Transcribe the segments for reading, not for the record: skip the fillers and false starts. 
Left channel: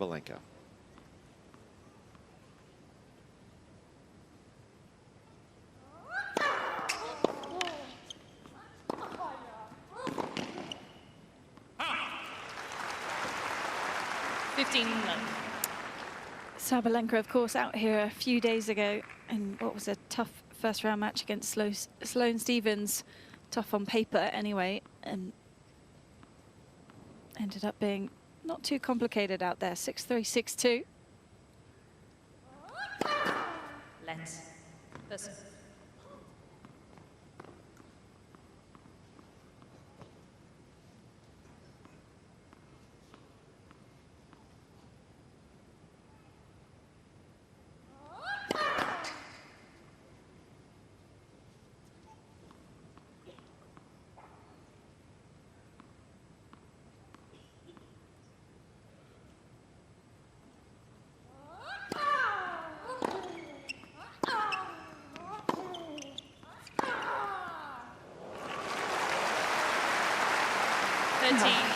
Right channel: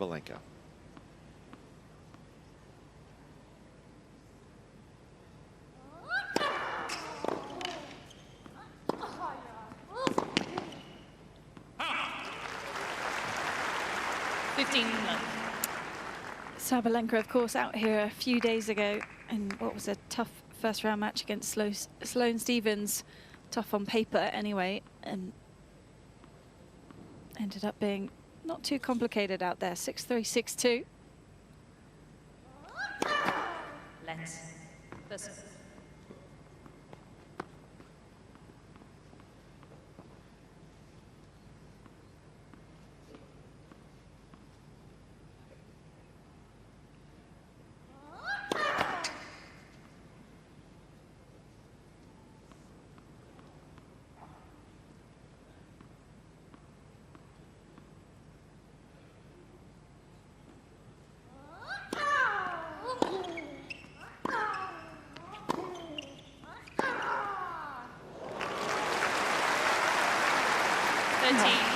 Sabalenka. Sabalenka, of course, out here a few days ago in what was a tough first round match against Sloane Stephens. Tough on paper anyway, and ended up being not too complicated out there. 6-3, 6-2. Let's listen.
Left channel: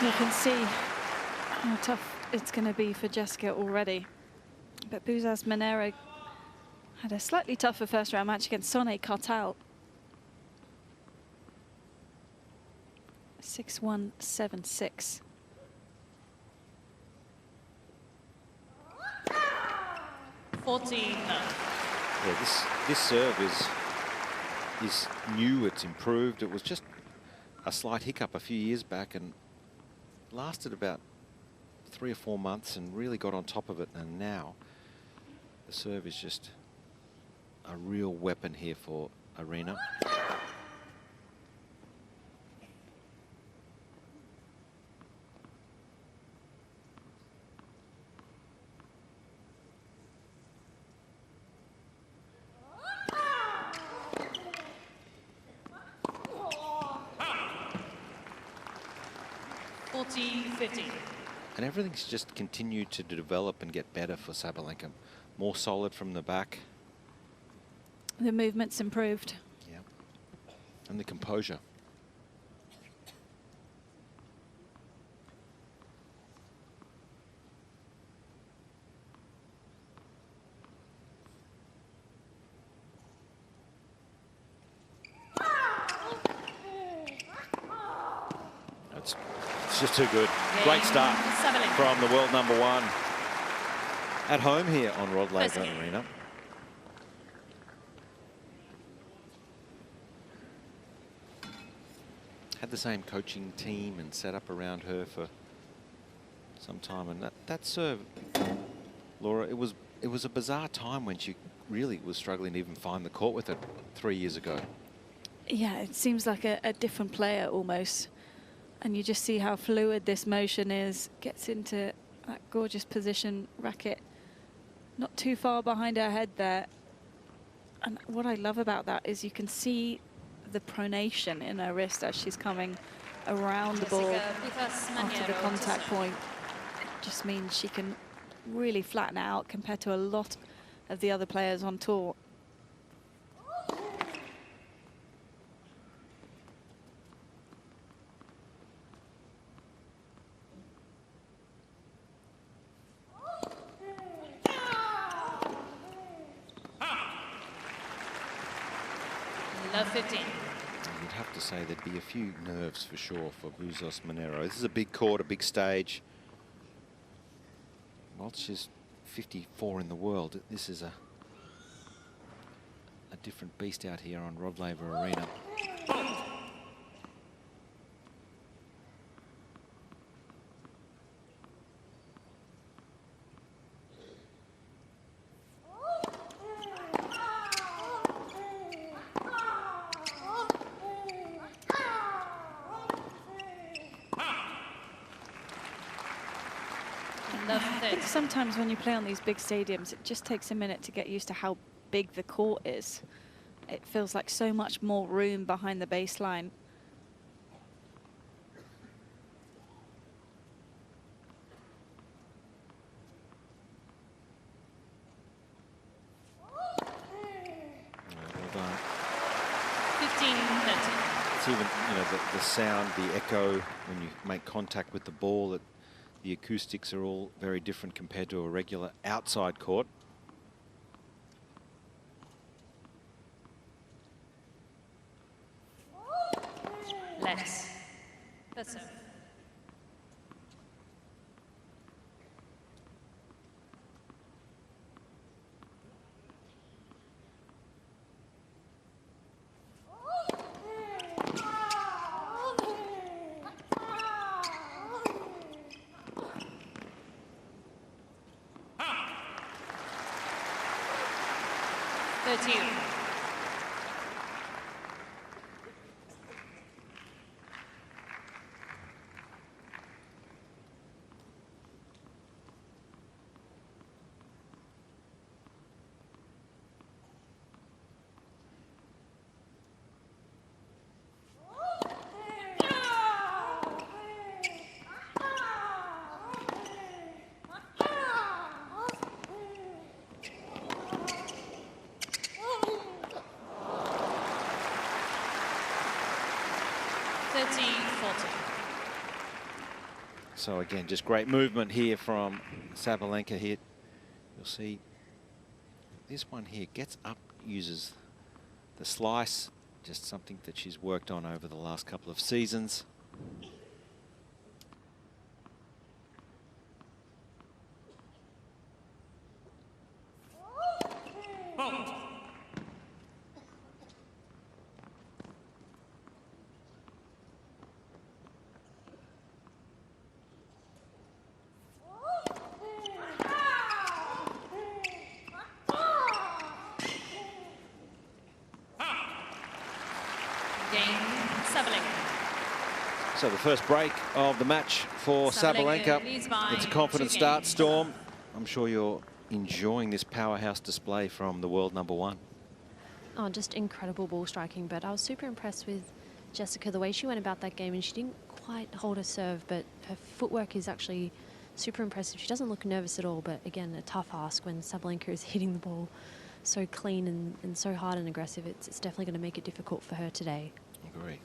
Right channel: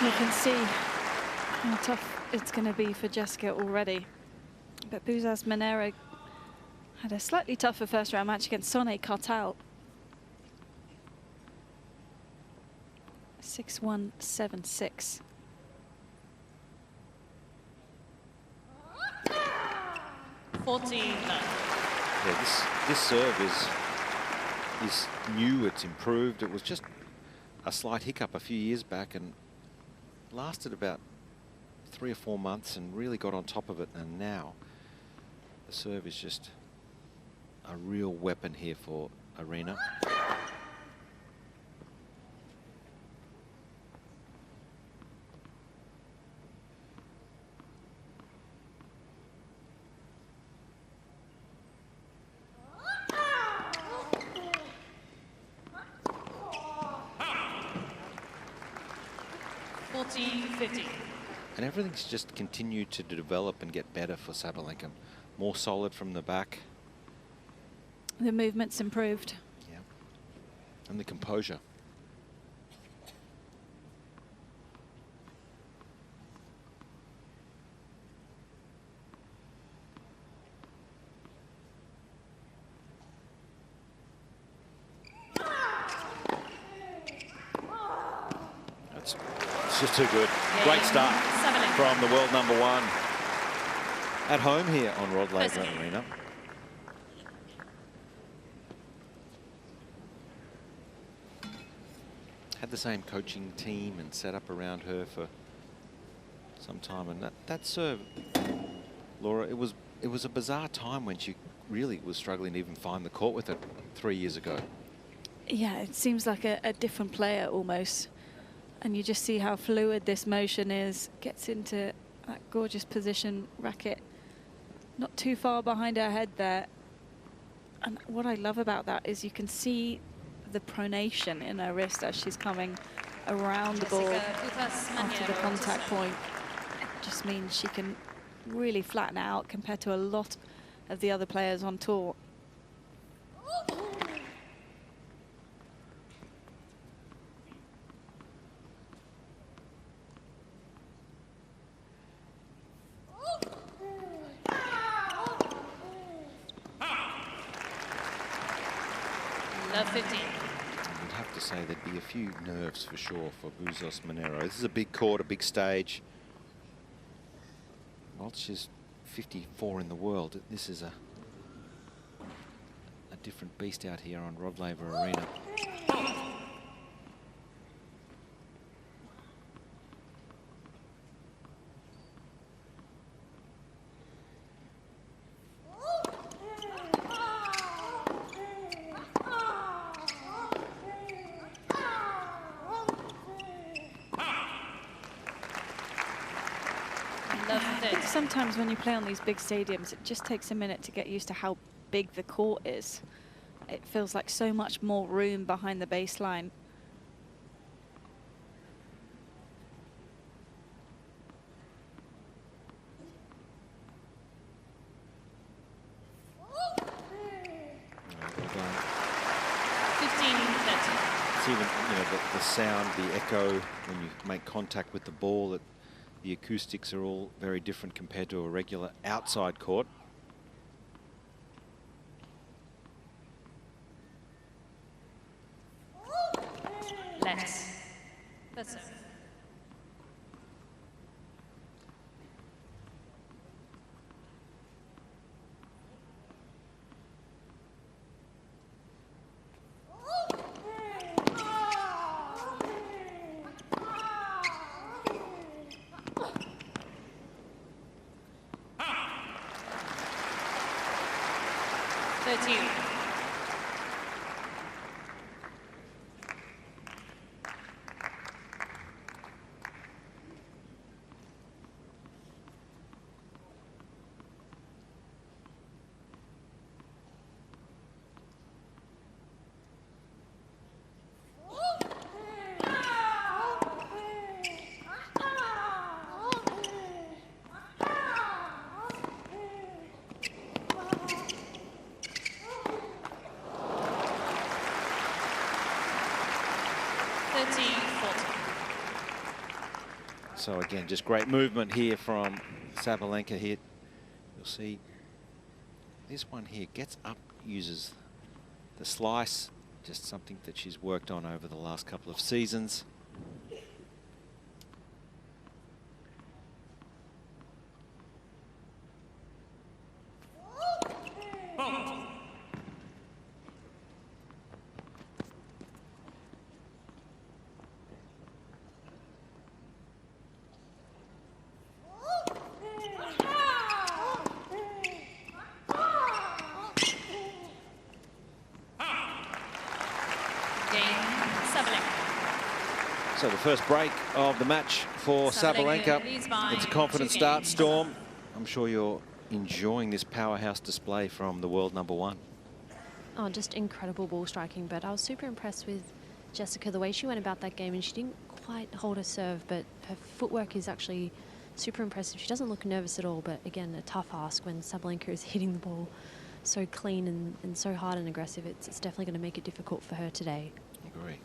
You can see how tough it's going to be for Jessica already. But Bouzas Maneiro had a slightly tougher first round match against Sonny Cartal. 6-1, 7-6. Yeah, this serve is new. It's improved. It was just a slight hiccup a few years back and lasted about 3 or 4 months and really got on top of it. And now the serve is just a real weapon here for Aryna. And everything's just continued to develop and get better for Sabalenka. More solid from the back. The movement's improved. Yeah. And the composure. It's just too good. Great start from the world #1 at home here on Rod Laver Arena. Had the same coaching team and set up around her for some time, and that serve, Laura, it was a bizarre time when she really was struggling to even find the court with it 3 years ago. Yeah, it seems like a different player almost. And you just see how fluid this motion is. Gets into that gorgeous position, racket not too far behind her head there. And what I love about that is you can see the pronation in her wrist as she's coming around the ball after the contact point. It just means she can really flatten out compared to a lot of the other players on tour. You'd have to say there'd be a few nerves for sure for Bouzas Maneiro. This is a big court, a big stage. Whilst she's 54 in the world, this is a different beast out here on Rod Laver Arena. I think sometimes when you play on these big stadiums, it just takes a minute to get used to how big the court is. It feels like so much more room behind the baseline. Well done. 15-30. It's even, you know, the sound, the echo when you make contact with the ball. The acoustics are all very different compared to a regular outside court. Let's. That's it. So again, just great movement here from Sabalenka here. You'll see this one here gets up, uses the slice, just something that she's worked on over the last couple of seasons. So the first break of the match for Sabalenka. It's a confident start, Storm. I'm sure you're enjoying this powerhouse display from the world #1. Oh, just incredible ball striking, but I was super impressed with Jessica, the way she went about that game, and she didn't quite hold her serve, but her footwork is actually super impressive. She doesn't look nervous at all, but again, a tough ask when Sabalenka is hitting the ball so clean and so hard and aggressive. It's definitely going to make it difficult for her today. Agree.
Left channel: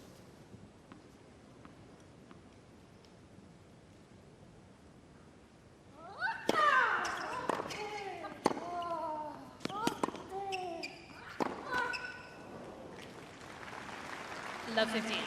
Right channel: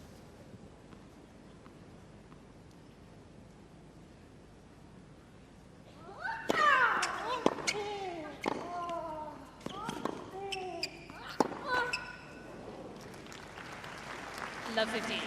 Love 15.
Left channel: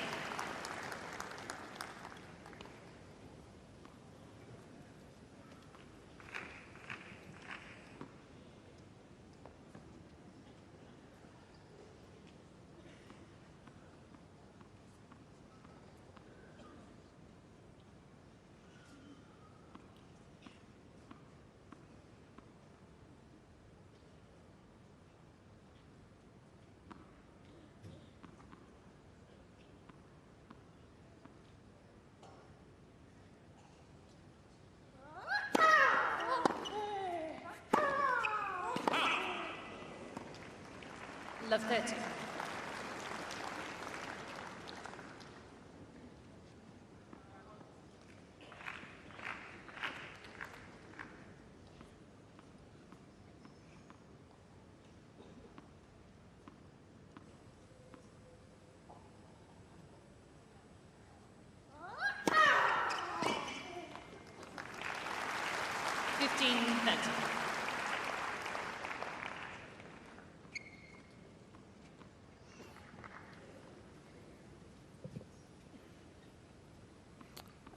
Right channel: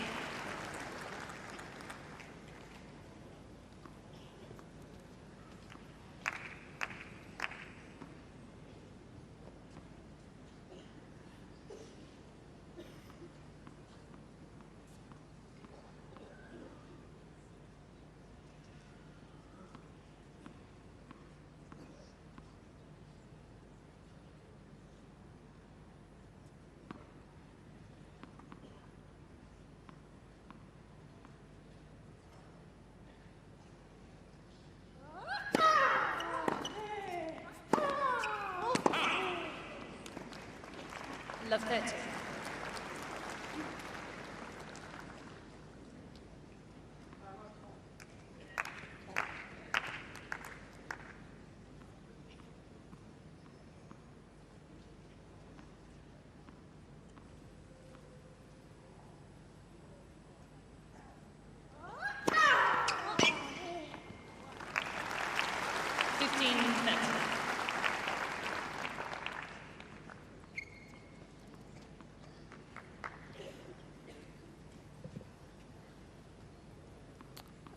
Love 30.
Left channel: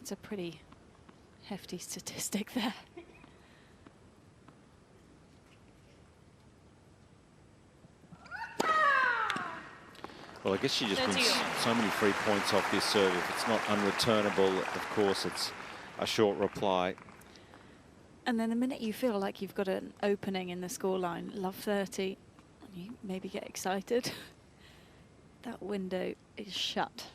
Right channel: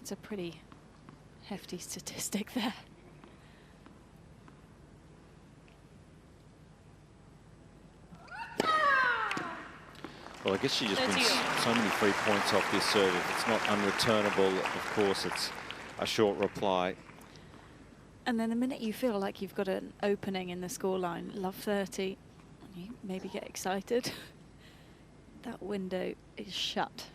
It's a pretty hefty statistic there. Well, I guess she just wins so many free points off this serve. If it's not unreturnable, of course, it's a short reply. And then the minute you feel like you've got an opening in the scoreline, love 30, and you maybe get excited, that window is shut.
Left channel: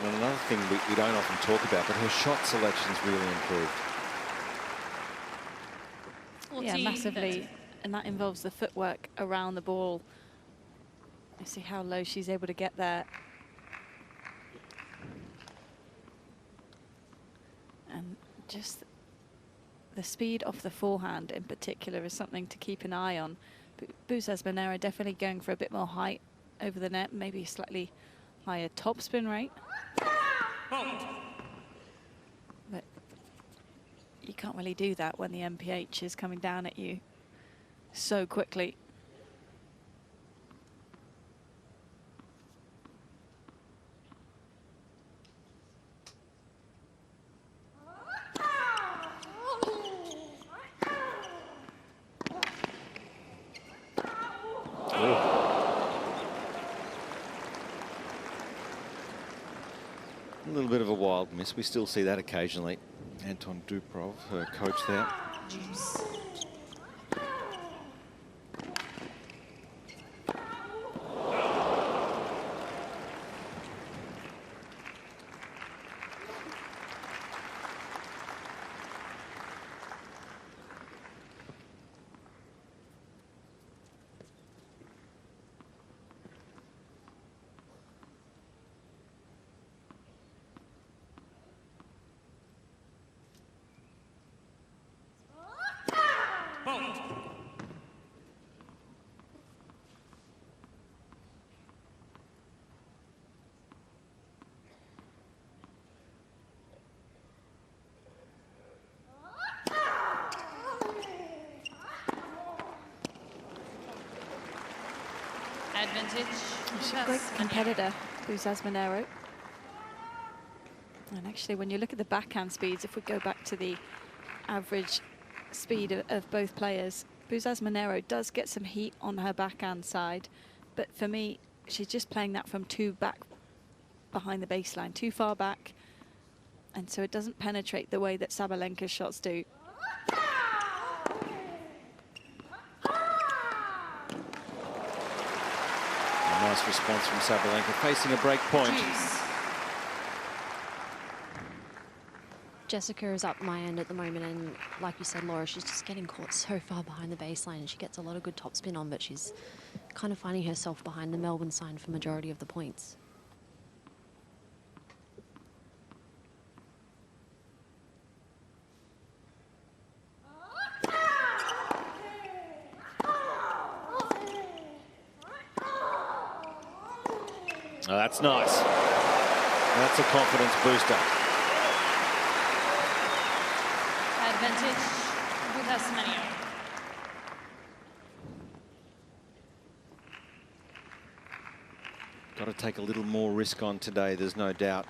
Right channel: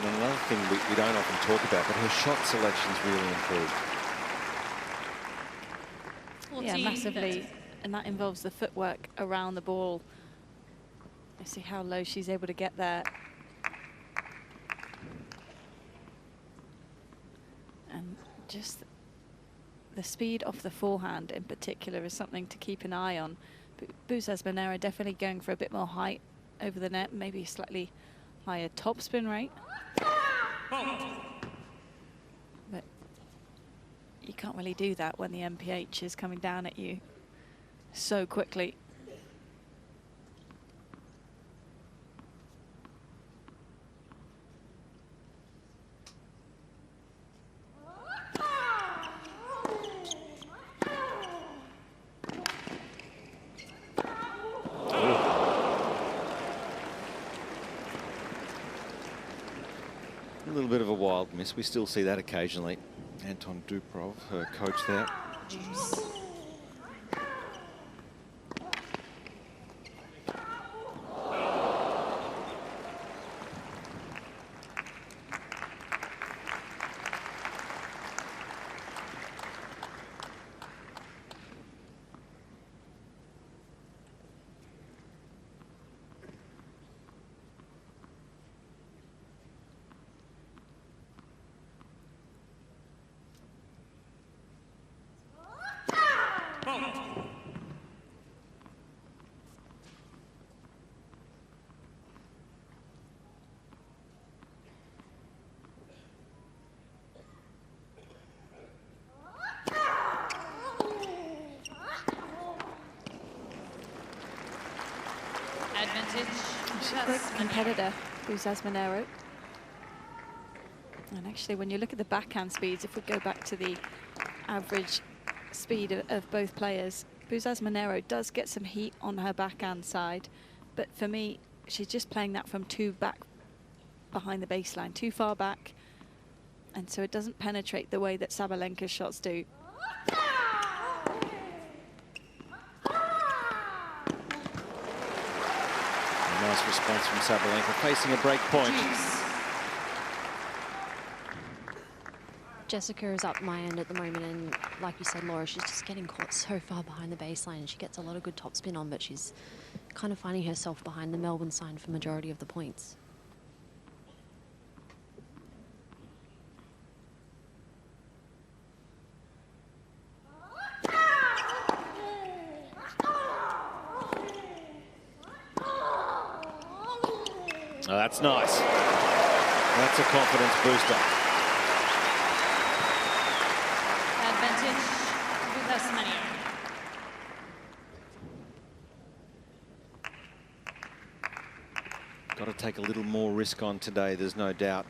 And another thing we don't often talk about, but her shot selection's really improved. Yeah, massively. And that involves the footwork around the ball. You see how low she's able to get there. And just the speed off the forehand in particular is something to keep an eye on. Bouzas Maneiro definitely going for a bit more height over the net, maybe a slightly higher topspin rate. But you can't really do that when the MPH is coming down at you so quickly. A little bit of a wild miss. We still see that occasionally. Anton Duprov, her coach there. Juice. Advantage. She's a great competitor, Bouzas Maneiro. And actually, when you look at the backhand speeds, if we go back to the average speed of both players, Bouzas Maneiro does get some heat on her backhand side. But for me, she's just playing that from too back behind the baseline, too far back. And so it doesn't penetrate the way that Sabalenka's shots do. A nice response from Sabalenka, facing a break point. Jessica is up my end at the moment, and like you said, Laura, she's just getting caught so far behind the baseline, and she gets a lot of good topspin on, but she's kind of finding herself behind the Melbourne side for majority of the points. Oh, that's nice. That's a confidence booster. Advantage. Bouzas Maneiro. Got to take a little more risk on today, there's no doubt.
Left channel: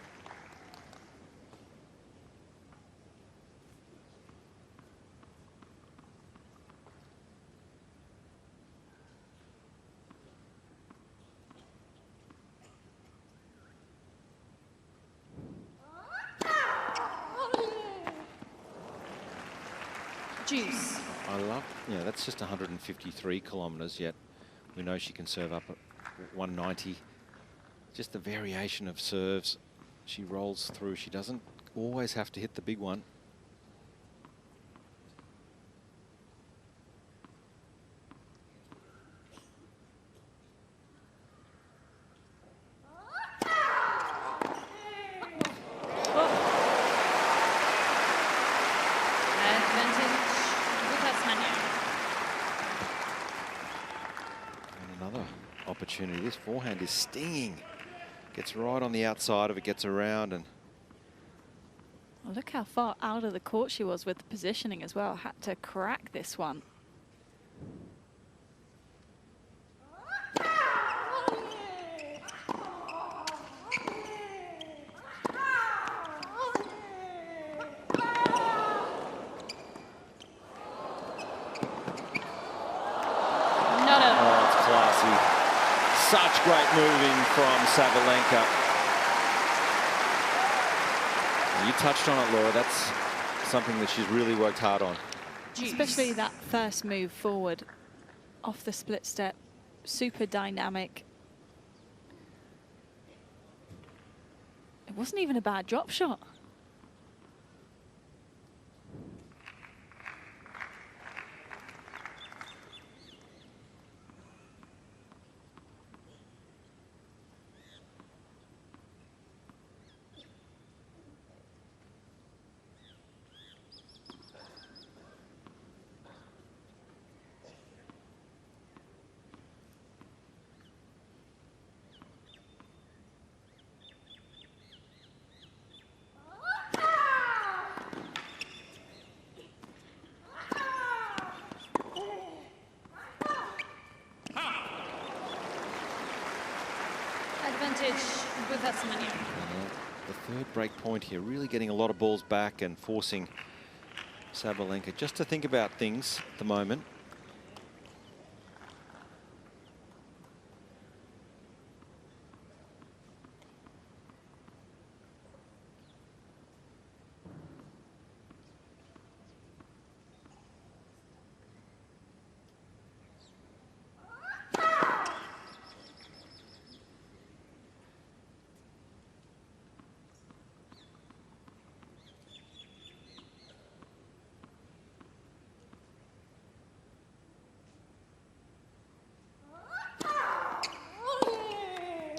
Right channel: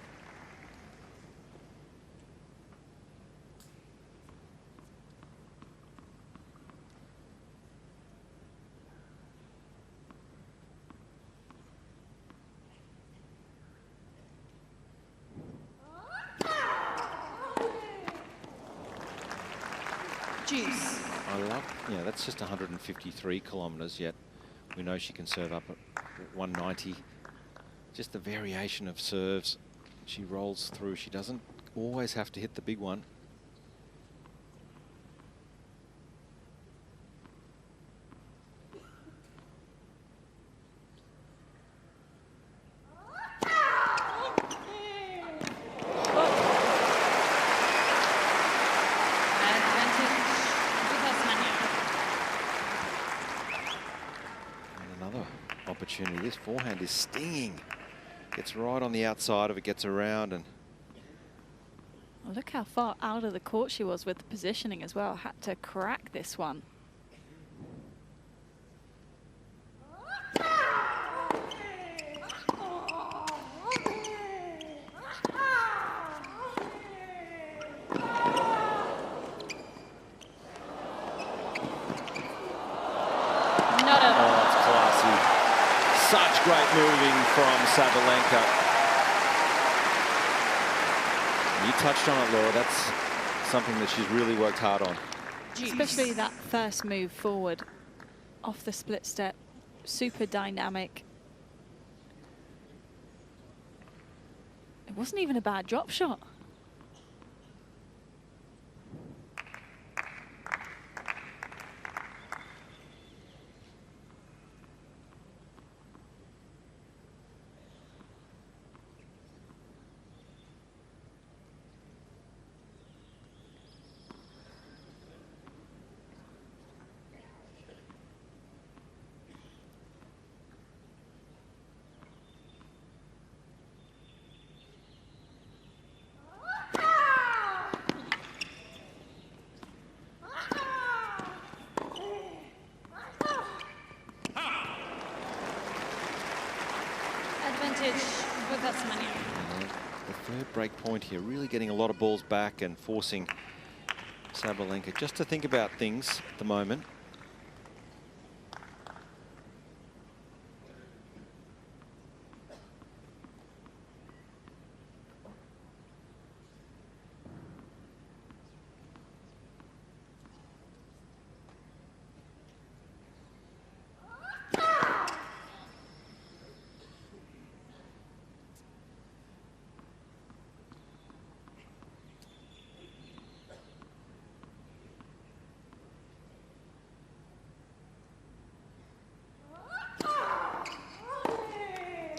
Juice. I love, yeah, that's just 153 kilometres, yet we know she can serve up at 190. Just the variation of serves. She rolls through. She doesn't always have to hit the big one. Opportunity. This forehand is stinging. Gets right on the outside of it, gets around, and well, look how far out of the court she was with the positioning as well. Had to crack this one. Such great moving from Sabalenka. You touched on it, Laura. That's something that she's really worked hard on. Especially that first move forward off the split step. Super dynamic. It wasn't even a bad drop shot. Advantage Bouzas Maneiro. The third break point here, really getting a lot of balls back and forcing Sabalenka just to think about things at the moment.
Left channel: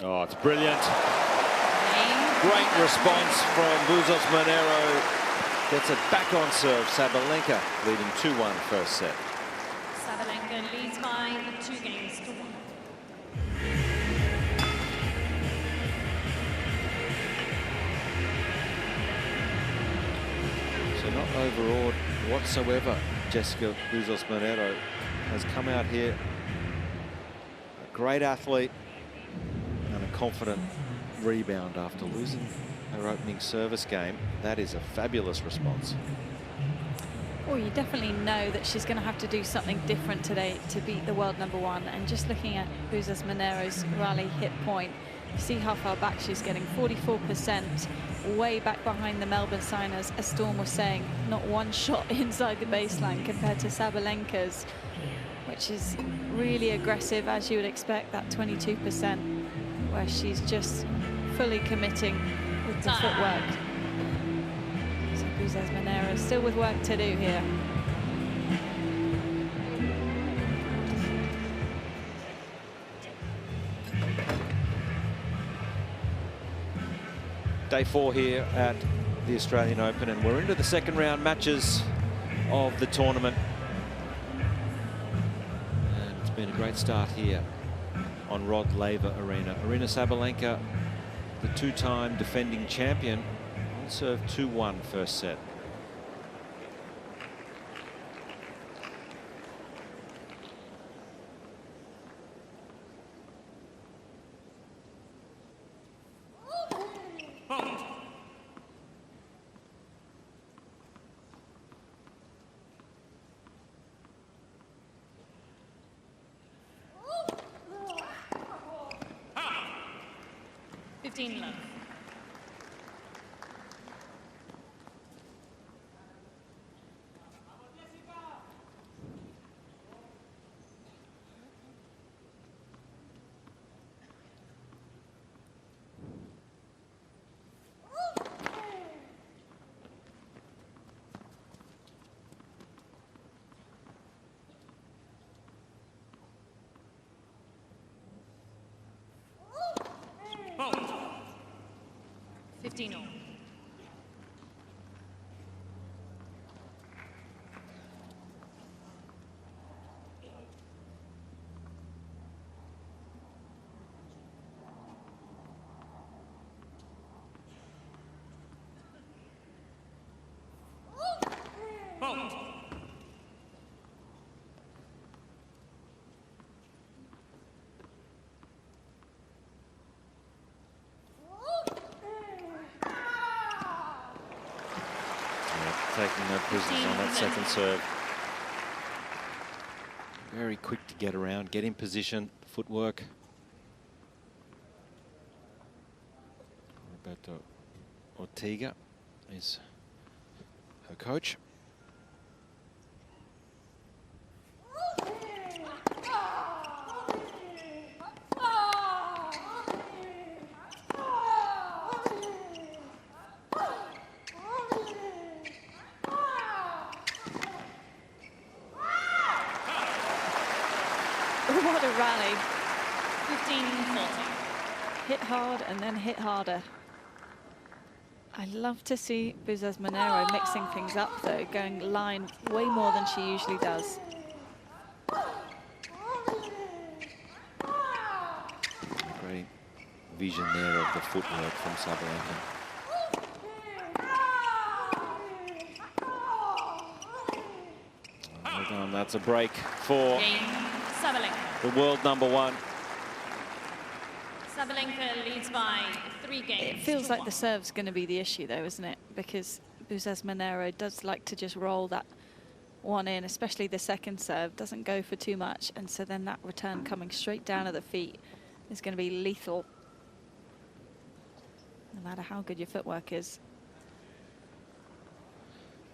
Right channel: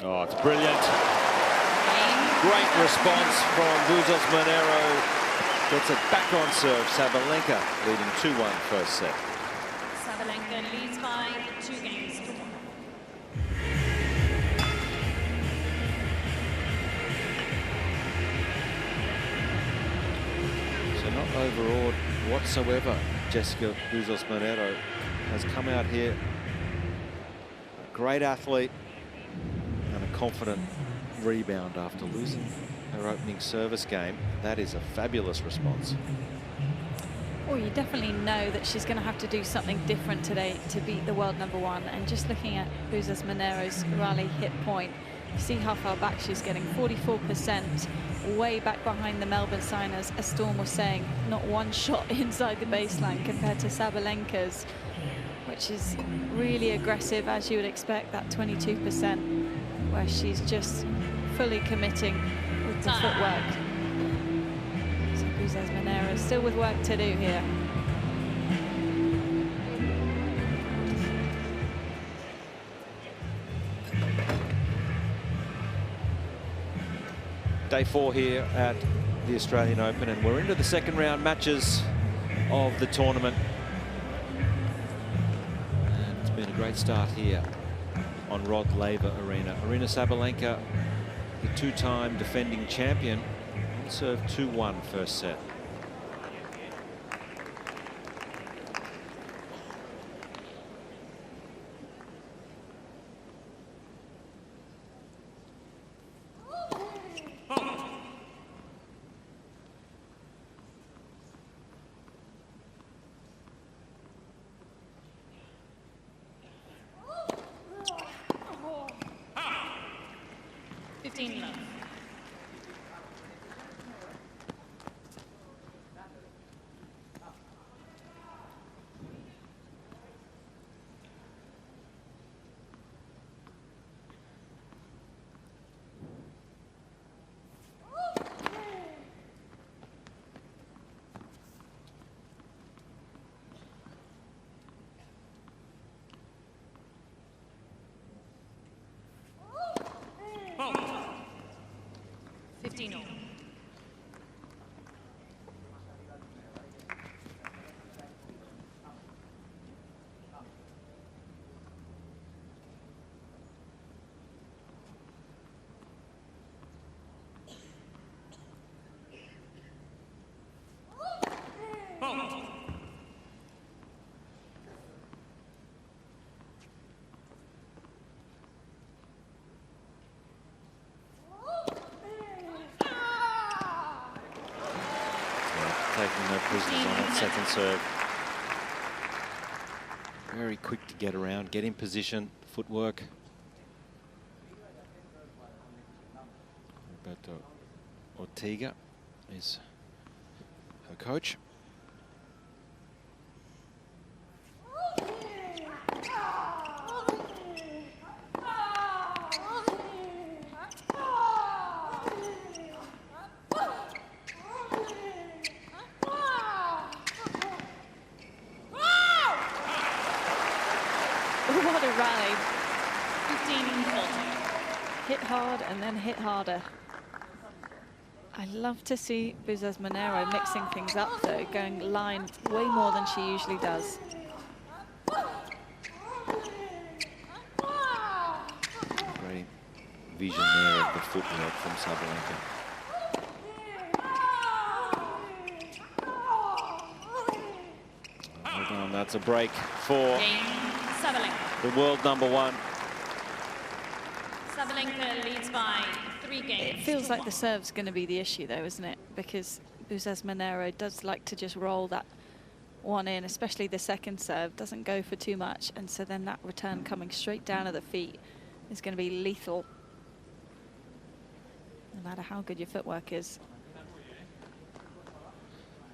Oh, it's brilliant. Great response from Bouzas Maneiro. Gets it back on serve. Sabalenka leading 2-1 first set. Sabalenka leads by 2-1. So not overawed whatsoever. Jessica Bouzas Maneiro has come out here. A great athlete. And a confident rebound after losing her opening service game. That is a fabulous response. Well, you definitely know that she's going to have to do something different today to beat the world #1. And just looking at Bouzas Maneiro's rally hit point, you see how far back she's getting, 44%, way back behind the Melbourne signers. As Storm was saying, not one shot inside the baseline compared to Sabalenka's, which is really aggressive, as you would expect, that 22%. Where she's just fully committing with the footwork. So Bouzas Maneiro still with work to do here. Day 4 here at the Australian Open, and we're into the second round matches of the tournament. And it's been a great start here on Rod Laver Arena. Aryna Sabalenka, the two-time defending champion, on serve 2-1 first set. Love. Oh. 15-all. Taking no prisoners on that second serve. Very quick to get around, get in position, footwork. Roberto Ortega is her coach. rally. 15-14. Hit hard and then hit harder. I love to see Bouzas Maneiro mixing things up, though, going line way more than she usually does. Great vision there of the footwork from Sabalenka. Well done. That's a break for Cain, Sabalenka. the world #1. Sabalenka leads by 3 games. It feels to like the 1. serve's going to be the issue, though, isn't it? Because Bouzas Maneiro does like to just roll that one in, especially the second serve, doesn't go for too much, and so then that return coming straight down at the feet is going to be lethal, no matter how good your footwork is.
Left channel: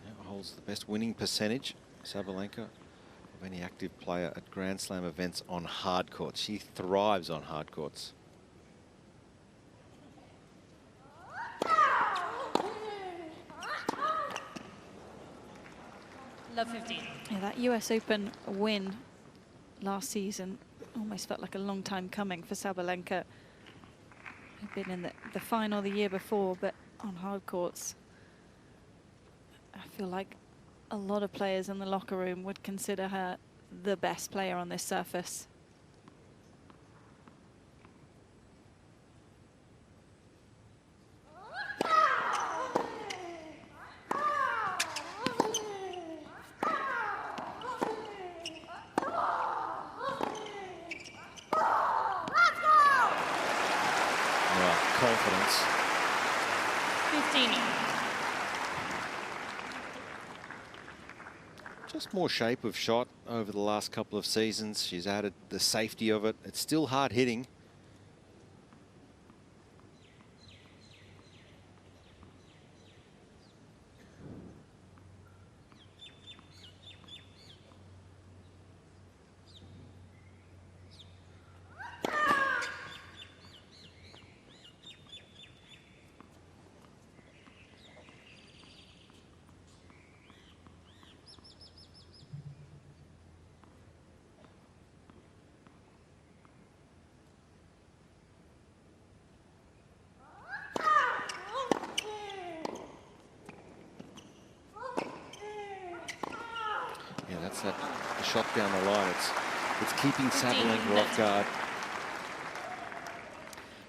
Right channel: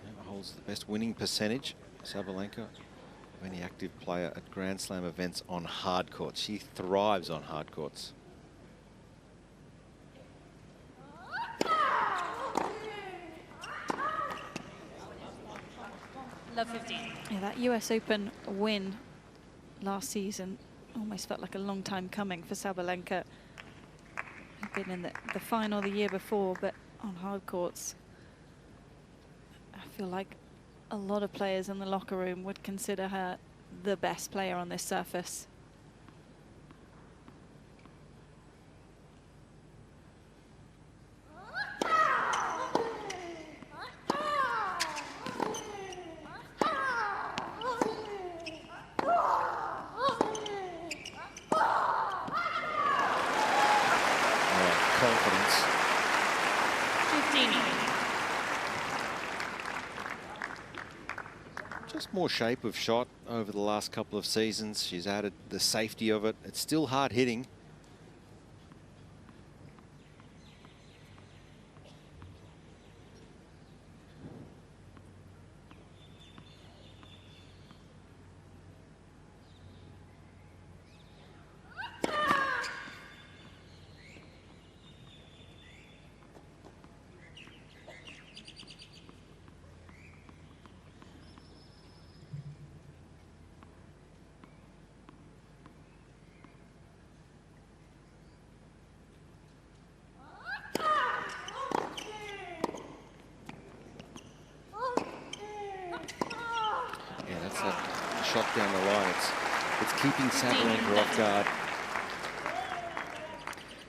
Yeah, holds the best winning percentage, Sabalenka, of any active player at Grand Slam events on hard courts. She thrives on hard courts. Love 15. Yeah, that US Open win last season almost felt like a long time coming for Sabalenka. Had been in the final the year before, but on hard courts. I feel like a lot of players in the locker room would consider her the best player on this surface. Confidence. 15. Just more shape of shot over the last couple of seasons. She's added the safety of it. It's still hard hitting. Yeah, that's that shot down the line. It's keeping Sabalenka off guard.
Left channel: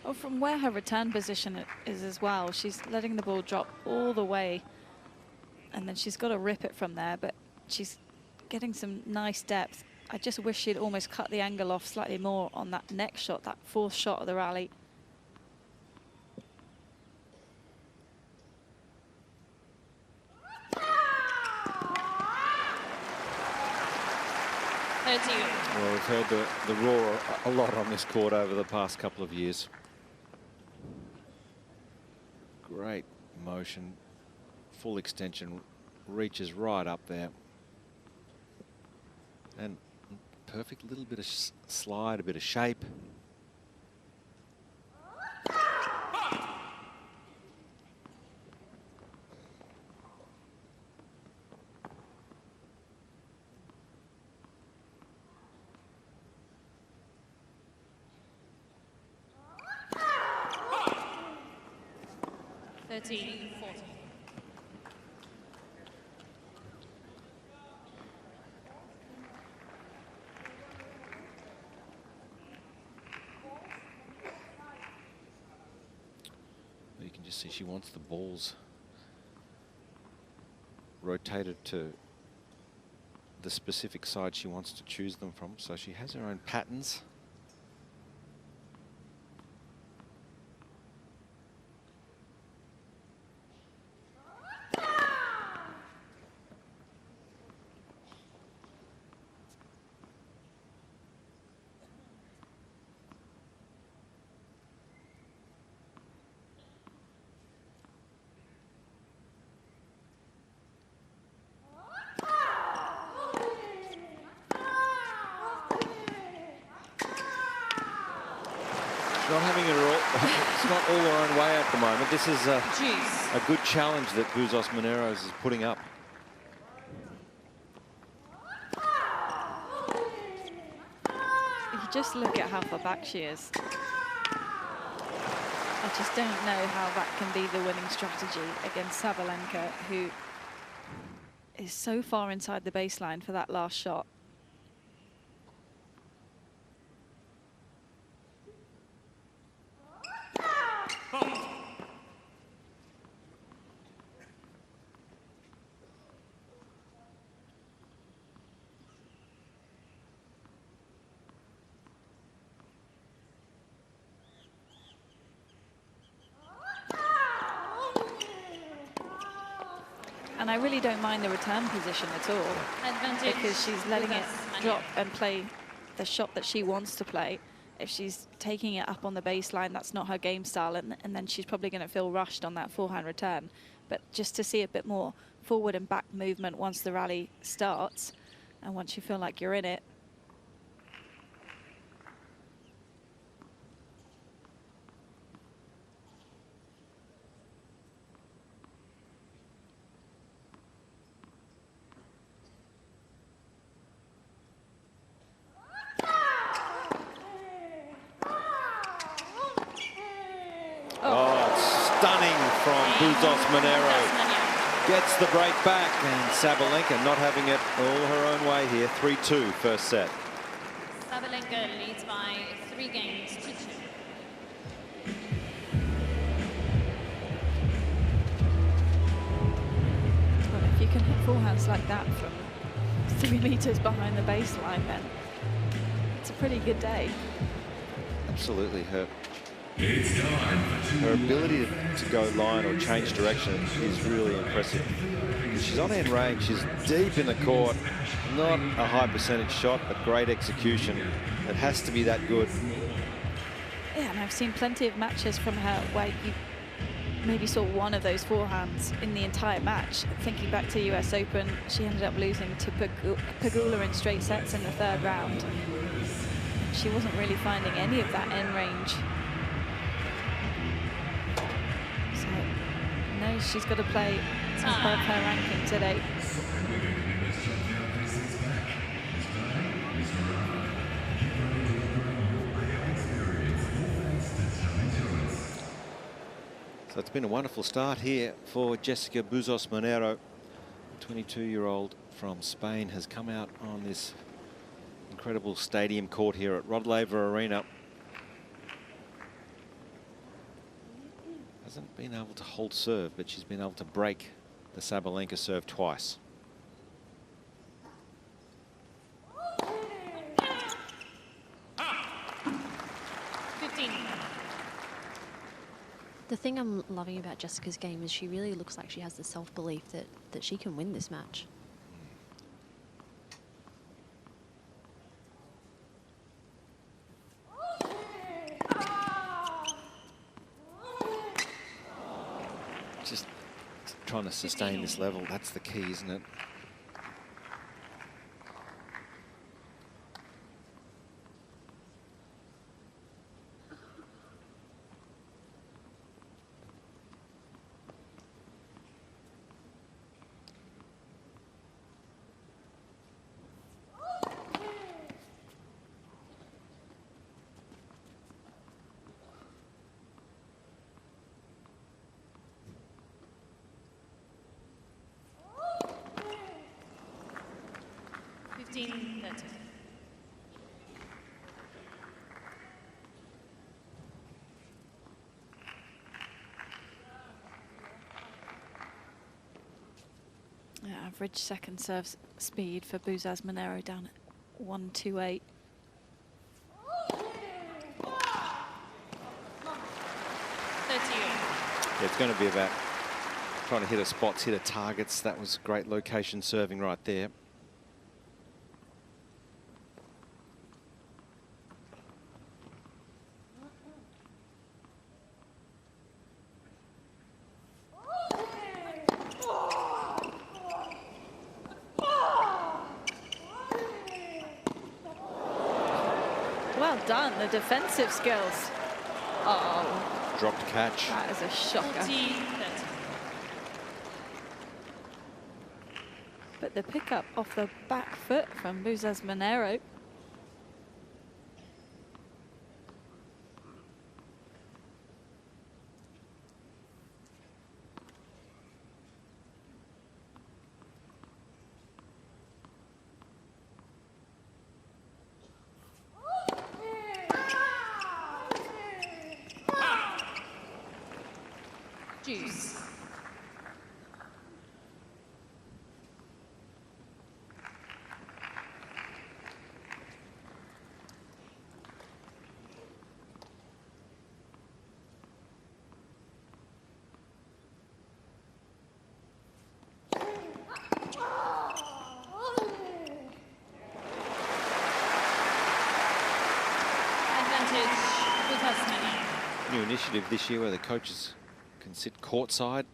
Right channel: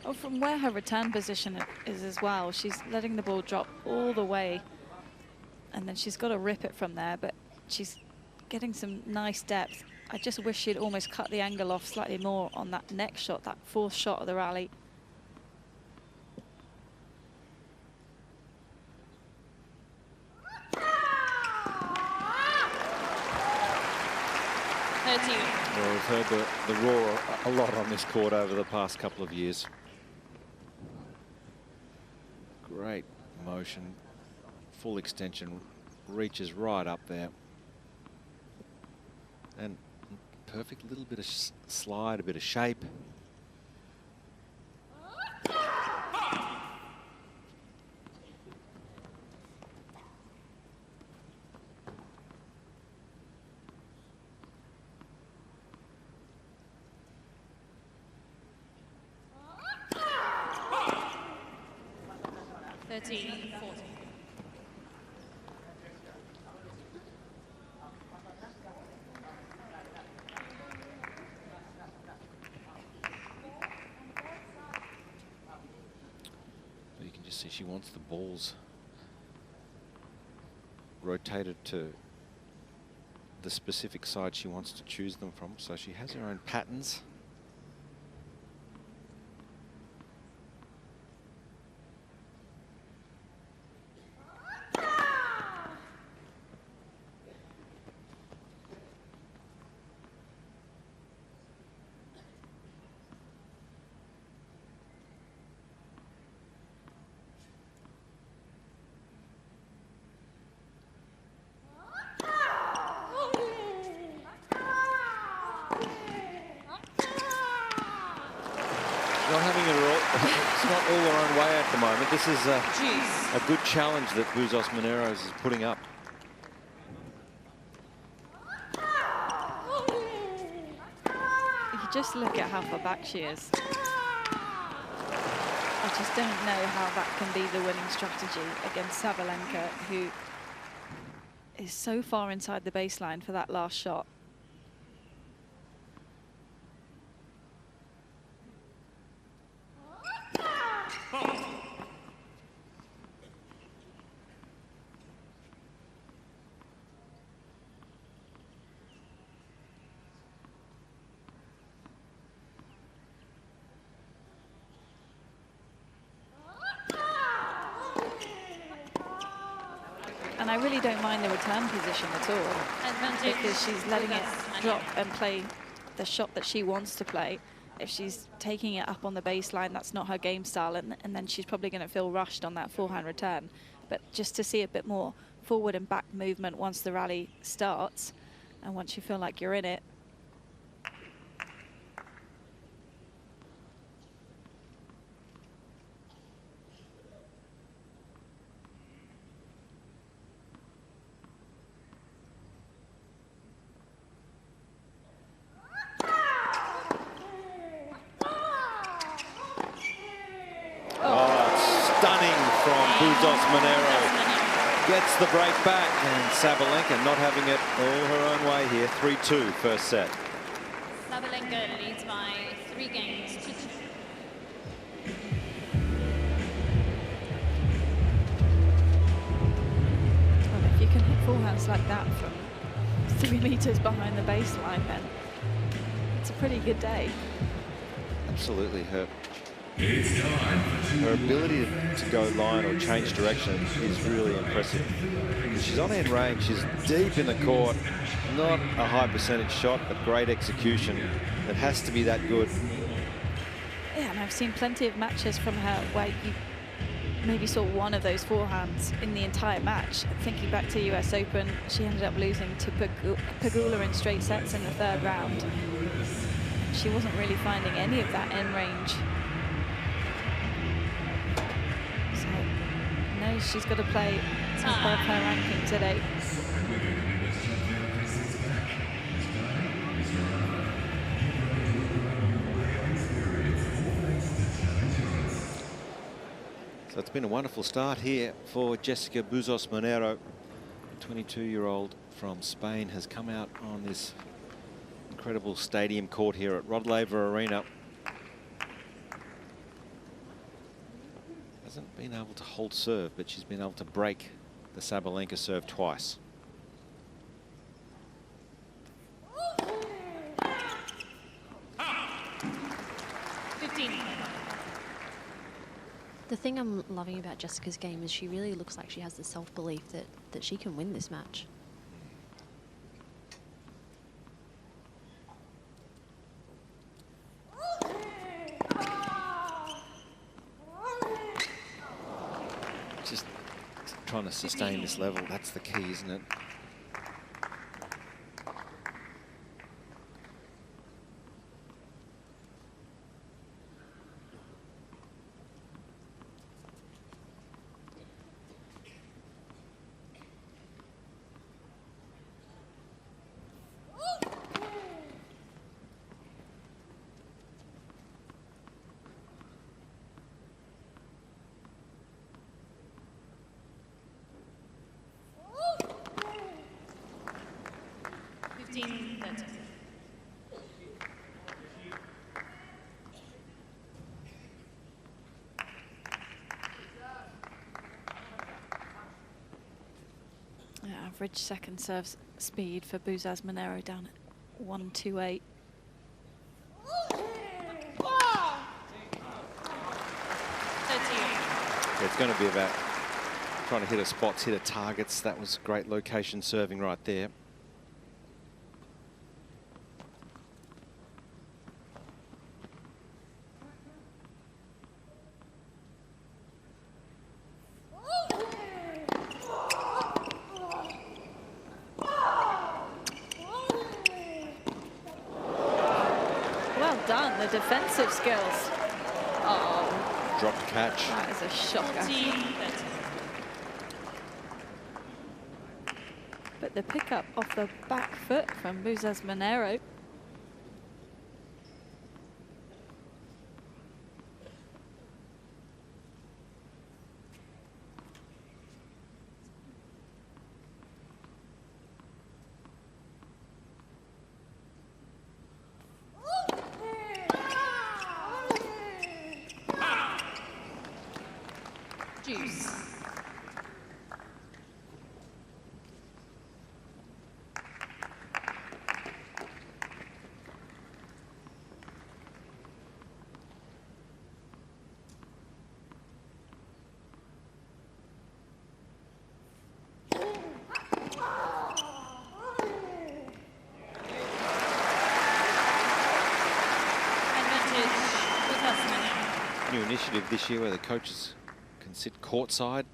Oh, from where her return position is as well, she's letting the ball drop all the way, and then she's got to rip it from there, but she's getting some nice depth. I just wish she'd almost cut the angle off slightly more on that next shot, that fourth shot of the rally. Well, we've heard the roar a lot on this court over the past couple of years. Great motion, full extension, reaches right up there. And perfect little bit of slide, a bit of shape. You can just see she wants the balls rotated to the specific side she wants to choose them from, so she has her own patterns. Not having it all, it's not all her own way at the moment. This is a good challenge that Bouzas Maneiro is putting up. You just look at how far back she is. I just don't know how that can be the winning strategy against Sabalenka, who is so far inside the baseline for that last shot. And I really don't mind the return position at all, Advantage. because she's letting it Bouzas drop Maneiro. and play the shot that she wants to play. If she's taking it up on the baseline, that's not her game style, and then she's probably going to feel rushed on that forehand return. But just to see a bit more forward and back movement once the rally starts, and once you feel like you're in it. Oh, it's stunning from Bouzas Maneiro. Gets the break back, and Sabalenka not having it all her own way here. 3-2 first set. Sabalenka leads by 3 games to 2. Well, if you can hit forehands like that from 3 meters behind the baseline, then it's a pretty good day. Absolutely. Her ability to go line or change direction is really impressive. She's on end range, she's deep in the court, not a high percentage shot, but great execution. It has to be that good. Yeah, and I've seen plenty of matches from her where you maybe saw one of those forehands in the entire match. Thinking back to US Open, she ended up losing to Pegula in straight sets in the 3rd round. She wasn't really finding any of that end range. So, no, she's got to play top of her ranking today. So it's been a wonderful start here for Jessica Bouzas Maneiro. The 22-year-old from Spain has come out on this incredible stadium court here at Rod Laver Arena. Hasn't been able to hold serve, but she's been able to break the Sabalenka serve twice. The thing I'm loving about Jessica's game is she really looks like she has the self-belief that she can win this match. Just trying to sustain this level, that's the key, isn't it? Average second serve speed for Bouzas Maneiro down at 128. Yeah, it's going to be about trying to hit her spots, hit her targets. That was great location serving right there. Well done, the defensive skills. Oh, Dropped catch. that is a shocker. 40-30. But the pickup off the back foot from Bouzas Maneiro. Juice. New initiative this year where the coaches can sit courtside.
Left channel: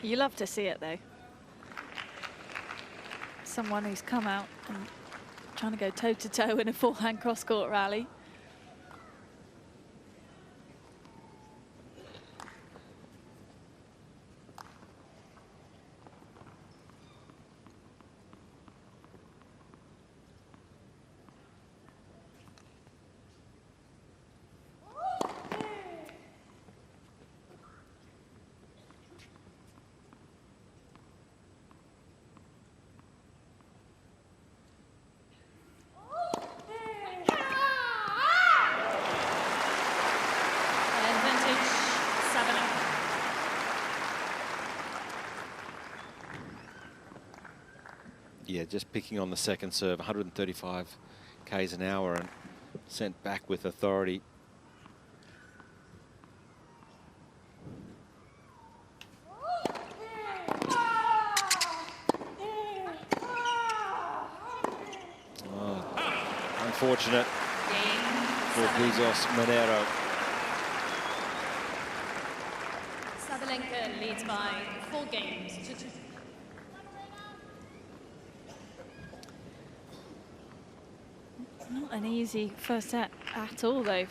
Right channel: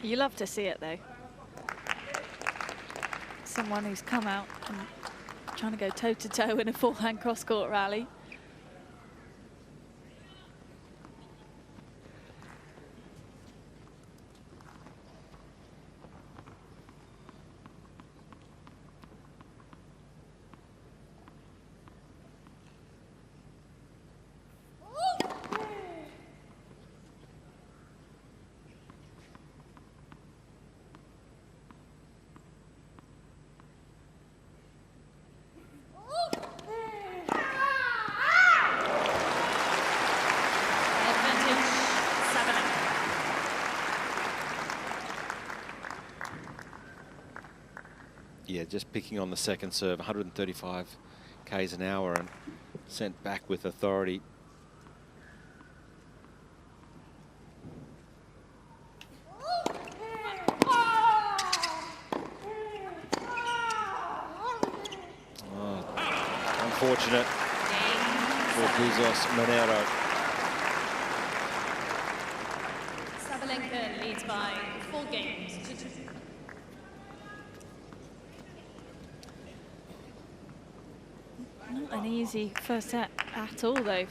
You love to see it, though. Someone who's come out and trying to go toe-to-toe in a forehand cross-court rally. Yeah, just picking on the second serve, 135 k's an hour and sent back with authority. Oh, unfortunate for Bouzas Maneiro. Sabalenka leads by 4 games to 2. Not an easy first set at all, though,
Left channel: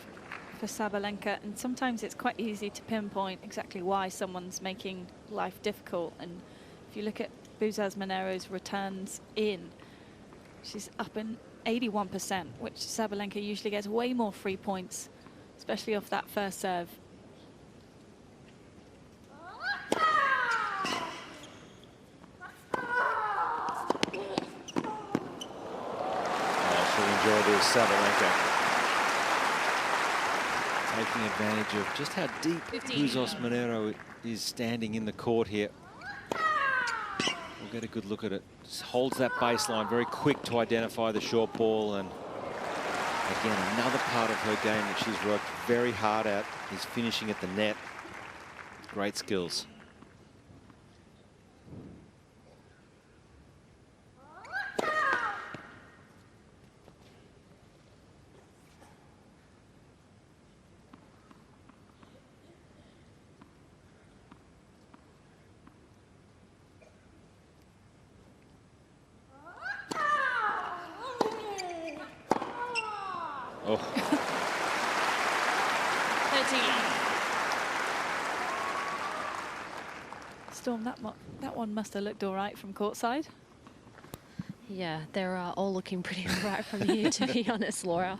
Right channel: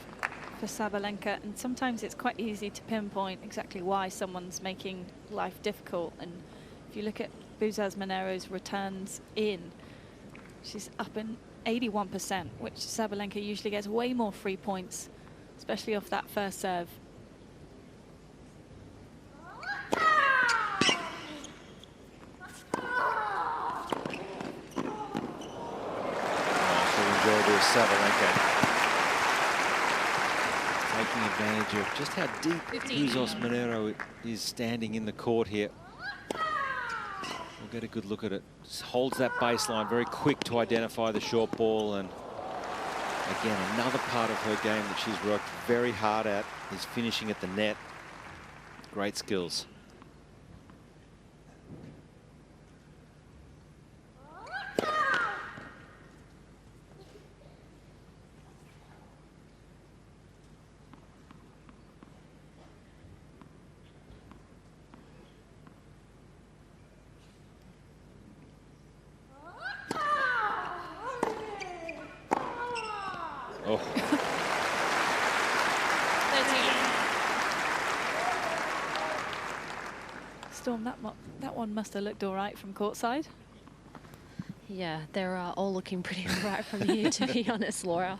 for Sabalenka. And sometimes it's quite easy to pinpoint exactly why someone's making life difficult. And if you look at Bouzas Maneiro's returns in, she's up in 81%, which Sabalenka usually gets way more free points, especially off that first serve. Enjoy this, Sabalenka taking advantage of just how deep Bouzas Maneiro is standing in the court here. We'll get a good look at it. Just holds that baseline, very quick to identify the short ball, and again, another part of her game that she's worked very hard at is finishing at the net. Great skills. Oh. 13. Storm, that one must have looked all right from courtside. Yeah, they're all looking pretty all right from here, to be honest, Laura.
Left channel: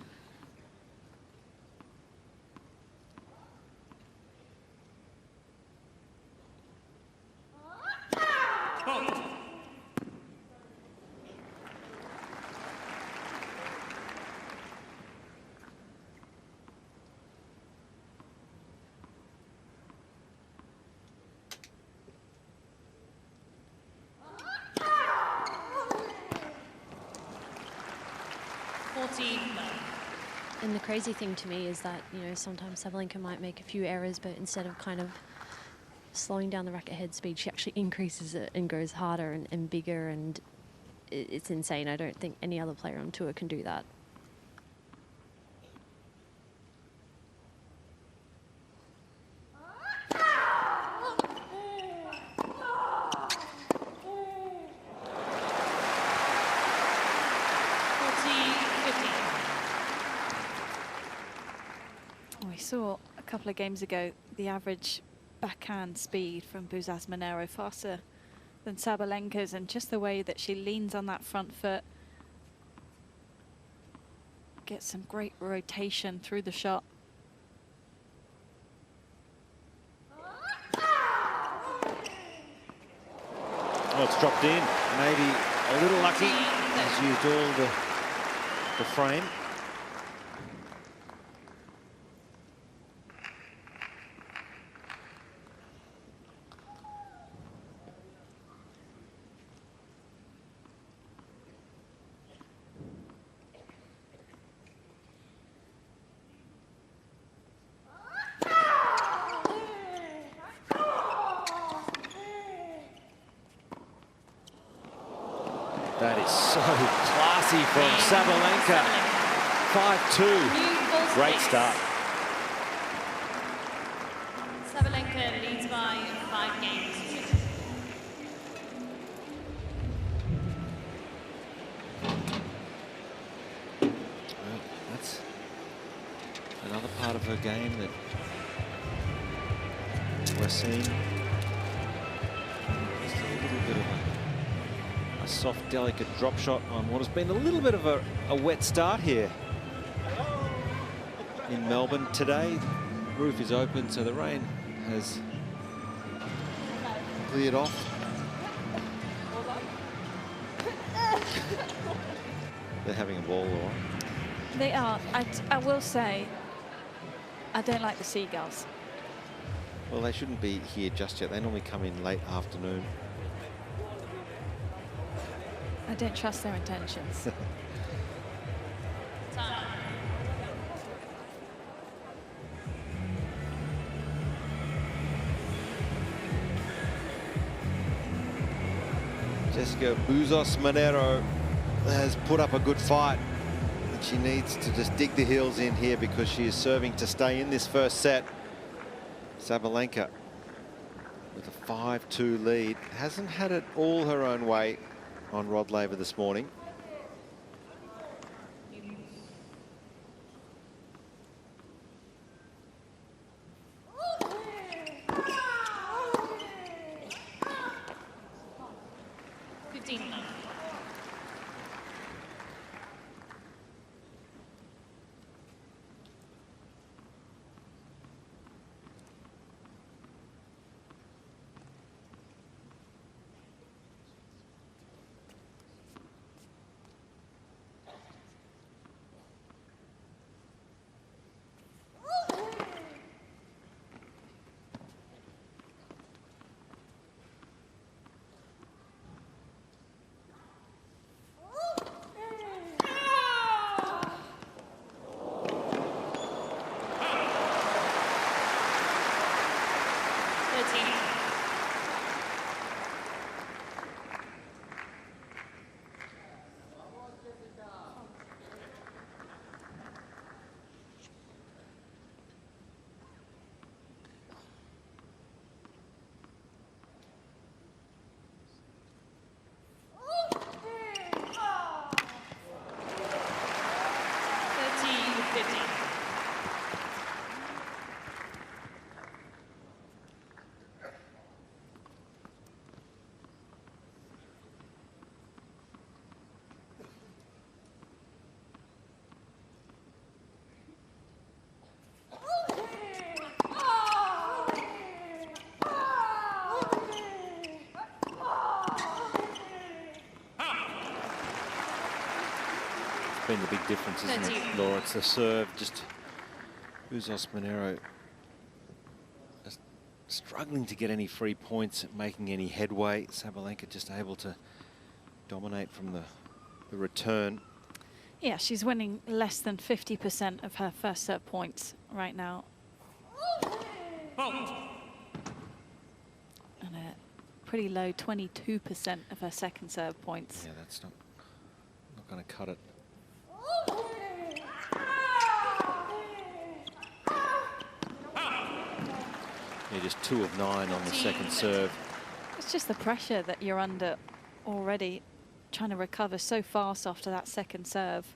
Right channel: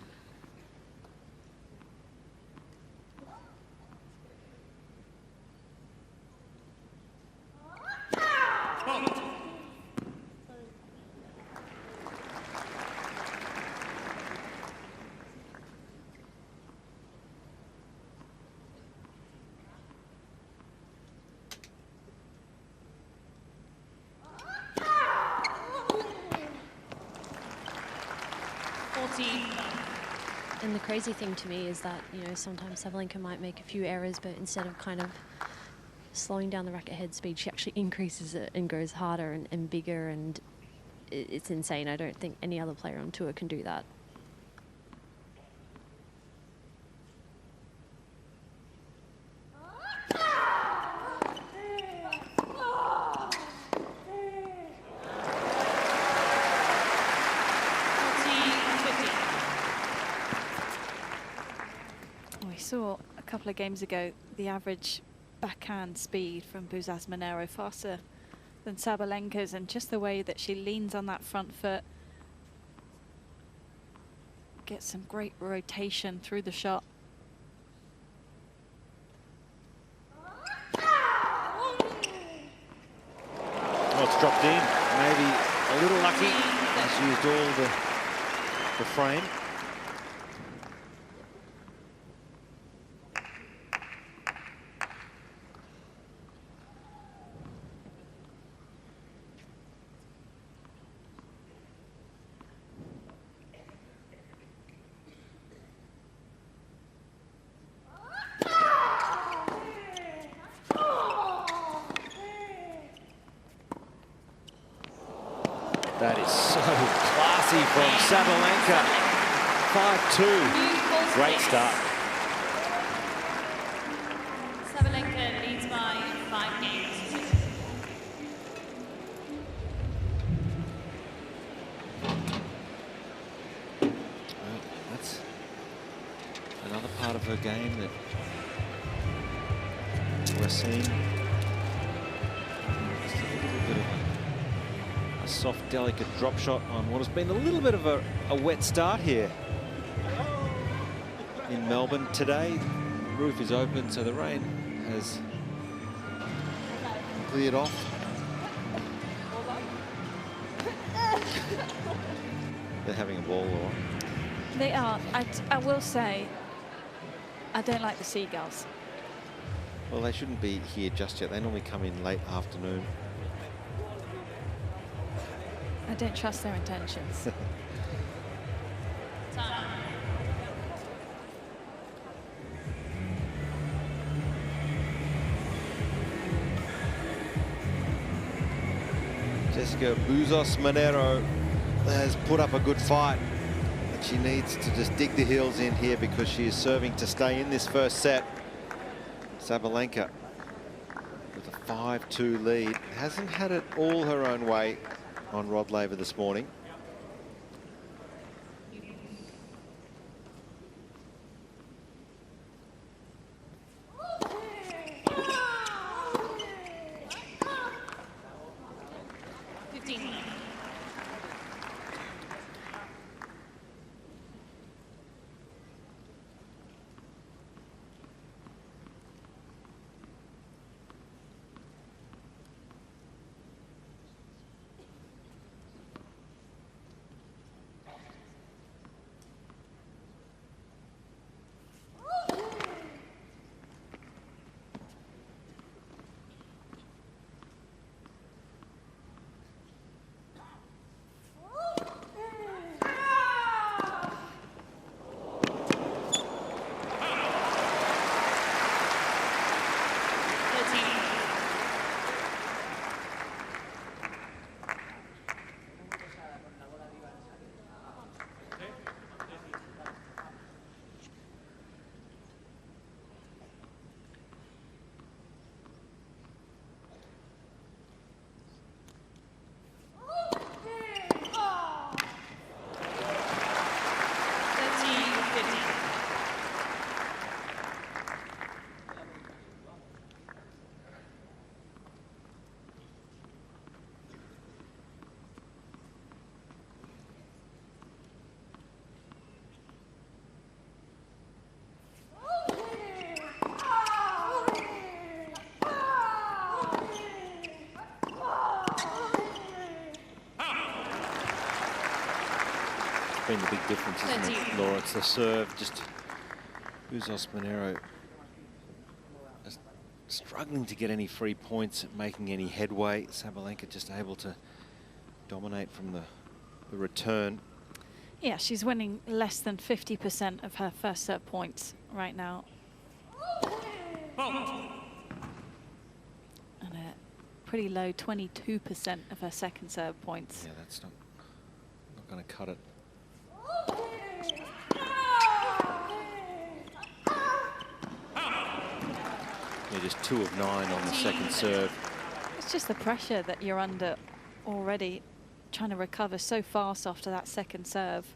And the crazy thing to me is that, you know, sometimes Sabalenka might make a few errors, but instead of kind of slowing down the racket head speed, she actually increases it and goes harder and bigger, and it's insane. I don't think any other player on tour can do that. couple of games ago, the average backhand speed from Bouzas Maneiro faster than Sabalenka's, and just the way that she leans on that front foot, gets some great rotation through the shot. Well, it's dropped in. Maybe a little lucky. Has used all the frame. That is so classy from Sabalenka. 5-2. Great start. Sabalenka leads by 5 games. Well, that's another part of her game that we're seeing. Just a little bit of a soft, delicate drop shot on what has been a little bit of a wet start here in Melbourne today. Roof is open, so the rain has cleared off. They're having a ball, Laura. They are. I will say, I don't like the seagulls. Well, they shouldn't be here just yet. They normally come in late afternoon. I don't trust their intentions. Jessica Bouzas Maneiro has put up a good fight, but she needs to just dig the heels in here because she is serving to stay in this first set. Sabalenka with a 5-2 lead. Hasn't had it all her own way on Rod Laver this morning. Been the big difference, isn't it, Laura? It's the serve. Just Bouzas Maneiro just struggling to get any free points, making any headway. Sabalenka just able to dominate from the return. Yeah, she's winning less than 50% of her first serve points right now. And a pretty low 22% of her second serve points. Yeah, that's not going to cut it. Yeah, just 2 of 9 on the second serve. It's just the pressure that you're under already, trying to recover so fast after that second serve.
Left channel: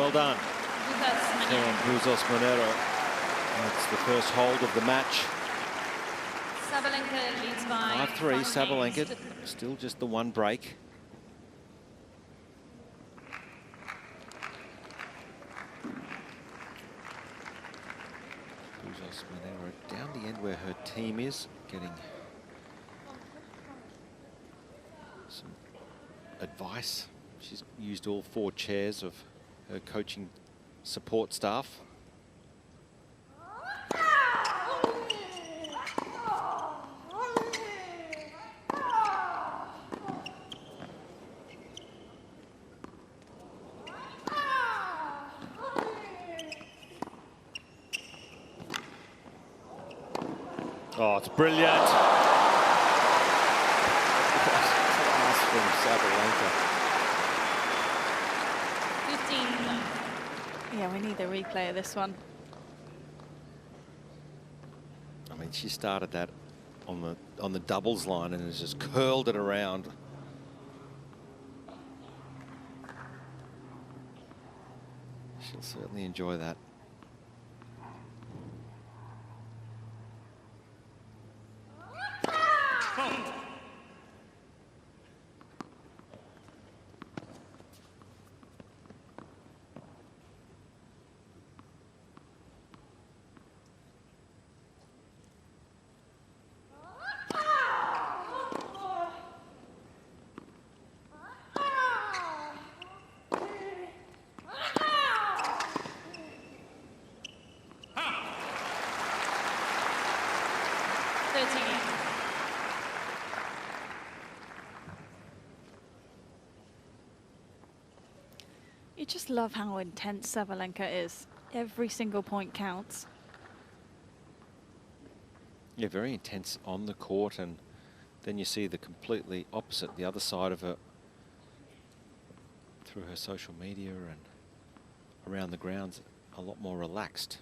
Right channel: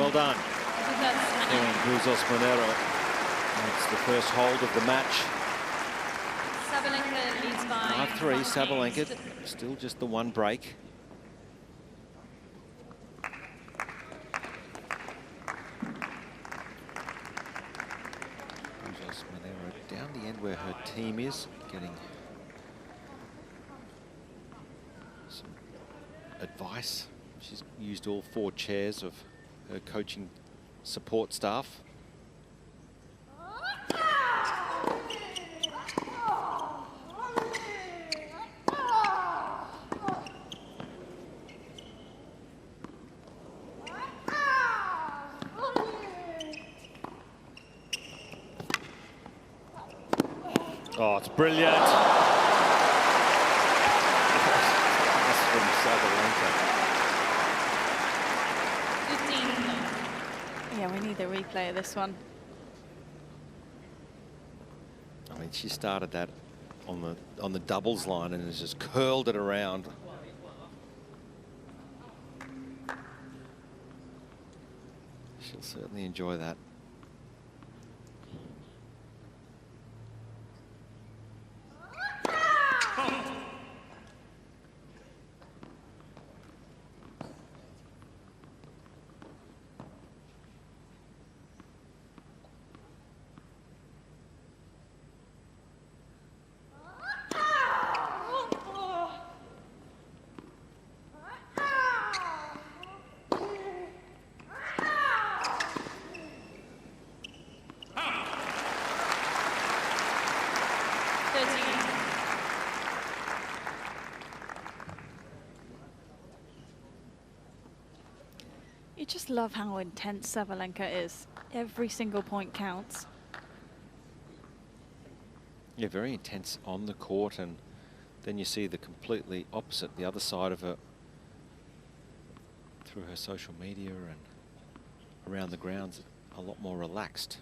Well done. Bouzas Maneiro. Bouzas Maneiro. That's the first hold of the match. Sabalenka leads by 5-3, 5 Sabalenka. games to Still just the one break. Bouzas Maneiro down the end where her team is, getting some advice. She's used all 4 chairs of her coaching support staff. Oh, it's brilliant. Class from Sabalenka. 15 love. Yeah, we need a replay of this one. I mean, she started that on the doubles line and has just curled it around. She'll certainly enjoy that. You just love how intense Sabalenka is. Every single point counts. Yeah, very intense on the court, and then you see the completely opposite, the other side of her, through her social media and around the grounds, a lot more relaxed.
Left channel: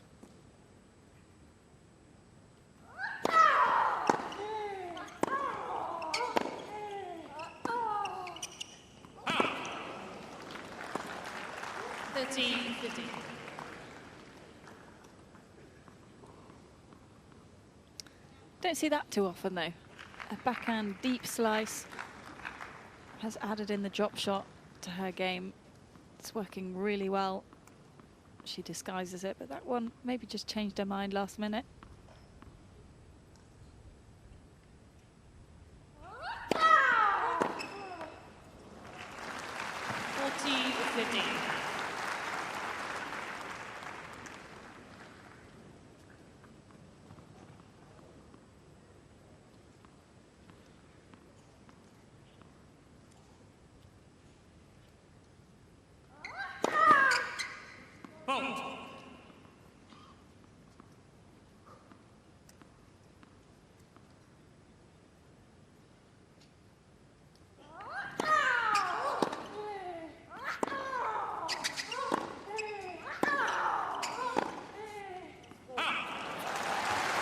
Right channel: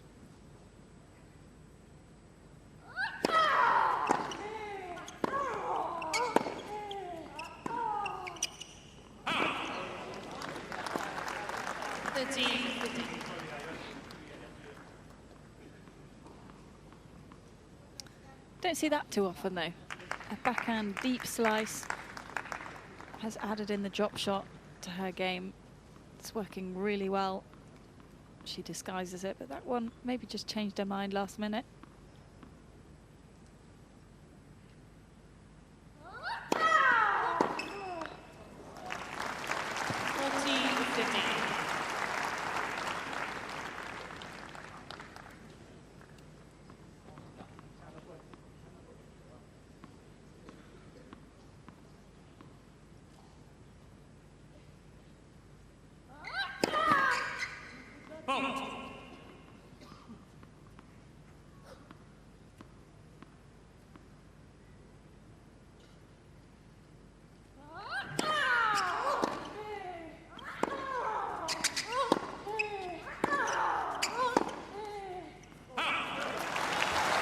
Don't see that too often though. A backhand deep slice has added in the drop shot to her game. It's working really well. She disguises it, but that one maybe just changed her mind last minute.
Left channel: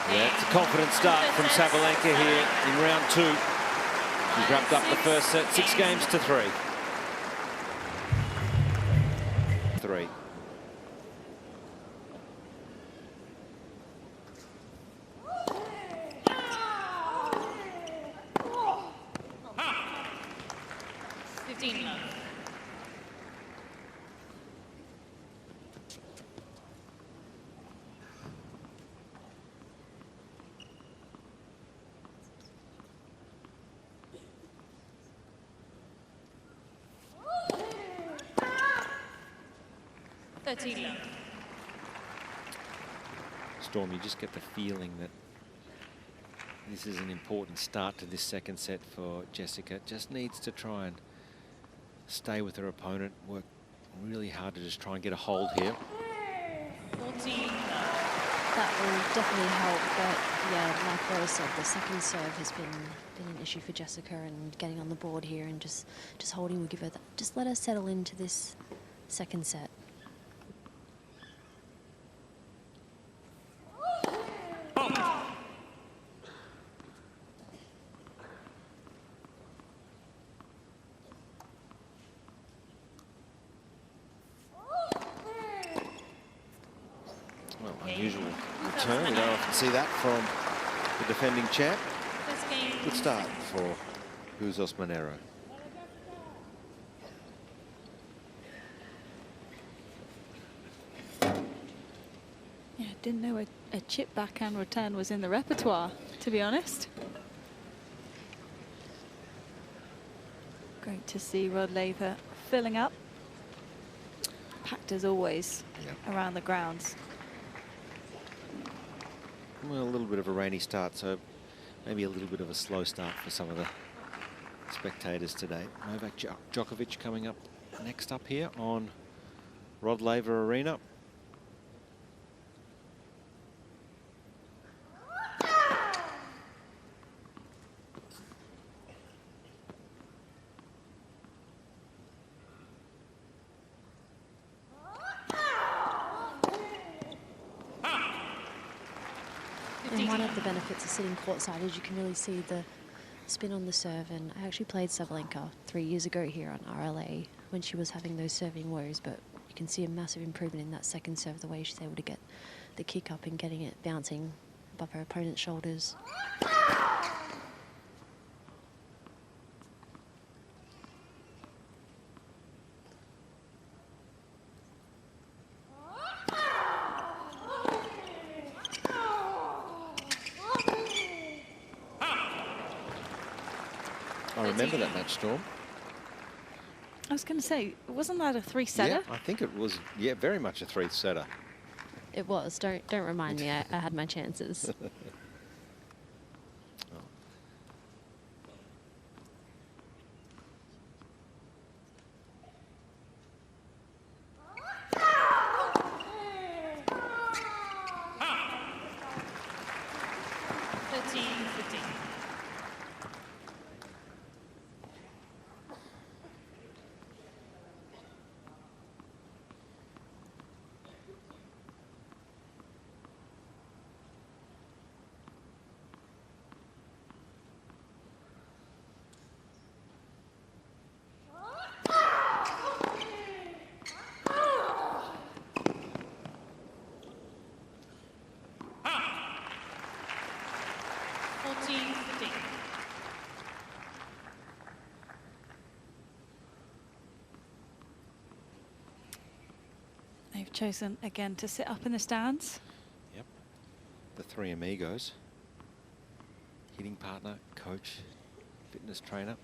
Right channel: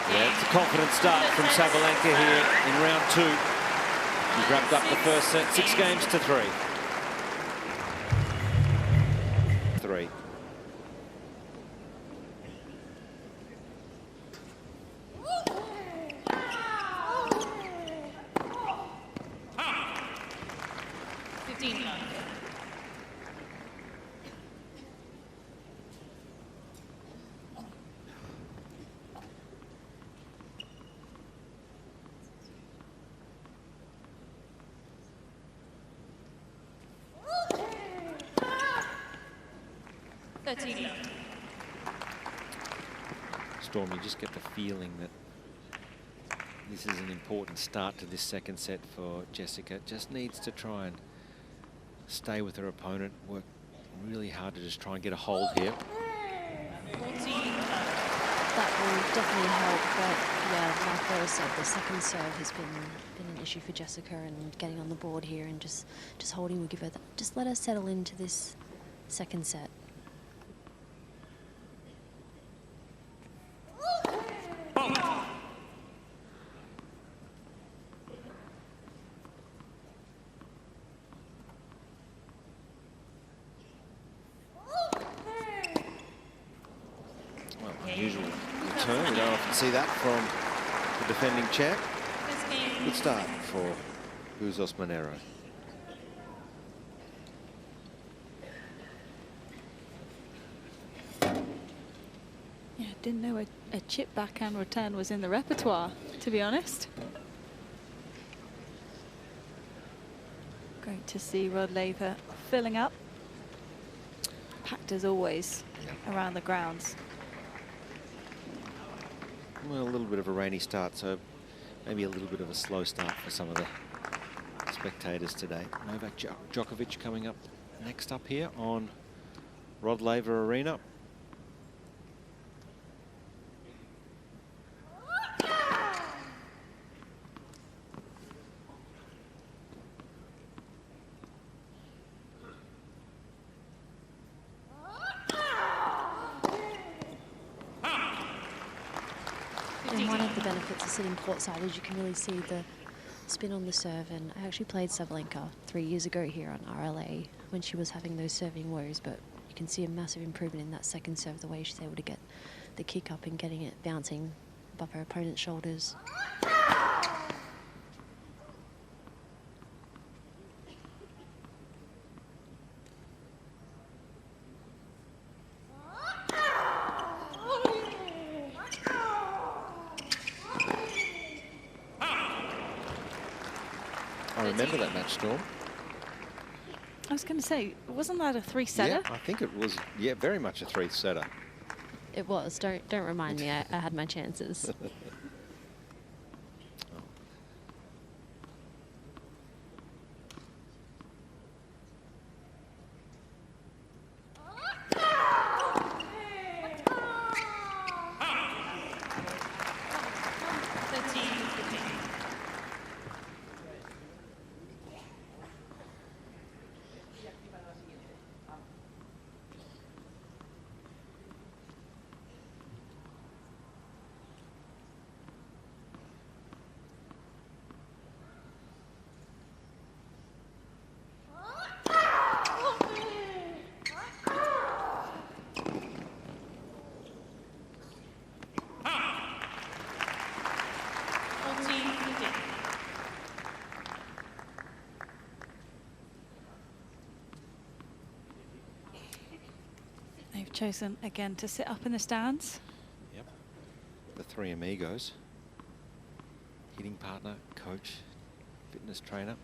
Yeah, it's a confident start from Sabalenka here in round 2. She's wrapped up the first set, 6 games to 3. 3. Storm, you just get the feeling that this is an important start to this second set for Jessica. Just needs to try and stay with her opponent, work really hard to just try and get a hold here. That will definitely help, but yeah, like Rose said, the second serve has been an issue for Jessica, and getting on the board here and just holding will give her that. Just let her settle into this second set. Unusual return. We don't often see that from the defending champ. First game. Good start for Bouzas Maneiro. Yeah, didn't know a chip backhand return was in the repertoire, to be honest. Great to see Rod Laver filling up. Packed as always around the grounds. Well, a little bit of a rainy start, so maybe a little bit of a slow start for some of the spectators today. Novak Djokovic coming up next up here on Rod Laver Arena. And one of the benefits of sitting courtside is you can really see the spin on the serve. And I actually played Sabalenka 3 years ago here on RLA when she was having those serving woes. But you can see a massive improvement in that second serve, the way she's able to get the kick up and getting it bouncing above her opponent's shoulders. I remember that match, Storm. I was going to say, wasn't that a three-setter? Yeah, I think it was, yeah, very much a three-setter. It was. Don't remind me. I had my chances. They've chosen again to sit up in the stands. Yep. The three amigos. Hitting partner, coach, fitness trainer.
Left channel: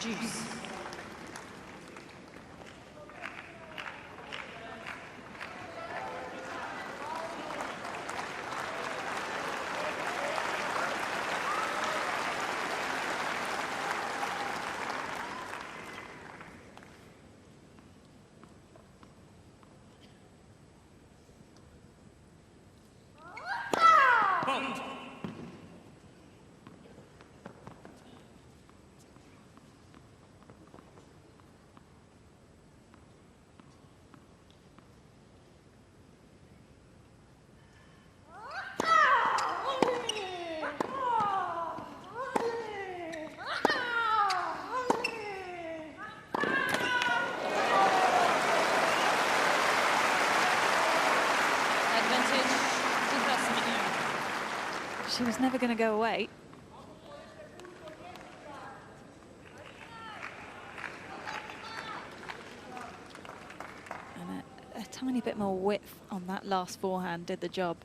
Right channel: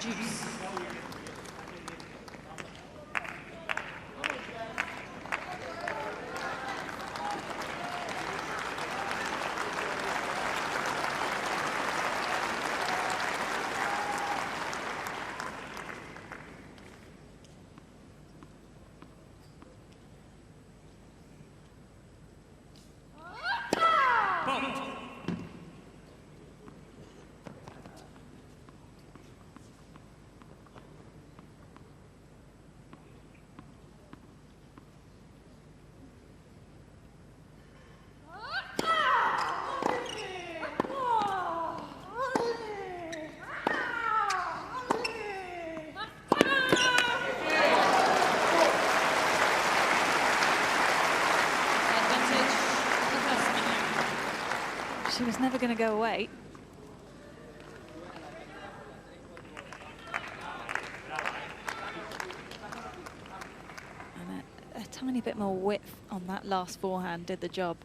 Juice. She was never going to go away. And a tiny bit more width on that last forehand did the job.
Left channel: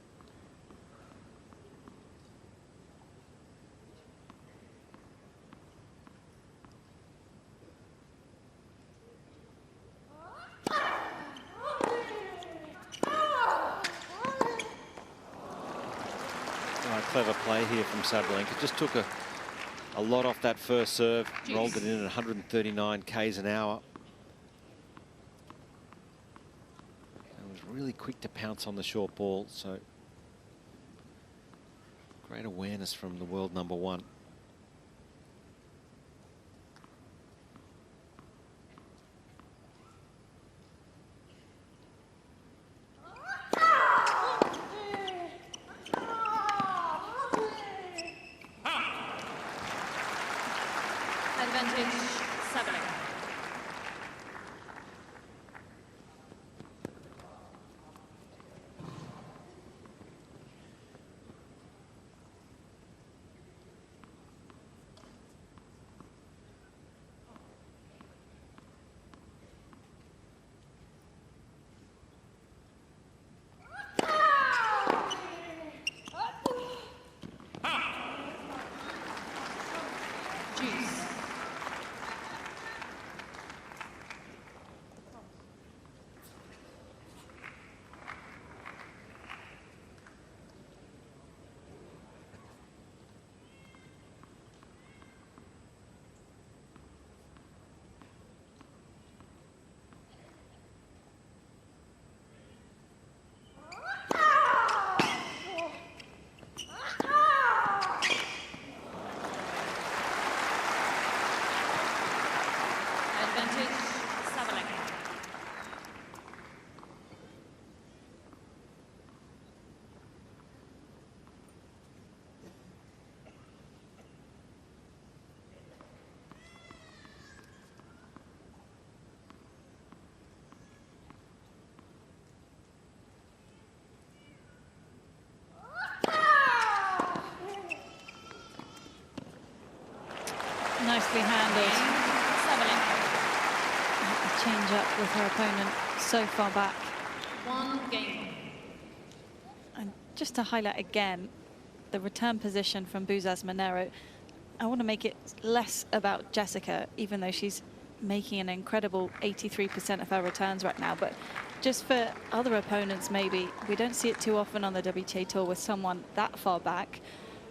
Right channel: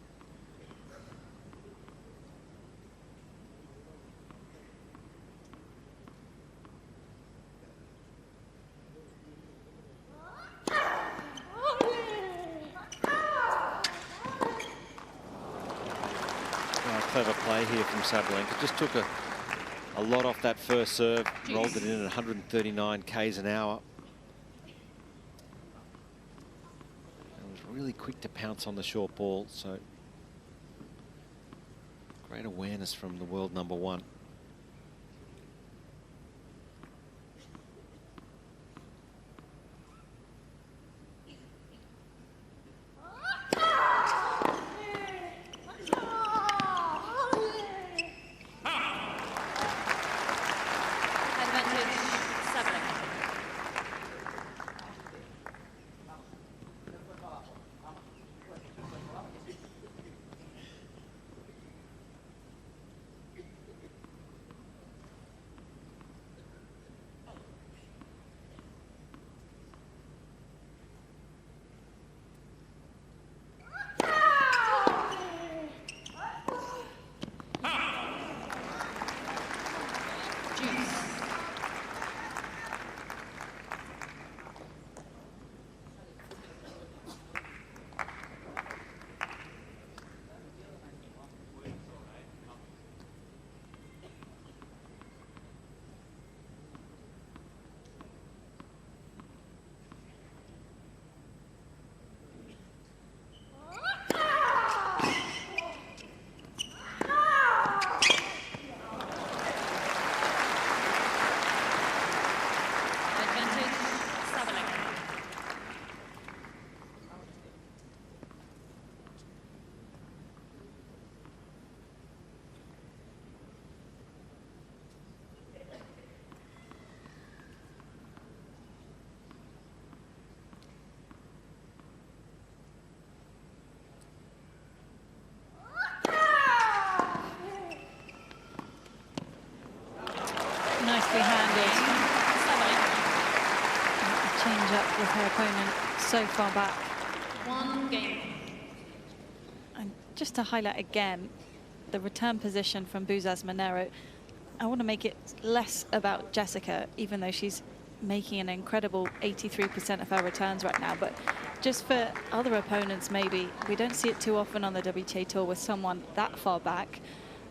Clever play here from Sabalenka. Just took a a lot off that first serve, rolled it in at 139 k's an hour. And was really quick to pounce on the short ball, so great awareness from the world number one. Advantage, Sabalenka. Juice. Advantage, Sabalenka. Nicely handled. Sabalenka. A change up with her opponent so far back. 1 game. And just to highlight again, the return position from Bouzas Maneiro, I want to make it less about Jessica, even though she's making an incredible 83% of her returns right now. But just for other opponents, maybe, we don't see it too often on the WTA Tour with someone that far back.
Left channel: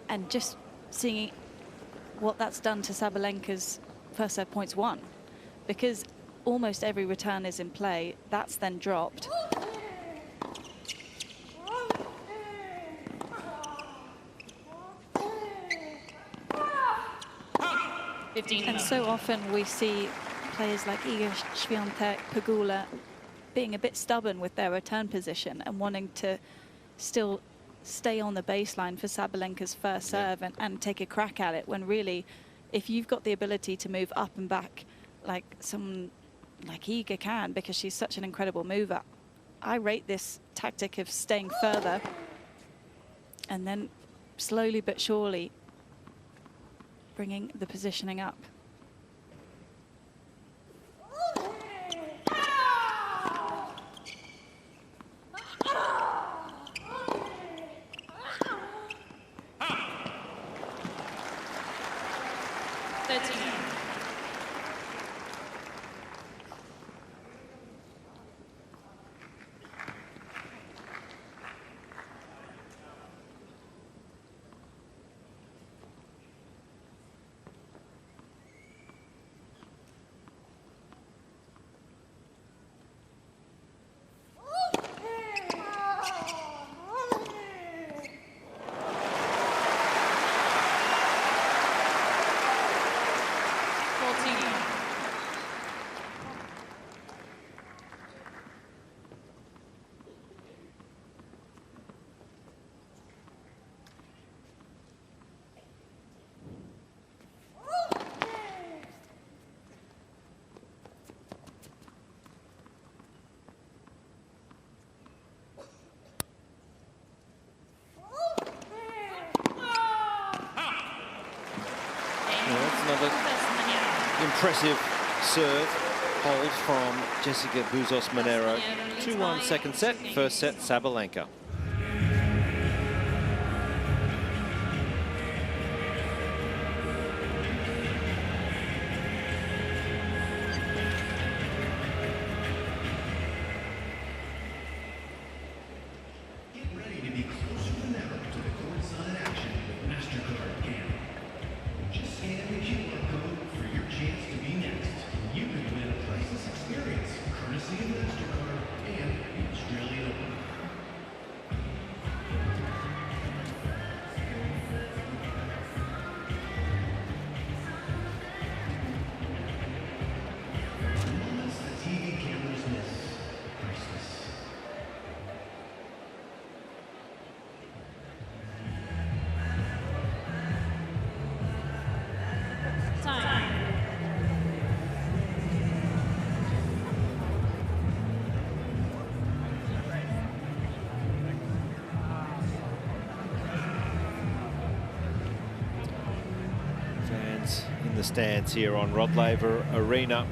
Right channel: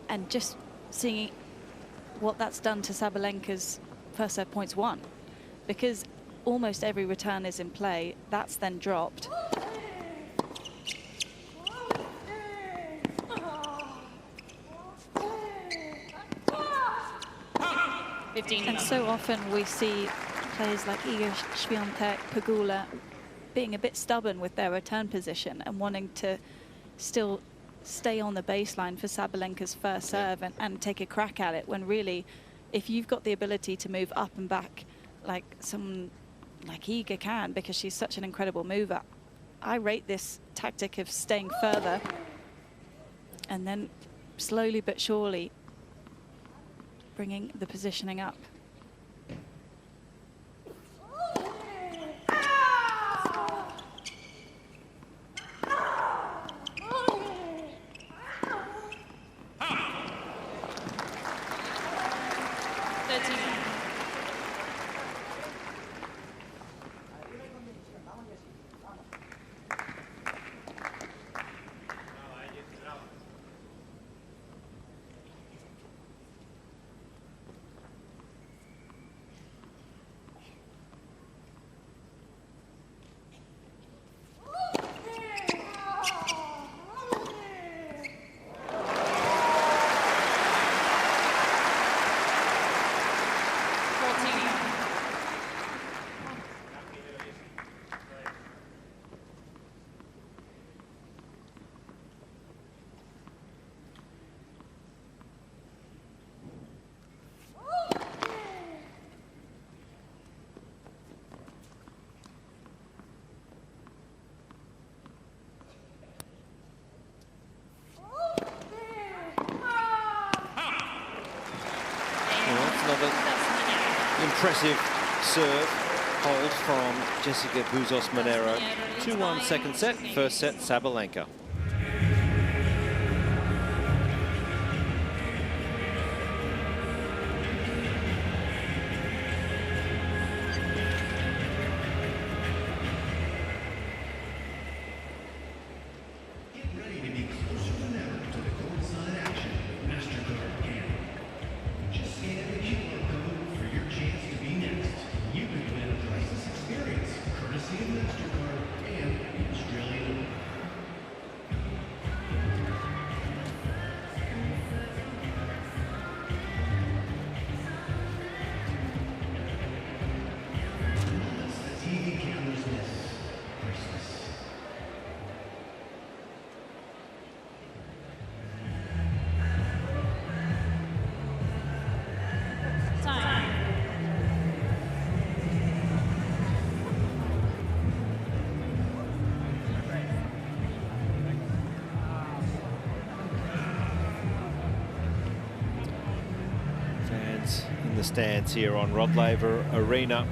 And just seeing what that's done to Sabalenka's first serve points won. Because almost every return is in play, that's then dropped. 15. And so often we see players like Iga Świątek, Pegula being a bit stubborn with their return position and wanting to still stay on the baseline for Sabalenka's first serve and take a crack at it, when really, if you've got the ability to move up and back like someone like Iga can, because she's such an incredible mover, I rate this tactic of staying further and then slowly but surely bringing the positioning up. Another impressive serve hold from Jessica Bouzas Maneiro. 2-1 second set, first set Sabalenka. Just stands here on Rod Laver Arena,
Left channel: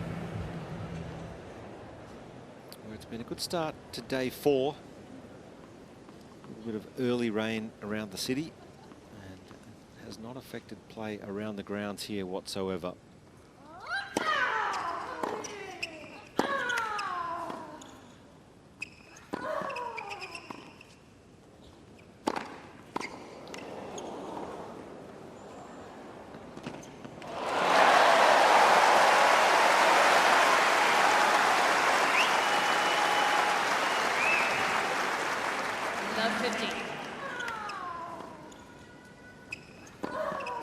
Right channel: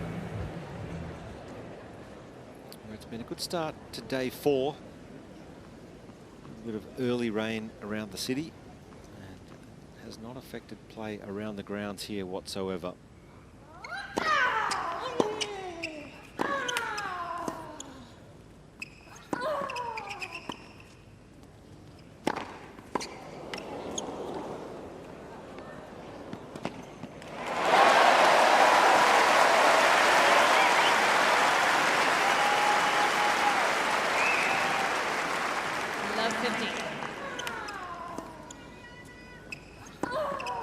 where it's been a good start to day 4. A little bit of early rain around the city, and it has not affected play around the grounds here whatsoever. Love 15.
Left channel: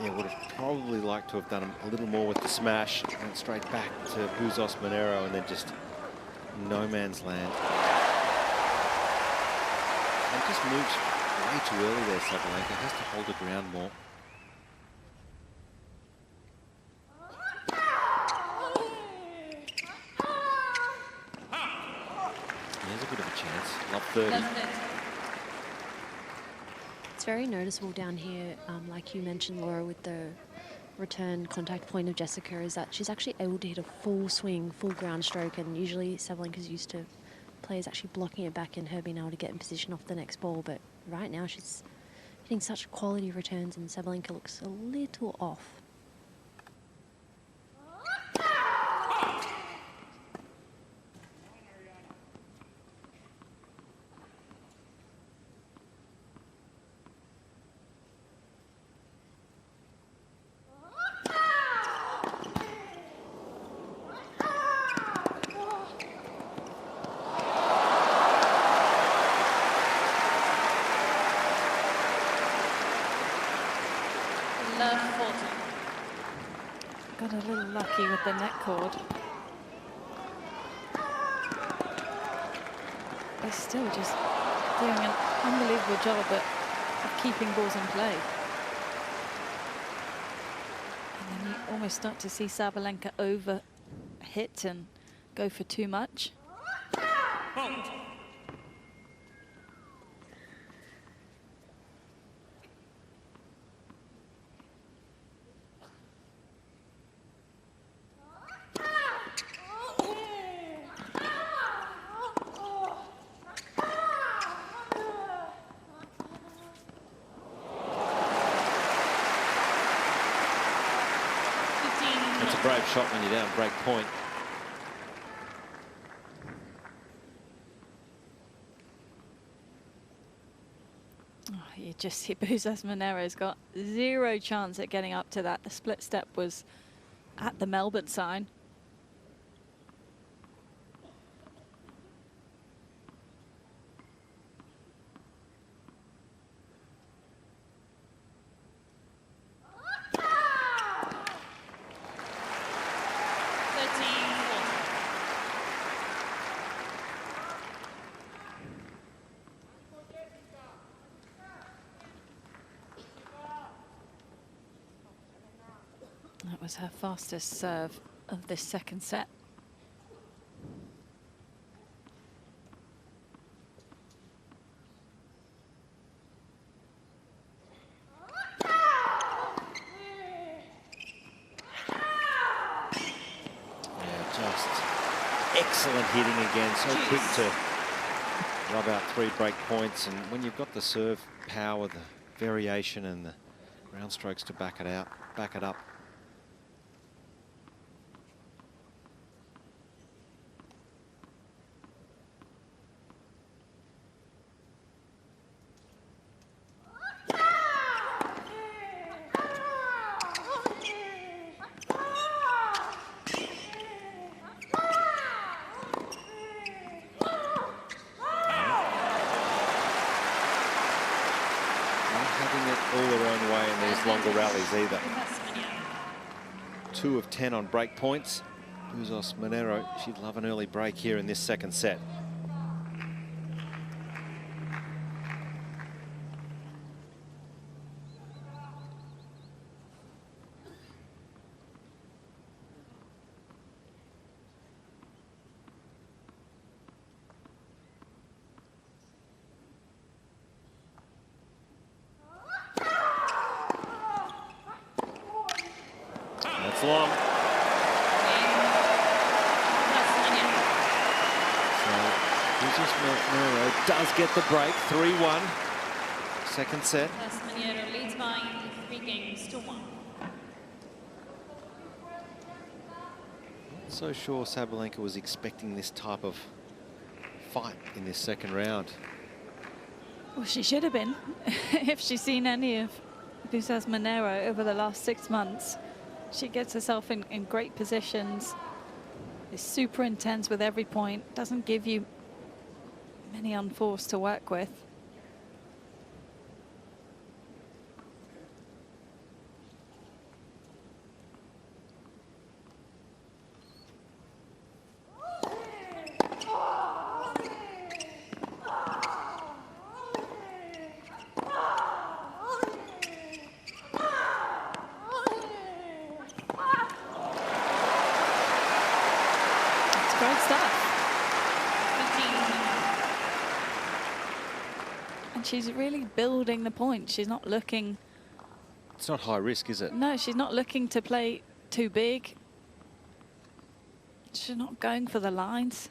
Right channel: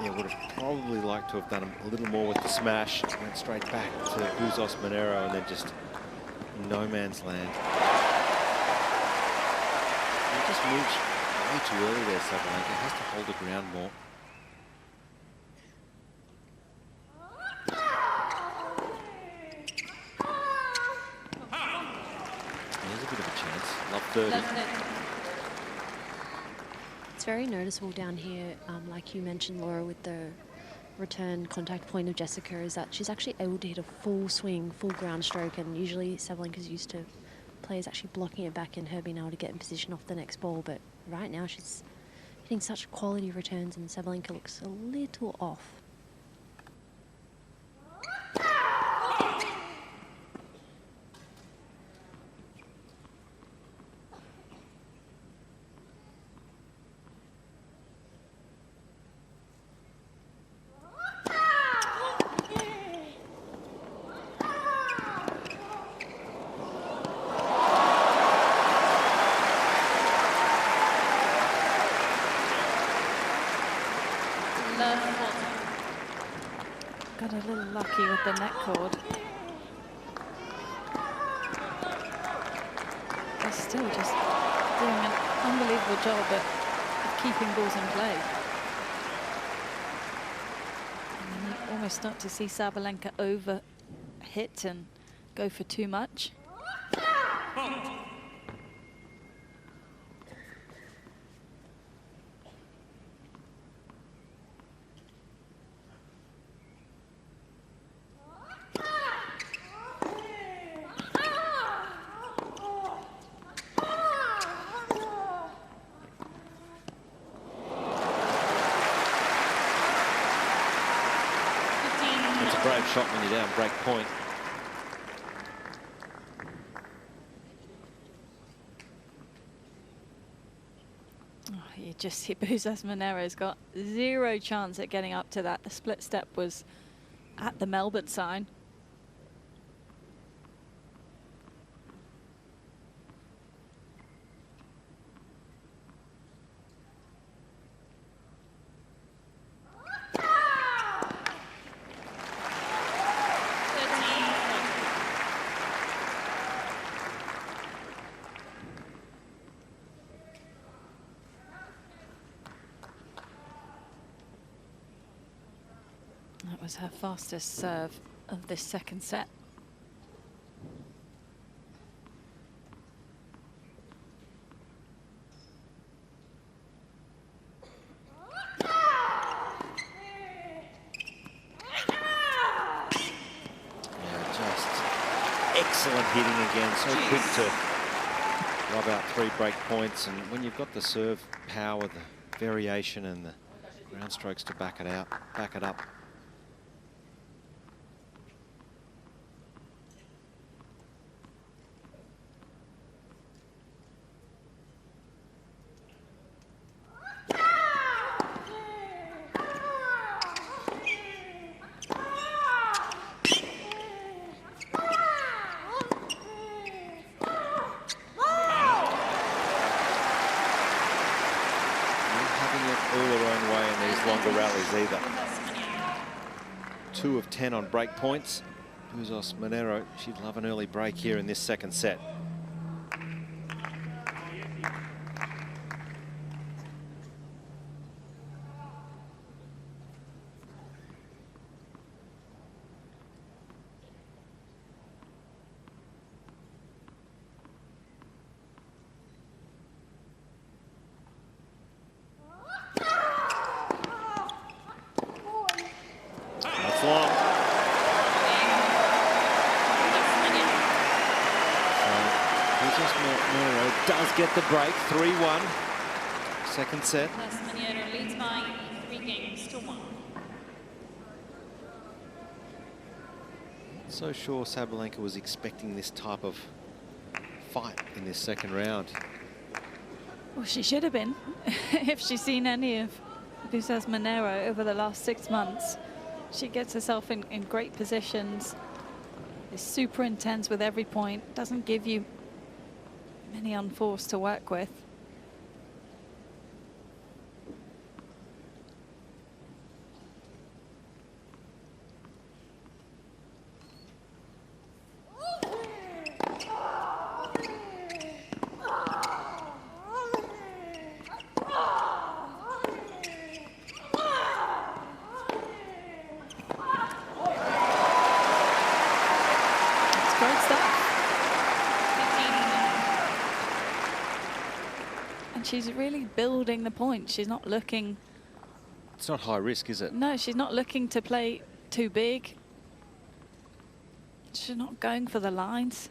Yeah, would have probably liked to have done a little more with the smash. Went straight back to Bouzas Maneiro and then just no man's land. And just moves way too early there, Sabalenka. Has to hold the ground more. There's a bit of a chance. Love 30. Love 30. It's very noticeable down here, like you mentioned, Laura, with the return contact point of Jessica, is that she's actually able to hit a full swing, full ground stroke, and usually Sabalenka's used to players actually blocking it back and her being able to get in position off the next ball, but right now she's hitting such quality returns and Sabalenka looks a little off. Love 40. Got a little lucky with the net cord. They're still just doing an unbelievable job of keeping balls in play. And then you almost start to see Sabalenka over hit and go for too much. It's a brave shot when you're down break point. Oh, you just see Bouzas Maneiro's got zero chance at getting up to that. The split step was at the Melbourne sign. That was her fastest serve of this second set. Yeah, just excellent hitting again. So quick to rub out 3 break points. And when you've got the serve power, the variation and the ground strokes to back it up. All their own way in these longer rallies either. 2 of 10 on break points. Bouzas Maneiro, she'd love an early break here in this second set. off long. So Bouzas Maneiro does get the break. 3-1. Second set. Maneiro leads by 3 games to 1. Not so sure Sabalenka was expecting this type of fight in this second round. Well, she should have been. If she's seen any of Bouzas Maneiro over the last 6 months, she gets herself in great positions, is super intense with every point, doesn't give you many unforced to work with. Great stuff. 15. And she's really building the point. She's not looking... It's not high risk, is it? No, she's not looking to play too big. She's not going for the lines.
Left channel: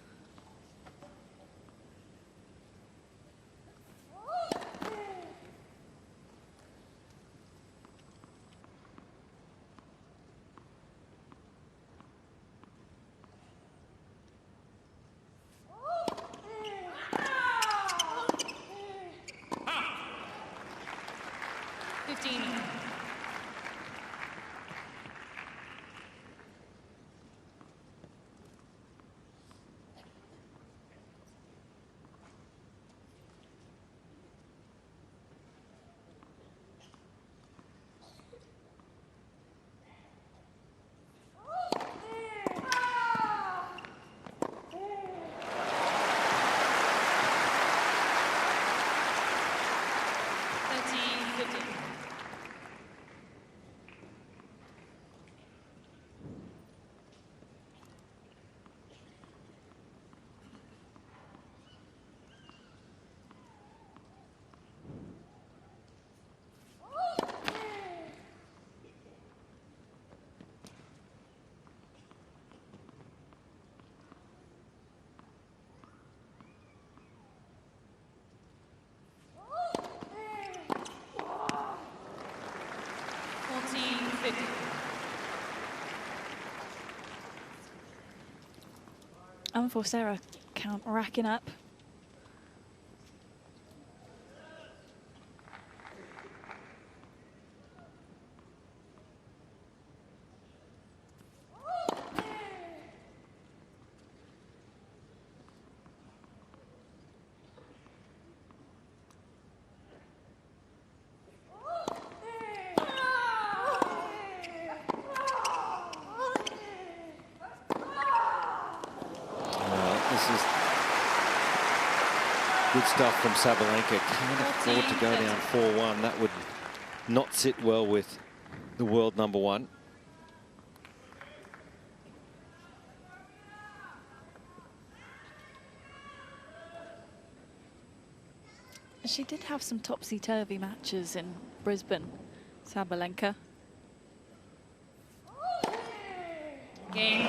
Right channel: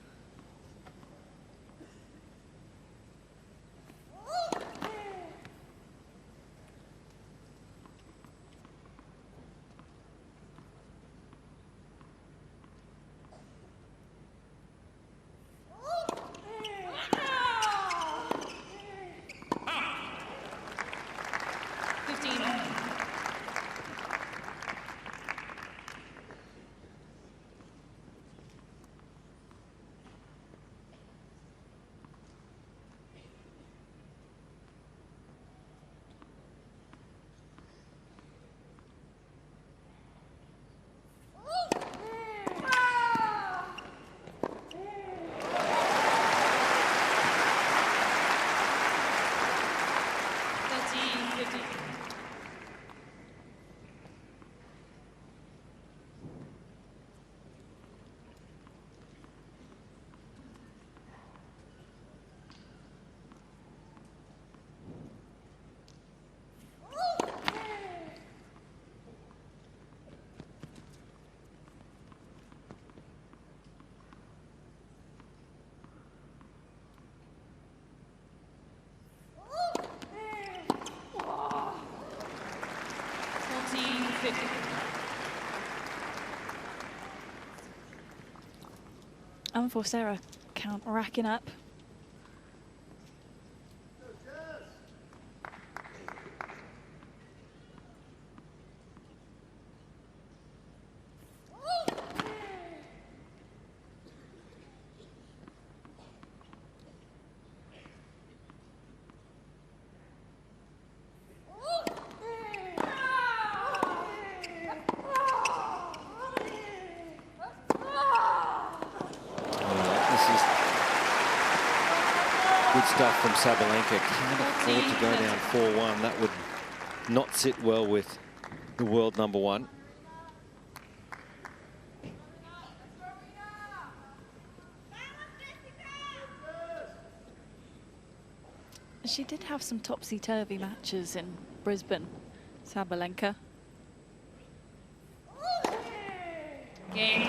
Unforced error count racking up. Good stuff from Sabalenka. Can't afford to go down 4-1. That would not sit well with the world #1. She did have some topsy-turvy matches in Brisbane, Sabalenka. Game.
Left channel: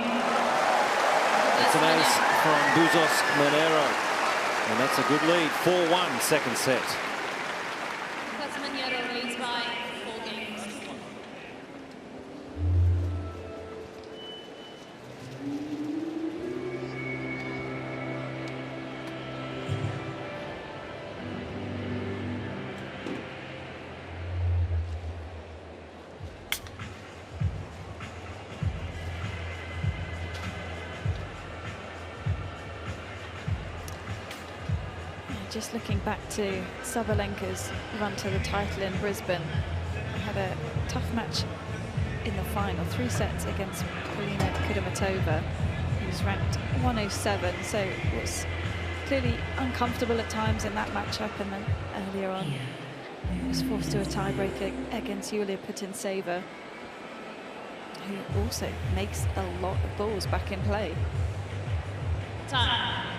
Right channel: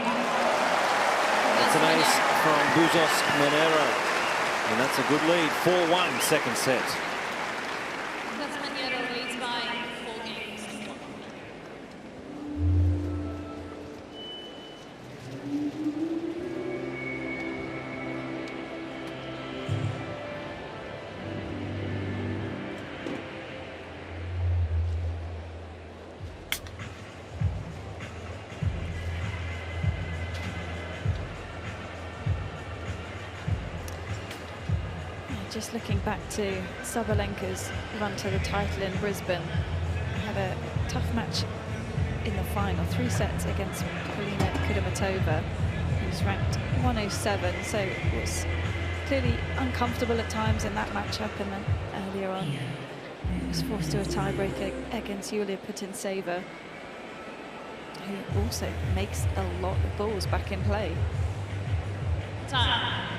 It's an ace from Bouzas Maneiro. And that's a good lead. 4-1, second set. Maneiro leads by 4 games to 1. Just looking back to Sabalenka's run to the title in Brisbane, had a tough match in the final, 3 sets against Polina Kudermetova, who's ranked 107, so it was clearly uncomfortable at times in that matchup, and then earlier on was forced to a tiebreak against Yulia Putintseva, who also makes a lot of balls back in play. Time.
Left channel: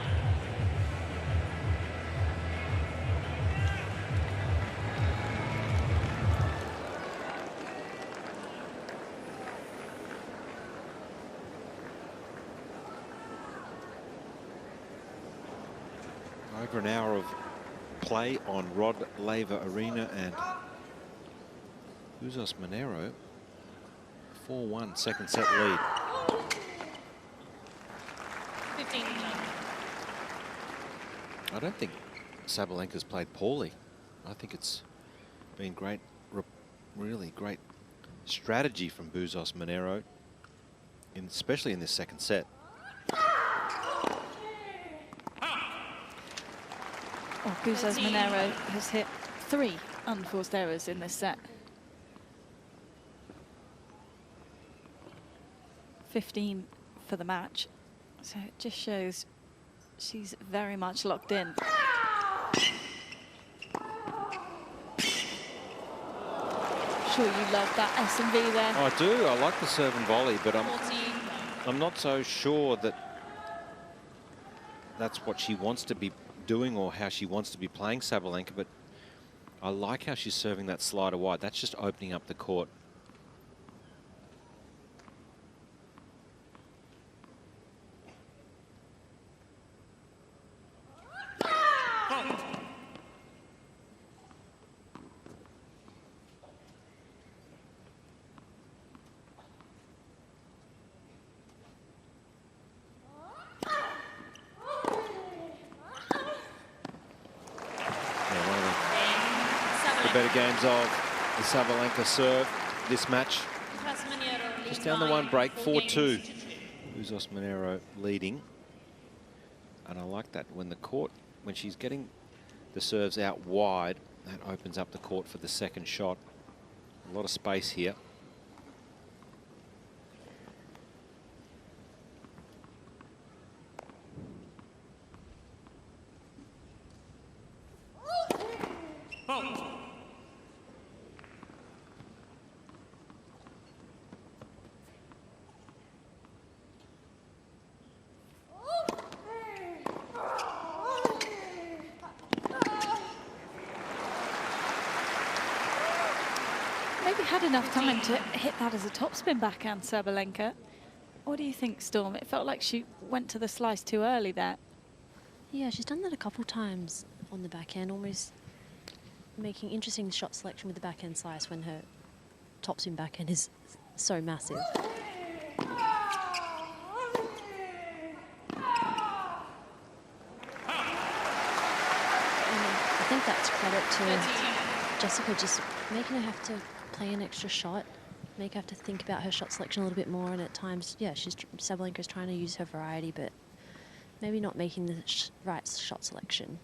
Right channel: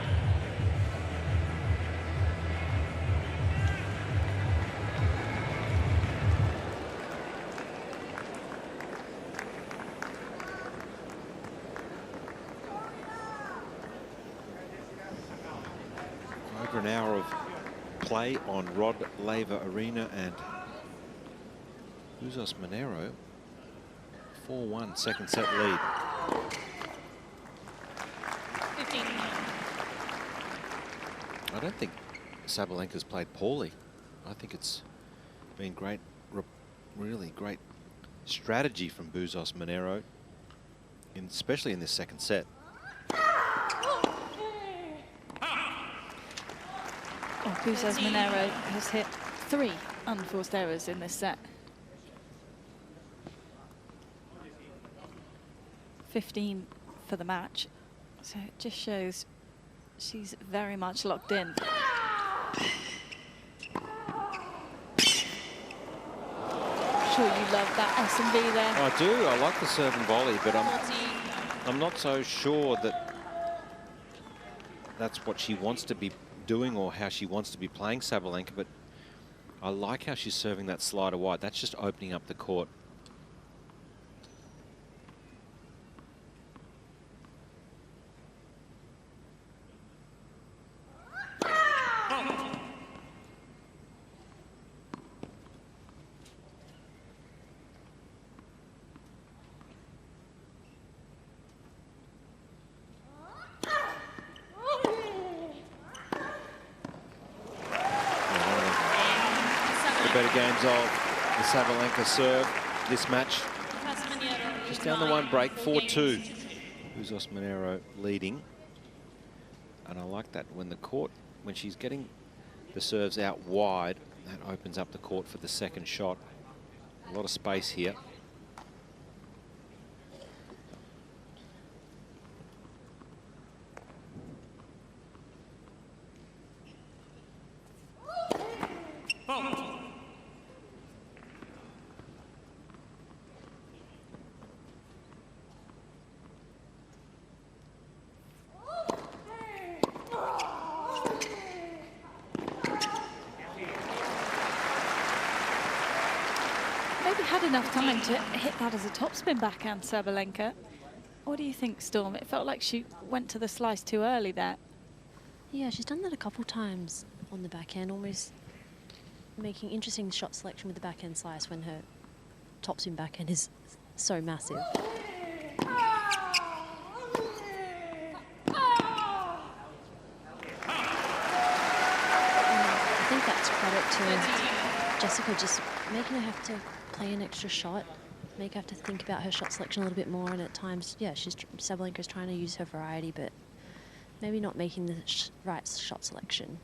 over an hour of play on Rod Laver Arena, and Bouzas Maneiro 4-1 second set lead. 15. I don't think Sabalenka's played poorly. I think it's been great, really great strategy from Bouzas Maneiro, especially in this second set. Oh, Bouzas Maneiro has hit 3 unforced errors in this set. 15 for the match. So it just shows she's very much locked in. Sure you love that S&V there. I do. I like the serve and volley, but I'm not so sure that that's what she wants to be doing or how she wants to be playing Sabalenka, but I like how she's serving that slider wide. That's just opening up the court. Better games of the Sabalenka serve this match. Just down the one break, 4-2. Bouzas Maneiro leading. And I like that when she's getting the serves out wide, that opens up the court for the second shot. A lot of space here. Maybe had enough time to hit that as a topspin backhand, Sabalenka. What do you think, Storm? It felt like she went to the slice too early there. Yeah, she's done that a couple times on the backhand, almost making interesting shot selection with the backhand slice when her topspin backhand is so massive. I think that's credit to Jessica, just making her have to play an extra shot, make her have to think about her shot selection a little bit more, and at times, yeah, Sabalenka's trying to use her variety, but maybe not making the right shot selection.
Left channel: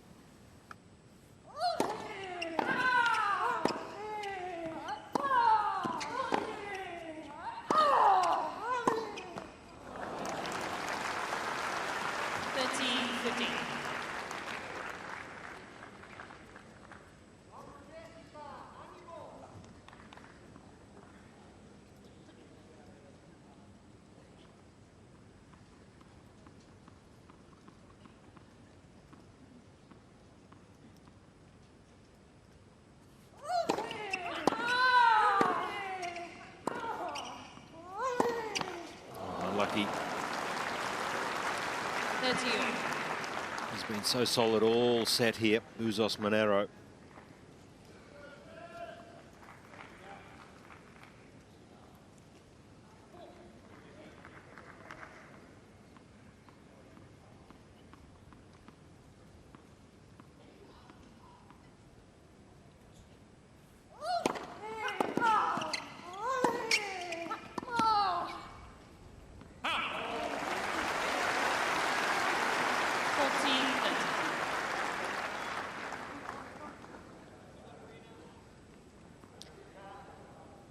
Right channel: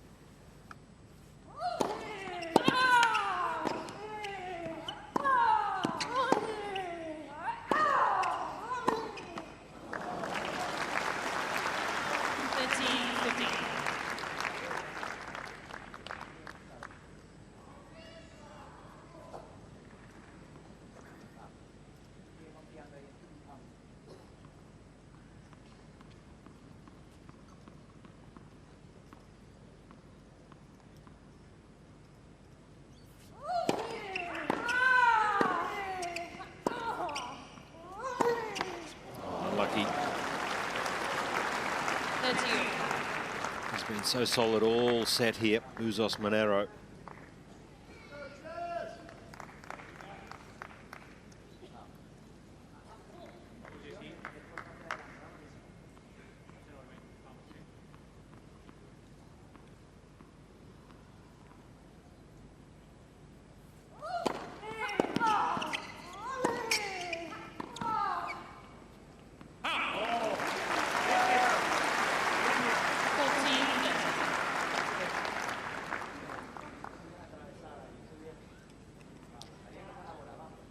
He's been so solid all set here, Bouzas Maneiro.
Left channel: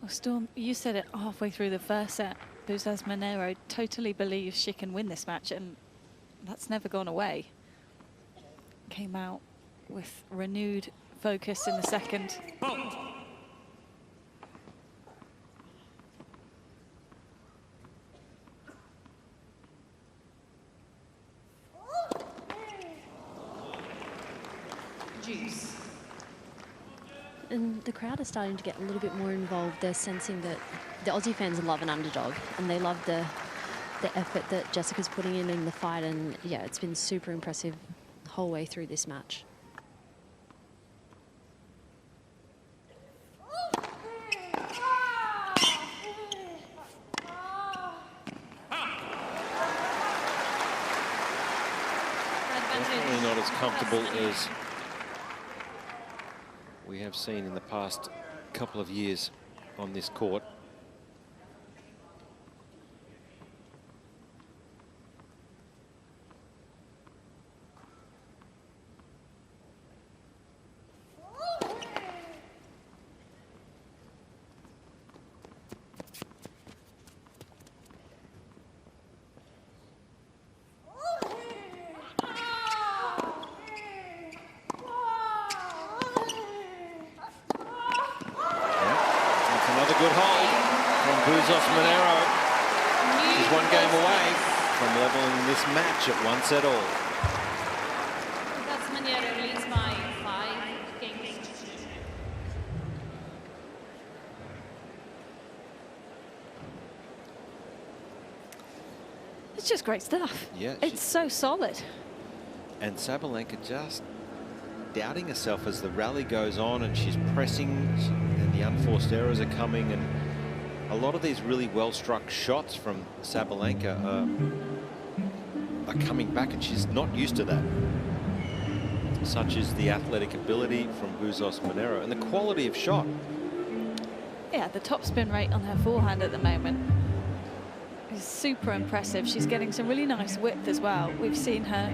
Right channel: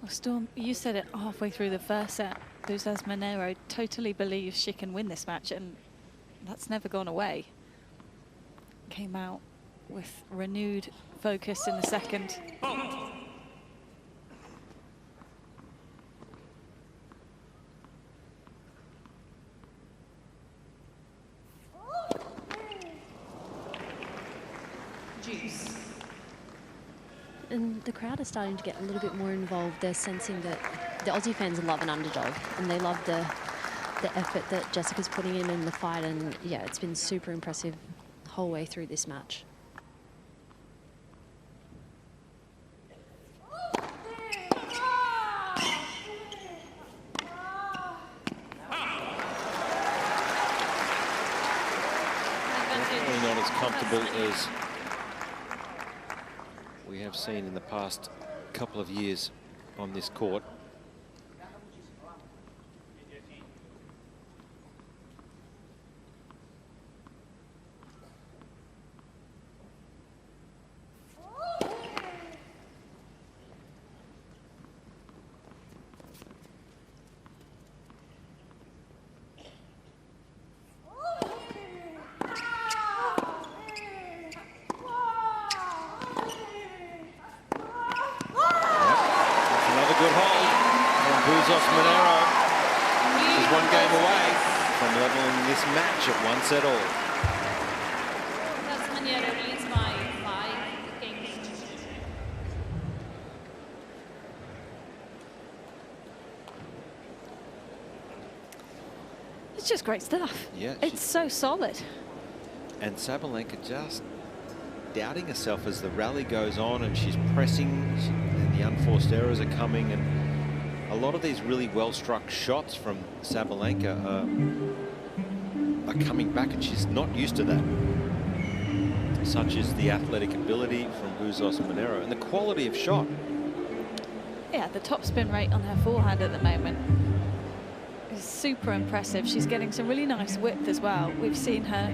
Storm, you said it halfway through the first set. Bouzas Maneiro totally believes she can win this match, and that's never gone away. Came out with renewed focus in the second. Juice. And the crowd is starting to get a little bit more involved. They're sensing that the Aussie fans love an underdog, and they love the effort that Jessica's putting in the fight. And yeah, it's been super impressive the whole way through this match. Definitely not as comfortable as we have seen in the past couple of years on this court. Good hold from Bouzas Maneiro. She's one game away from leveling this match at 1 set all. Bouzas Maneiro leads by 5 games. It's just great stuff. Yeah, it's so solid. And Sabalenka just doubting herself as the rally goes on, and she's pressing, and the unforced errors are coming, and a lot of these really well-struck shots from Sabalenka are coming back, and she's not used to that. Such as the athletic ability from Bouzas Maneiro and the quality of shot. Yeah, the top spin rate on her forehand at the moment is super impressive. She's getting some really nice width as well. We've seen her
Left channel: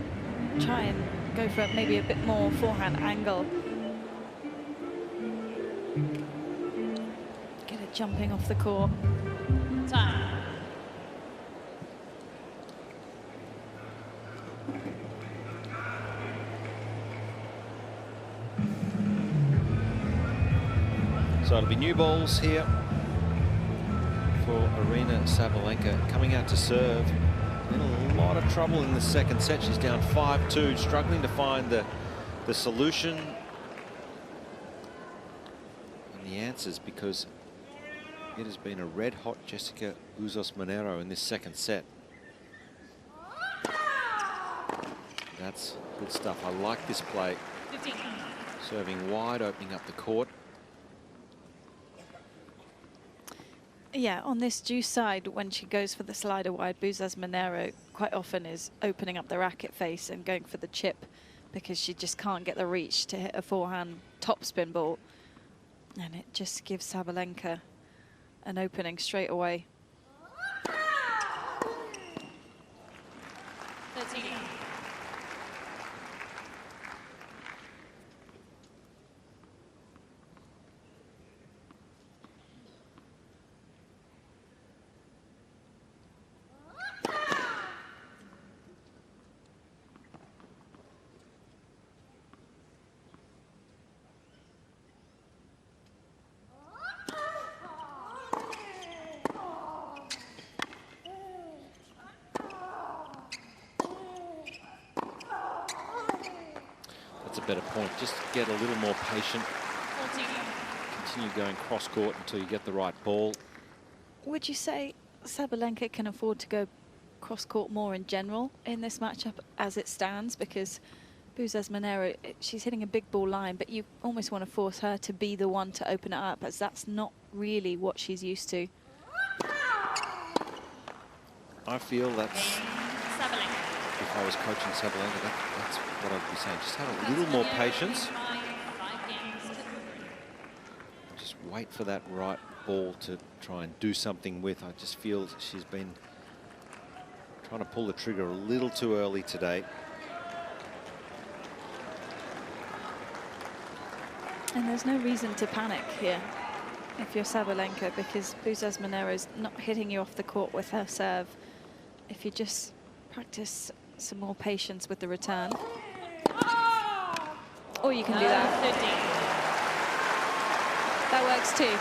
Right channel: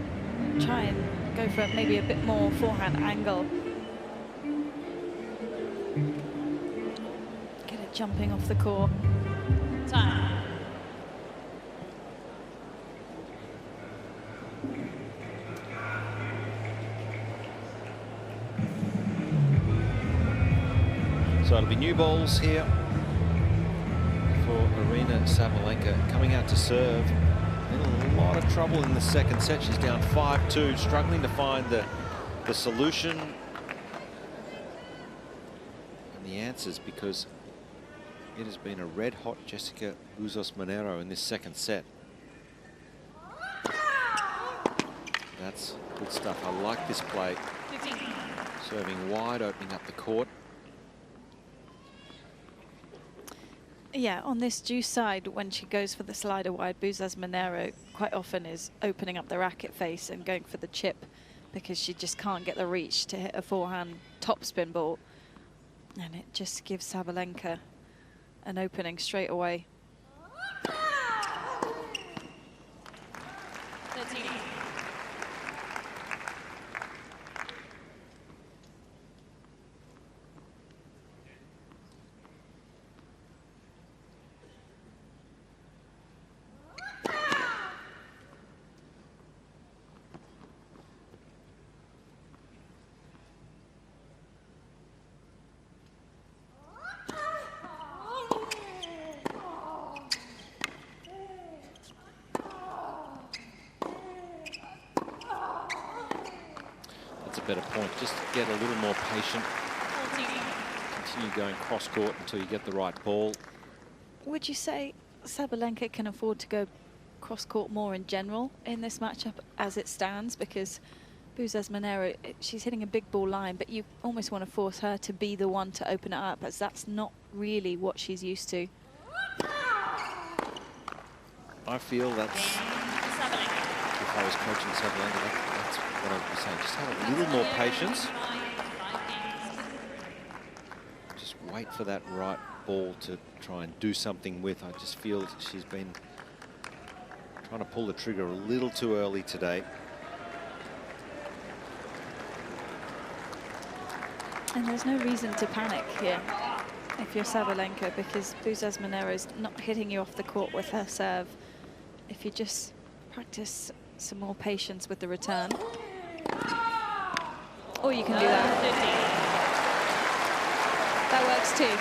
try and go for maybe a bit more forehand angle. Get it jumping off the court. Time. So it'll be new balls here for Aryna Sabalenka, coming out to serve. In a lot of trouble in the second set. She's down 5-2, struggling to find the solution and the answers, because it has been a red-hot Jessica Bouzas Maneiro in this second set. That's good stuff. I like this play. 15. Serving wide, opening up the court. Yeah, on this deuce side, when she goes for the slider wide, Bouzas Maneiro quite often is opening up the racket face and going for the chip, because she just can't get the reach to hit a forehand topspin ball. And it just gives Sabalenka an opening straight away. 13. Better point. Just get a little more patient. 14. Continue going cross court until you get the right ball. Would you say Sabalenka can afford to go cross court more in general in this matchup as it stands? Because Bouzas Maneiro, she's hitting a big ball line, but you almost want to force her to be the one to open it up, as that's not really what she's used to. I feel that's, Sabalenka. if I was coaching Sabalenka, that's what I'd be saying. Just have a little more patience. Just wait for that right ball to try and do something with. I just feel she's been trying to pull the trigger a little too early today. And there's no reason to panic here if you're Sabalenka, because Bouzas Maneiro's not hitting you off the court with her serve. If you just practice some more patience with the return. Or you can do that. 15. That works too.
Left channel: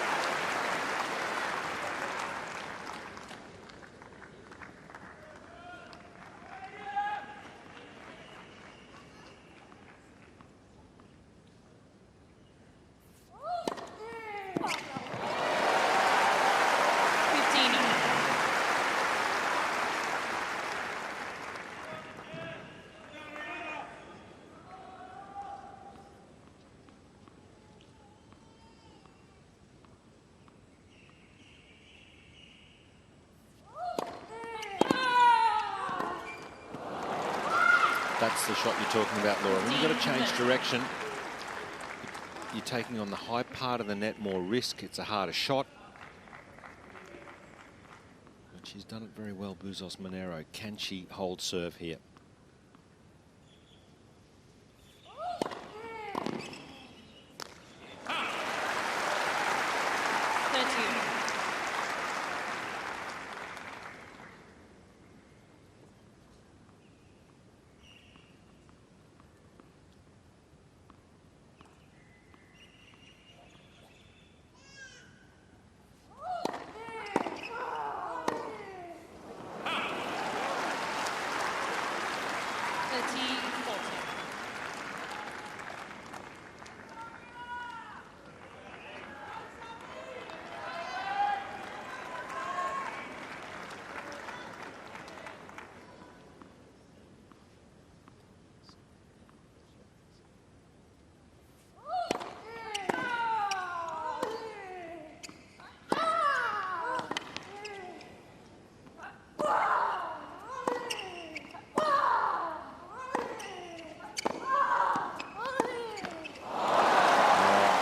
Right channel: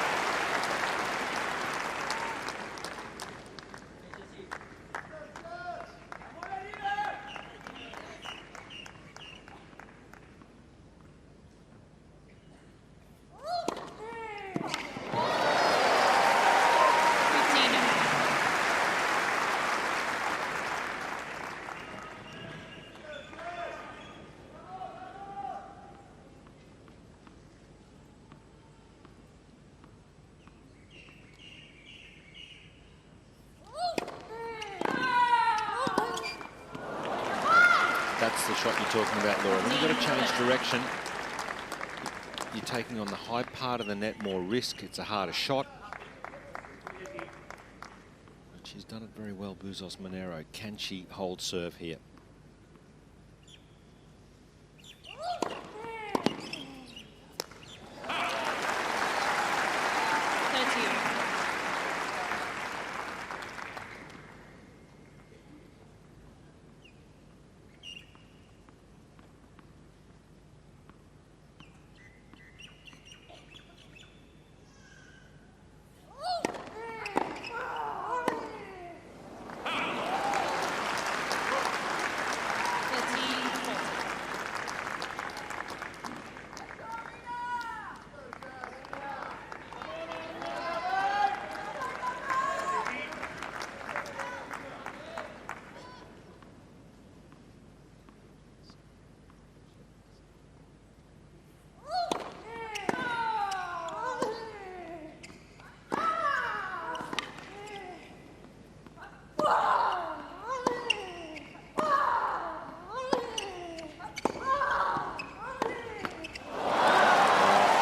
That's the shot you're talking about, Laura. When you've got to change direction, you're taking on the high part of the net, more risk. It's a harder shot. But she's done it very well, Bouzas Maneiro. Can she hold serve here?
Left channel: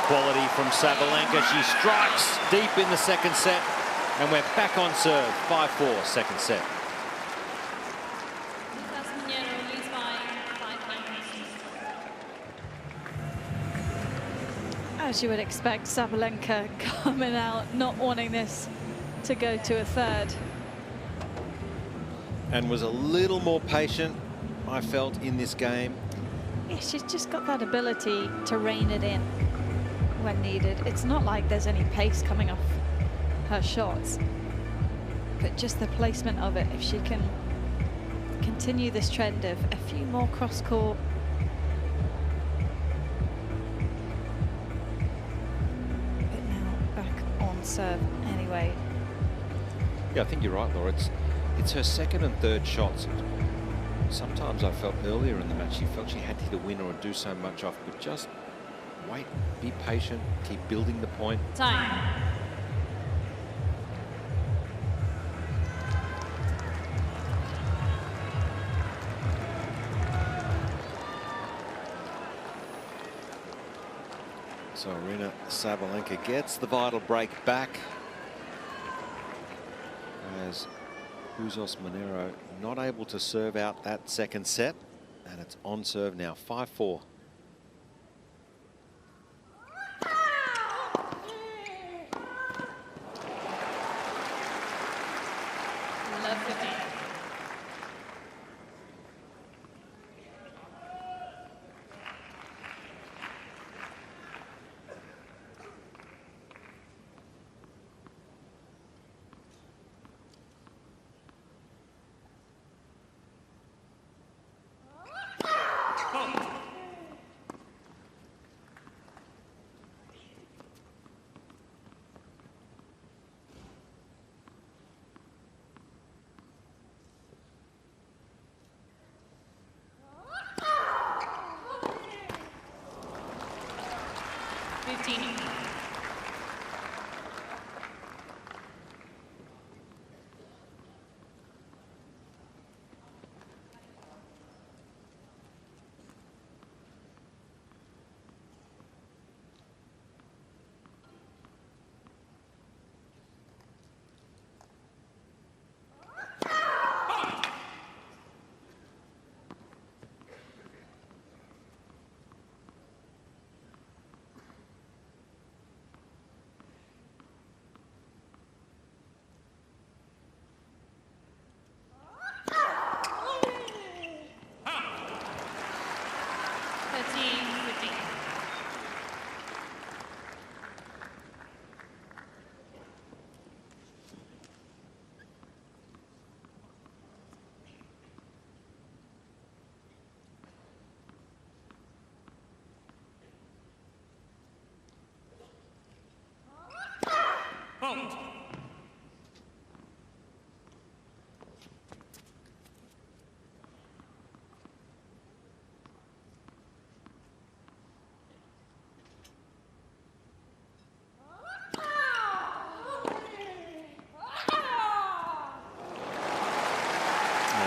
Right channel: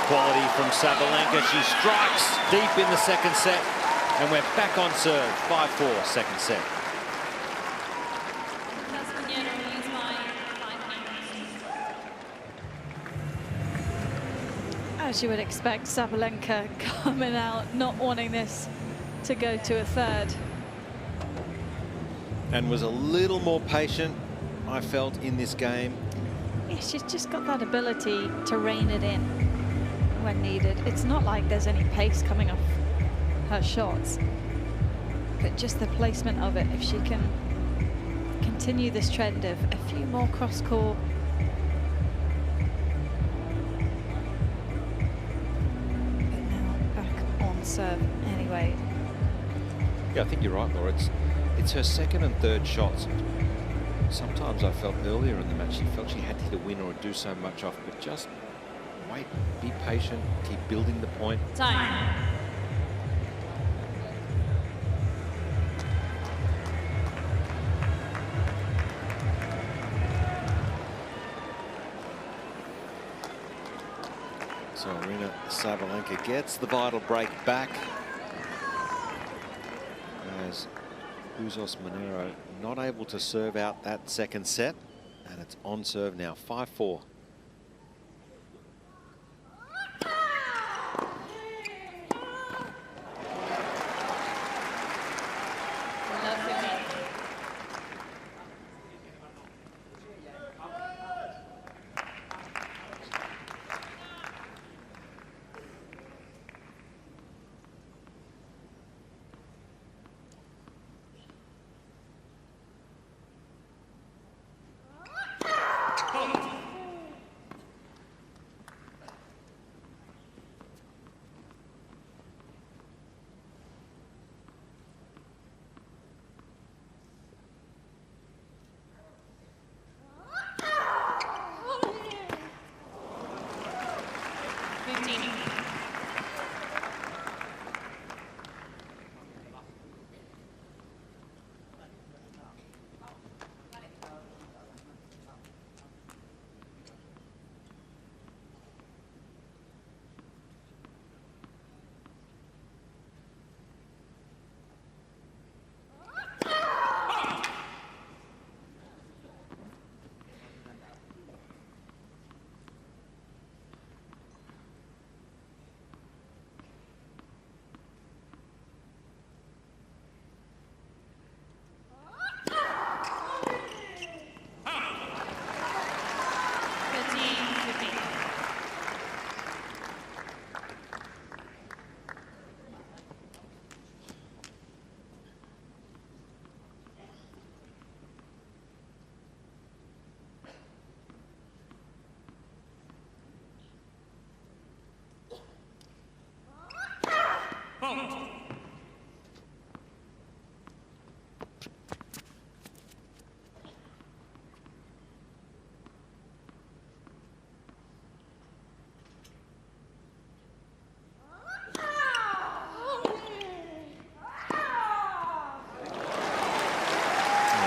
Quality from Sabalenka. She strikes deep in the second set, and we're back on serve. 5-4, second set. Maneiro leads by 5 games. As you would expect, Sabalenka coming out, not wanting this to go to a third. And was a little more patient, I felt, in this game. Yeah, she's just got that ability to rein it in when needed. It's not like there's any pace coming off her shots, but just the placement of it. If she can continue this trend of a few more cross-court, but now back on serve anyway. Yeah, I think you're right, Laura. It's her second and third shots. Sometimes I felt earlier in the match she felt she had to hit a winner or do so much off, but just wait, be patient, keep building the point. Time. So Aryna Sabalenka gets the vital break back, as Bouzas Maneiro not able to serve out that second set, and it's on serve now. 5-4. Love 15.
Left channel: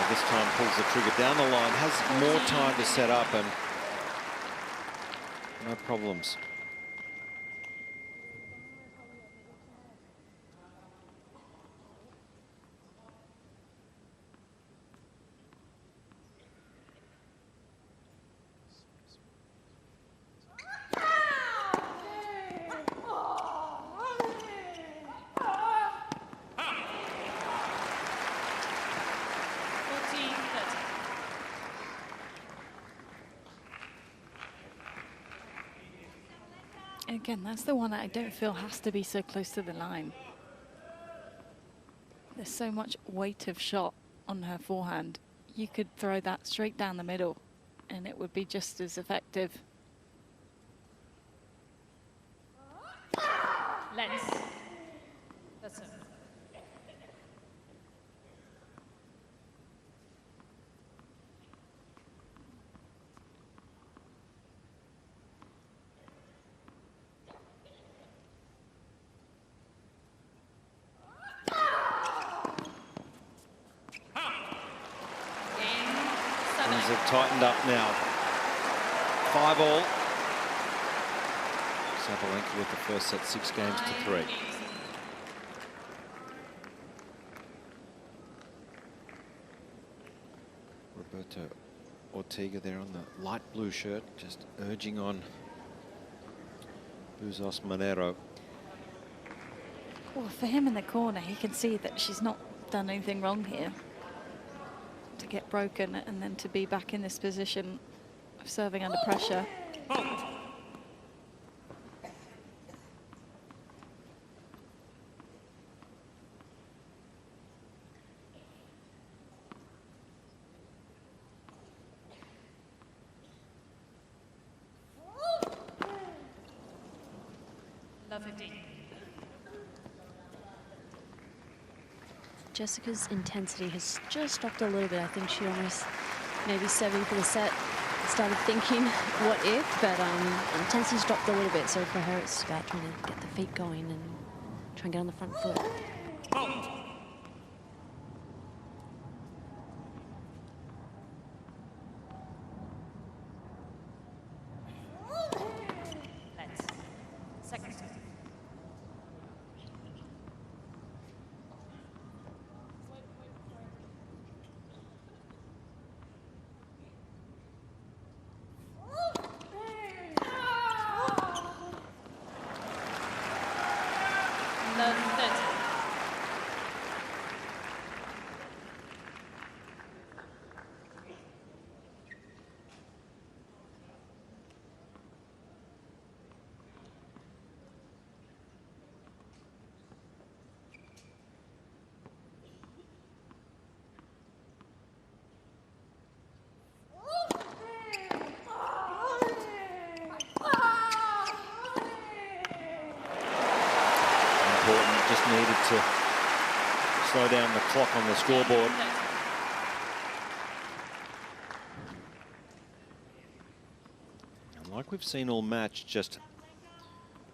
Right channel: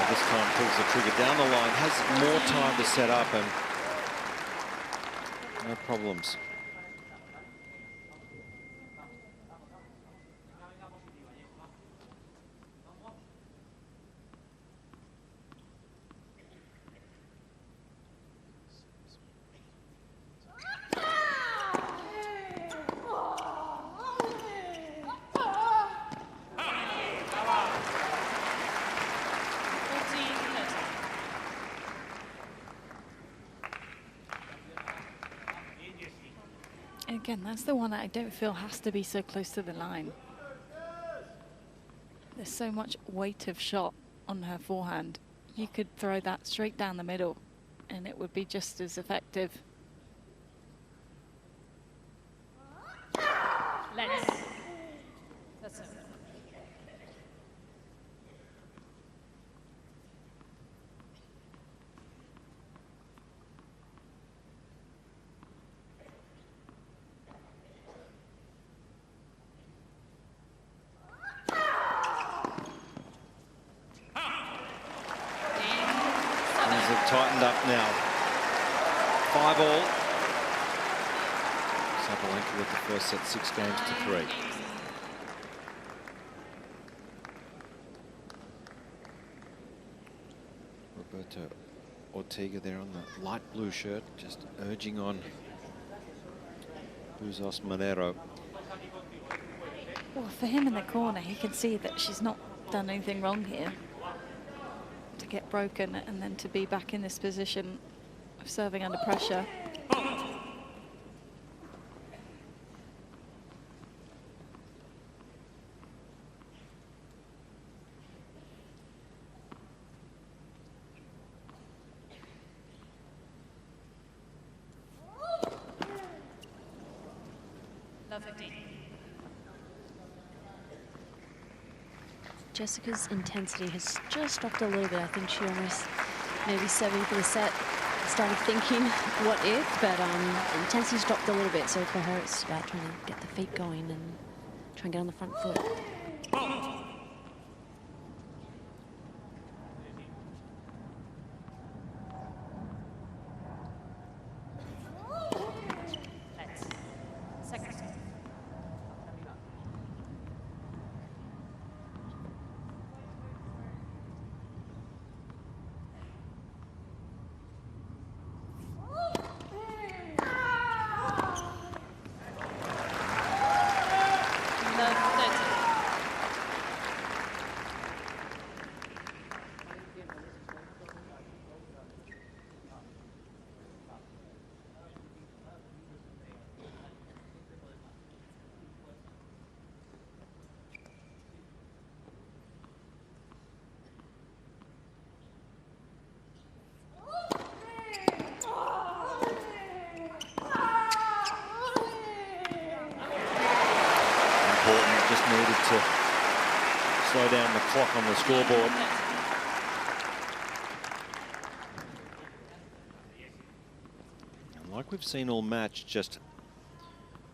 This time time pulls the trigger down the line, has more time to set up, and no problems. Again, that's the one that I don't feel has to be so close to the line. There's so much weight of shot on her forehand. You could throw that straight down the middle and it would be just as effective. Let's. That's it. Things have tightened up now. 5-all. Sabalenka with the first set, 6 games to 3. Roberto Ortega there on the light blue shirt, just urging on Bouzas Maneiro. Well, for him in the corner, he can see that she's not done anything wrong here. To get broken and then to be back in this position of serving under pressure. Love 15. Jessica's intensity has just dropped a little bit. I think she almost, maybe serving for the set, started thinking what if, but intensity's dropped a little bit. So for her, it's about trying to get the feet going and try and get on the front foot. Let's. Second. Love 30. Important, just needed to slow down the clock on the scoreboard. And like we've seen all match, just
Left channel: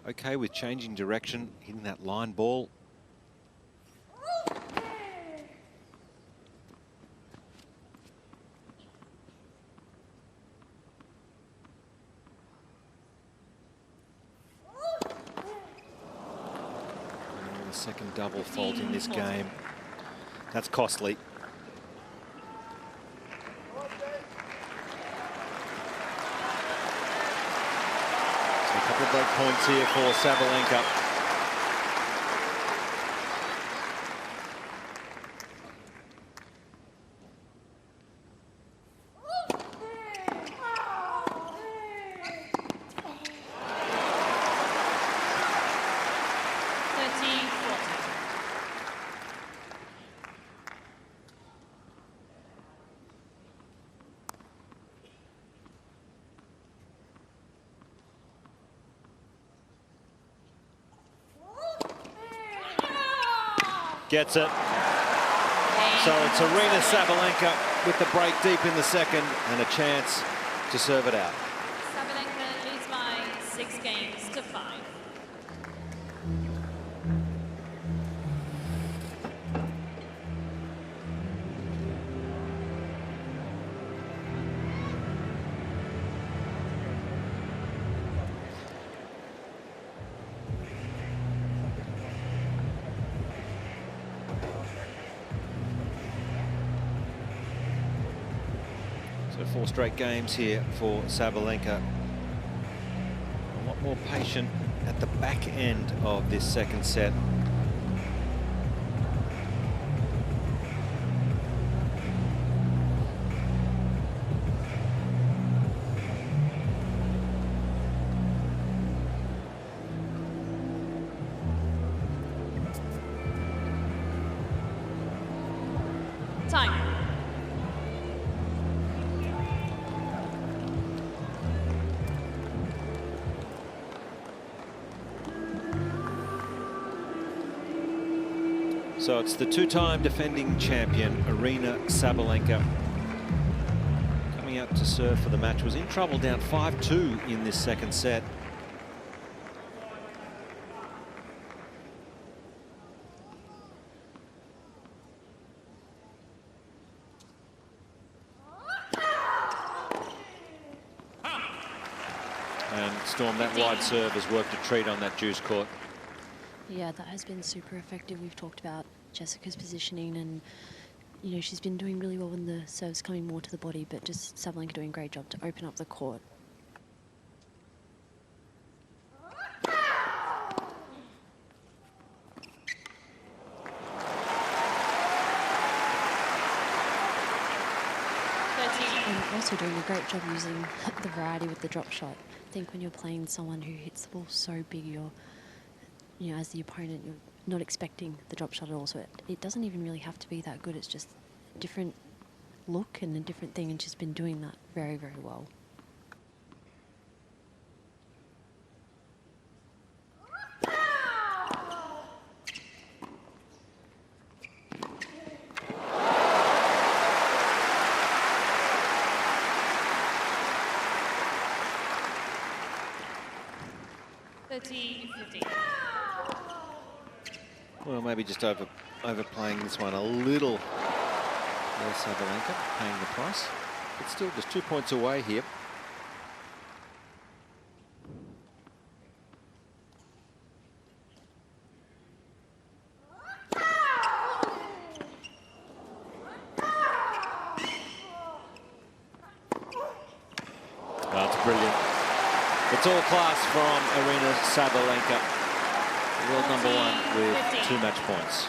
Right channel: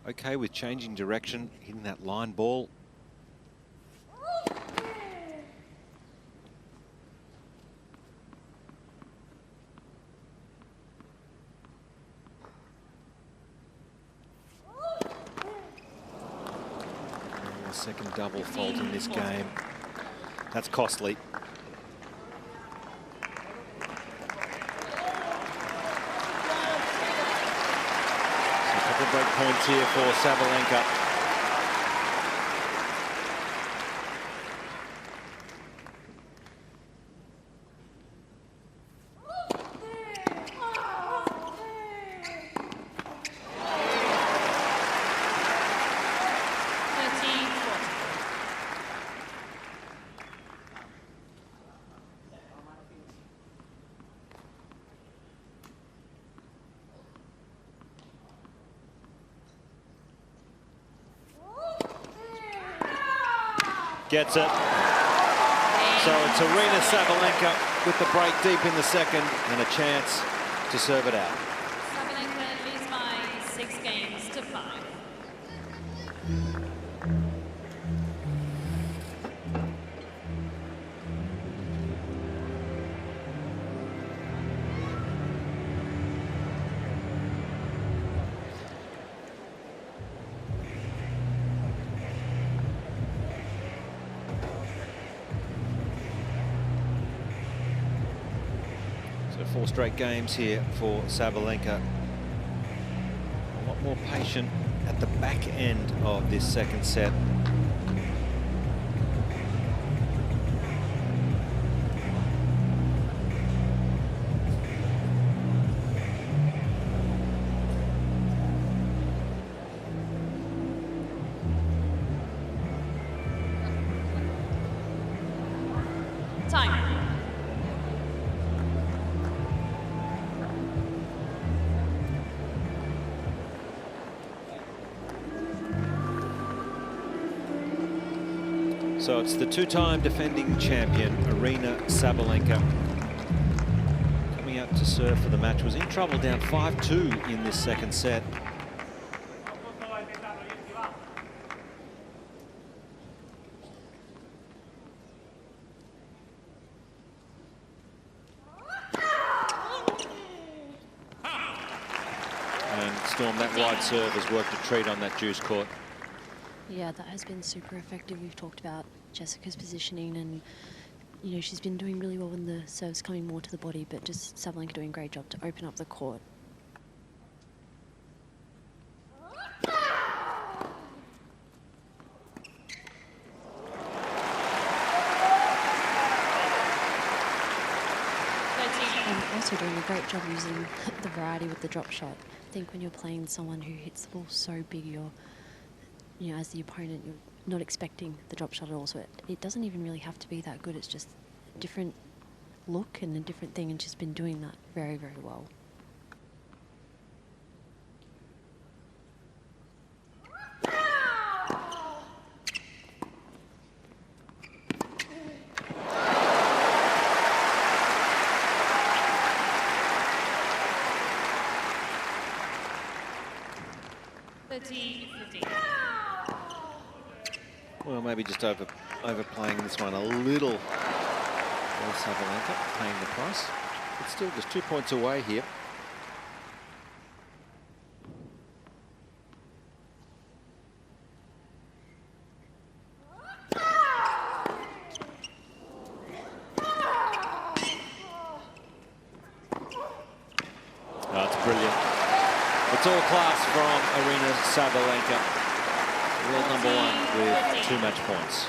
okay with changing direction, hitting that line ball. Second double fault in this game. That's costly. So a couple of break points here for Sabalenka. Gets it. So it's Aryna Sabalenka with the break deep in the second and a chance to serve it out. Sabalenka leads by 6 games to 5. 4 straight games here for Sabalenka. A lot more patient at the back end of this second set. Time. So it's the 2-time defending champion, Aryna Sabalenka, coming out to serve for the match. Was in trouble, down 5-2 in this second set. And Storm, that wide serve has worked a treat on that juice court. Yeah, that has been super effective. We've talked about Jessica's positioning, and you know, she's been doing really well when the serve's coming more to the body, but just Sabalenka doing a great job to open up the court. And also doing a great job using the variety with the drop shot. I think when you're playing someone who hits the ball so big, you know, as the opponent, you're not expecting the drop shot at all. So it doesn't even really have to be that good. It's just a different look and a different thing, and she's been doing that very, very well. Well, maybe just overplaying this one a little. There's Sabalenka paying the price, but still just 2 points away here. That's brilliant. It's all class from Aryna Sabalenka, world number 1 with 2 match points.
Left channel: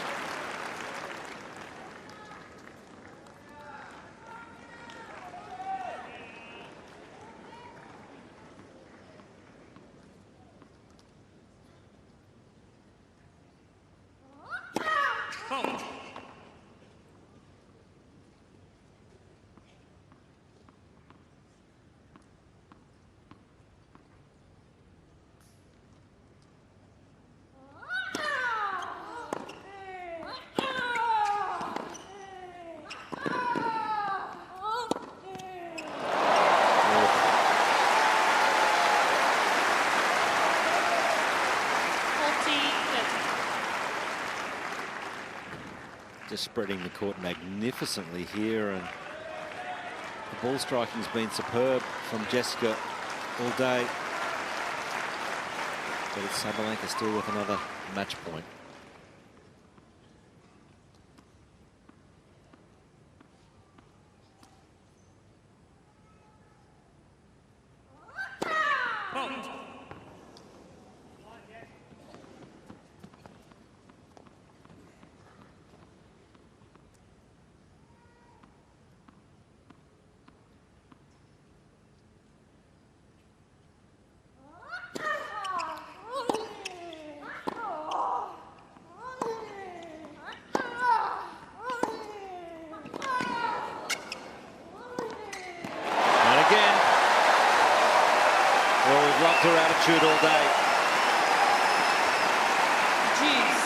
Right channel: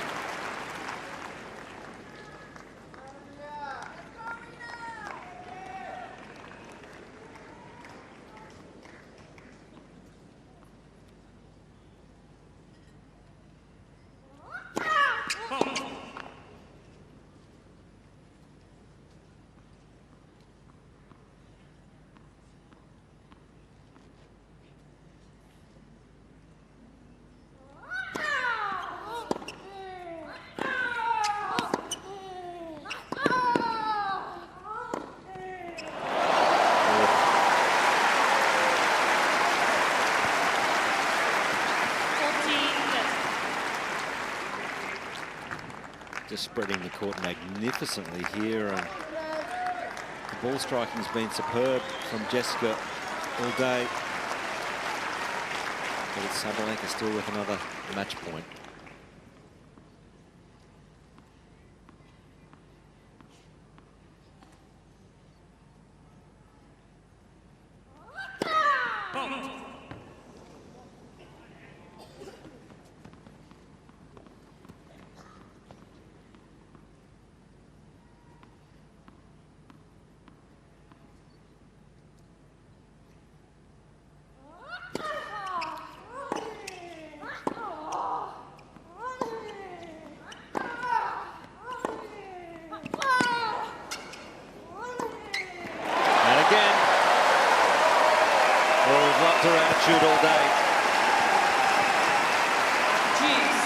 Just spreading the court magnificently here, and the ball striking's been superb from Jessica all day. But it's Sabalenka still with another match point. Well, we've loved her attitude all day. Juice.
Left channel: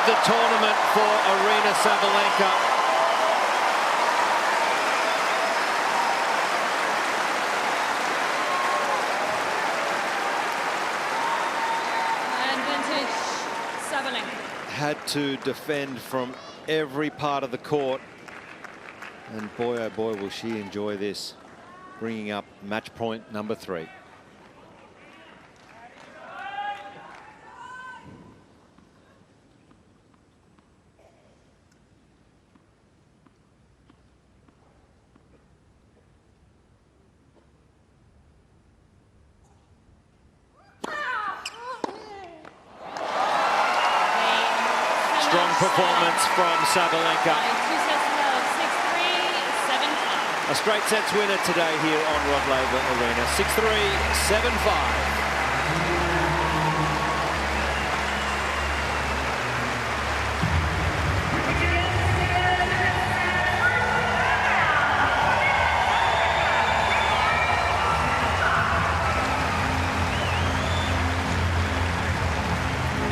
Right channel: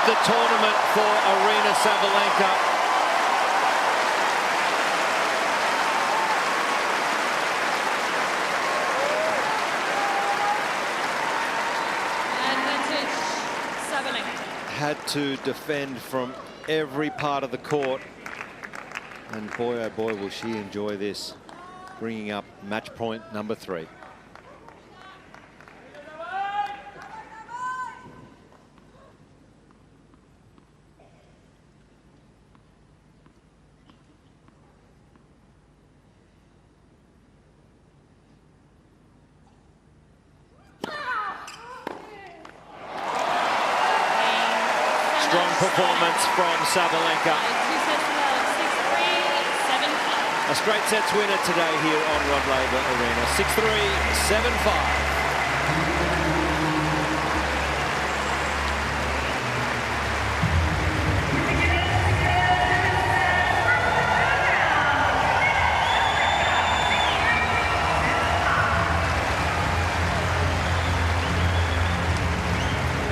of the tournament for Aryna Sabalenka. Advantage, Sabalenka. Had to defend from every part of the court. And boy, oh boy, will she enjoy this. Bringing up match point number 3. Strong performance from Sabalenka. 2 sets to love, 6-3, 7-5. A straight sets winner today here on Rod Laver Arena. 6-3, 7-5.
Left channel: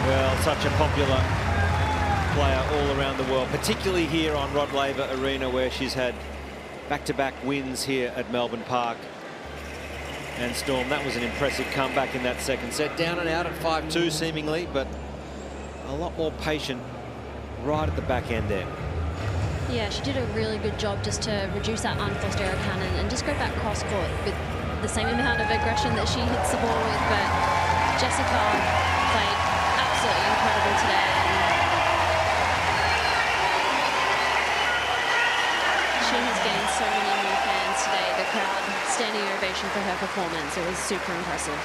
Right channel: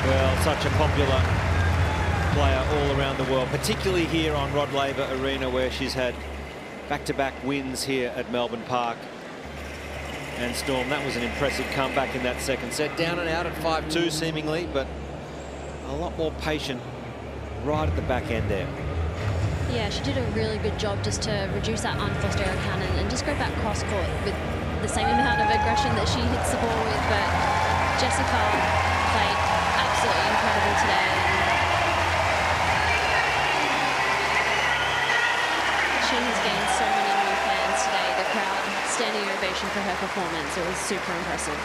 Well, such a popular player all around the world, particularly here on Rod Laver Arena, where she's had back-to-back wins here at Melbourne Park. And Storm, that was an impressive comeback in that second set. Down and out at 5-2 seemingly, but a lot more patient right at the back end there. Yeah, she did a really good job just to reduce that unforced error cannon and just go back cross-court with the same amount of aggression that she hits the ball with. But Jessica played absolutely incredible today. She has gained so many new fans today. The crowd standing ovation for her performance. It was super impressive.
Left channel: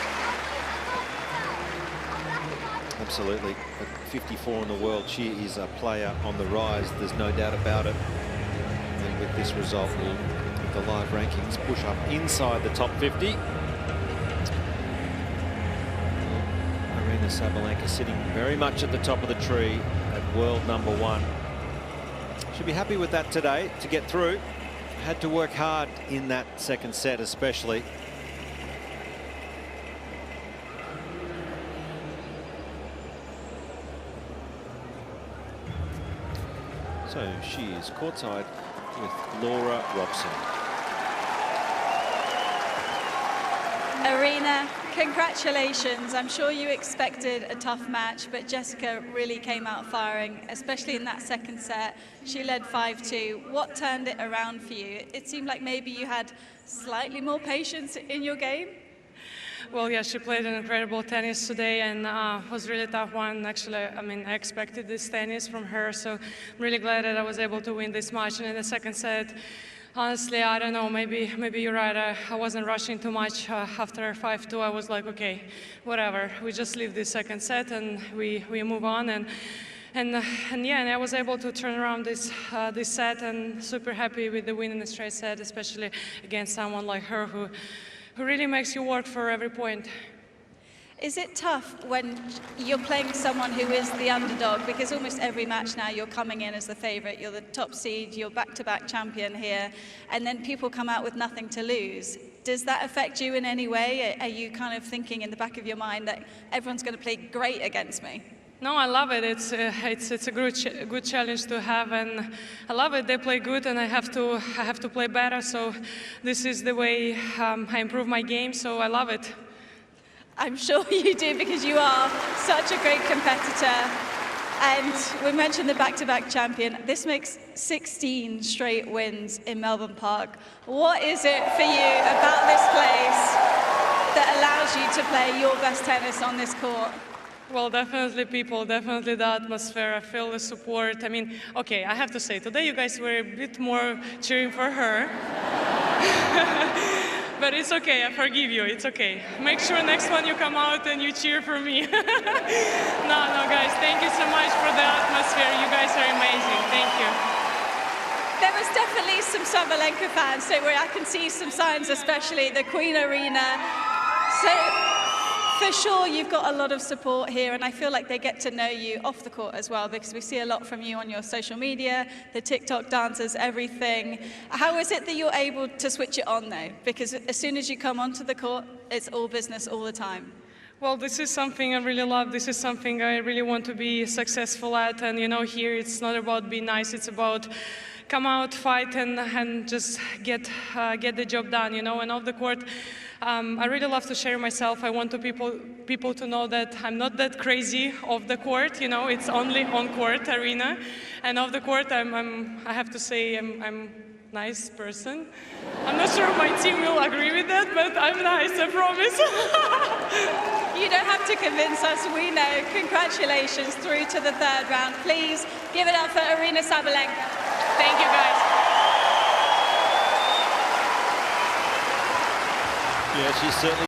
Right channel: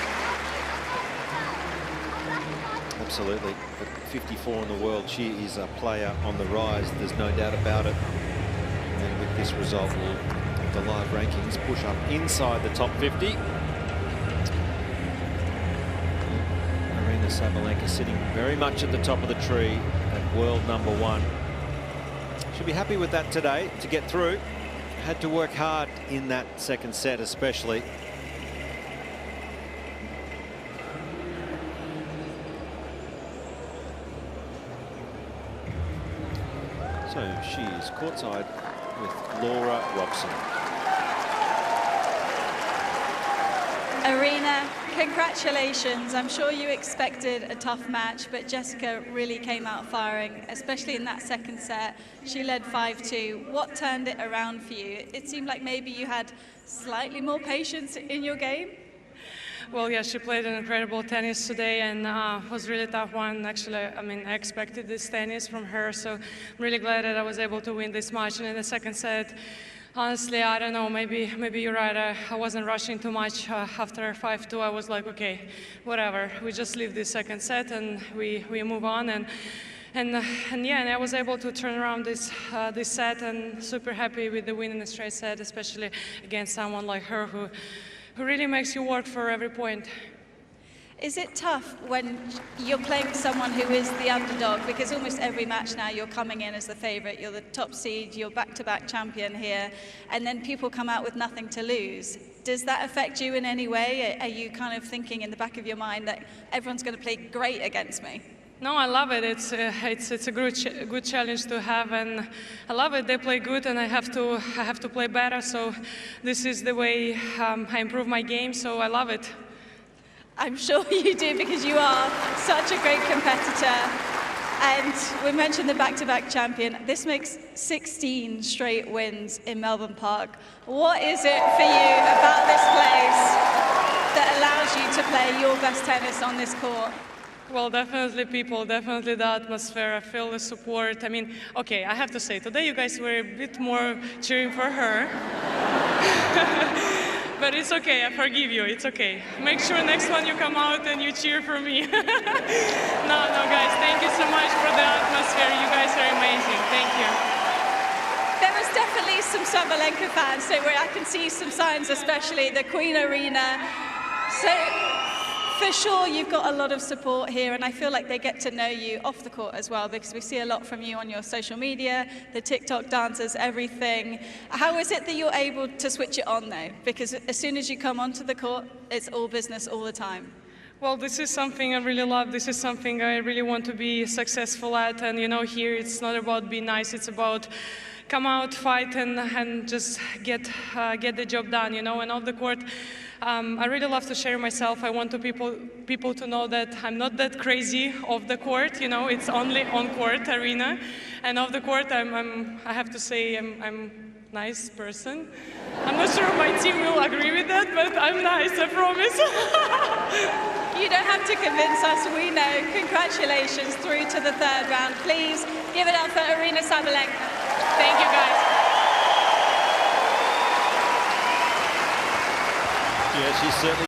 Absolutely. At 54 in the world, she is a player on the rise. There's no doubt about it. And with this result, the live rankings push up inside the top 50. Aryna Sabalenka sitting very much at the top of the tree at world #1. She'll be happy with that today to get through. Had to work hard in that second set especially. So she is courtside with Laura Robson. Aryna, congratulations. I'm sure you expected a tough match, but Jessica really came out firing, especially in that second set. She led 5-2. What turned it around for you? It seemed like maybe you had slightly more patience in your game. Well, yeah, she played an incredible tennis today, and was really tough one. Actually, I mean, I expected this tennis from her, so I'm really glad that I was able to win this match. And in the second set, honestly, I don't know, maybe you're right. I wasn't rushing too much. After 5-2, I was like, okay, whatever. We just leave this second set and we move on. And I was able to turn around this set, and super happy with the win in the straight set, especially against someone like her who really makes you work for every point. Is it tough when you're playing someone who is the underdog? Because almost every match now you're coming in as the favorite, you're the top seed, you're back-to-back champion here, and then people come out with nothing to lose. Does that affect you in any way? Are you kind of thinking in the back of your mind that everyone's going to play great against me? No, I love it. It's a good challenge to have, and I love it. They play good, and I have to play better. So this is the way I improve my game. So I love it. I'm sure you do, because you are such a great competitor. And we mentioned the back-to-back champion. This makes 16 straight wins in Melbourne Park. What is it for you about this place that allows you to play your best tennis on this court? Well, definitely people, definitely the atmosphere. I feel the support. I mean, okay, I have to say, today you guys were a bit more cheering for her. But it's okay, I forgive you, it's okay. Make sure next one you come out and you cheer for me. No, guys, thank you so much for the atmosphere. You guys are amazing, thank you. There was definitely some Sabalenka fans, so where I can see some signs, especially the Queen Arena. So for sure you've got a lot of support here, and I feel like they get to know you off the court as well, because we see a lot from you on your social media, the TikTok dances, everything. How is it that you're able to switch it on though? Because as soon as you come onto the court, it's all business all the time. Well, this is something I really love. This is something I really want to be successful at. And you know, here it's not about being nice. It's about come out, fight, and just get the job done. You know, and off the court, I really love to share myself. I want to people to know that I'm not that crazy off the court. You know, it's only on court, Aryna, and off the court, I have to say, I'm a nice person. I'm not sure my team will agree with that, but I'm nice, I promise. You don't have to convince us, we know. Congratulations through to the third round. Please give it up for Aryna Sabalenka. Thank you, guys. Yeah, she's certainly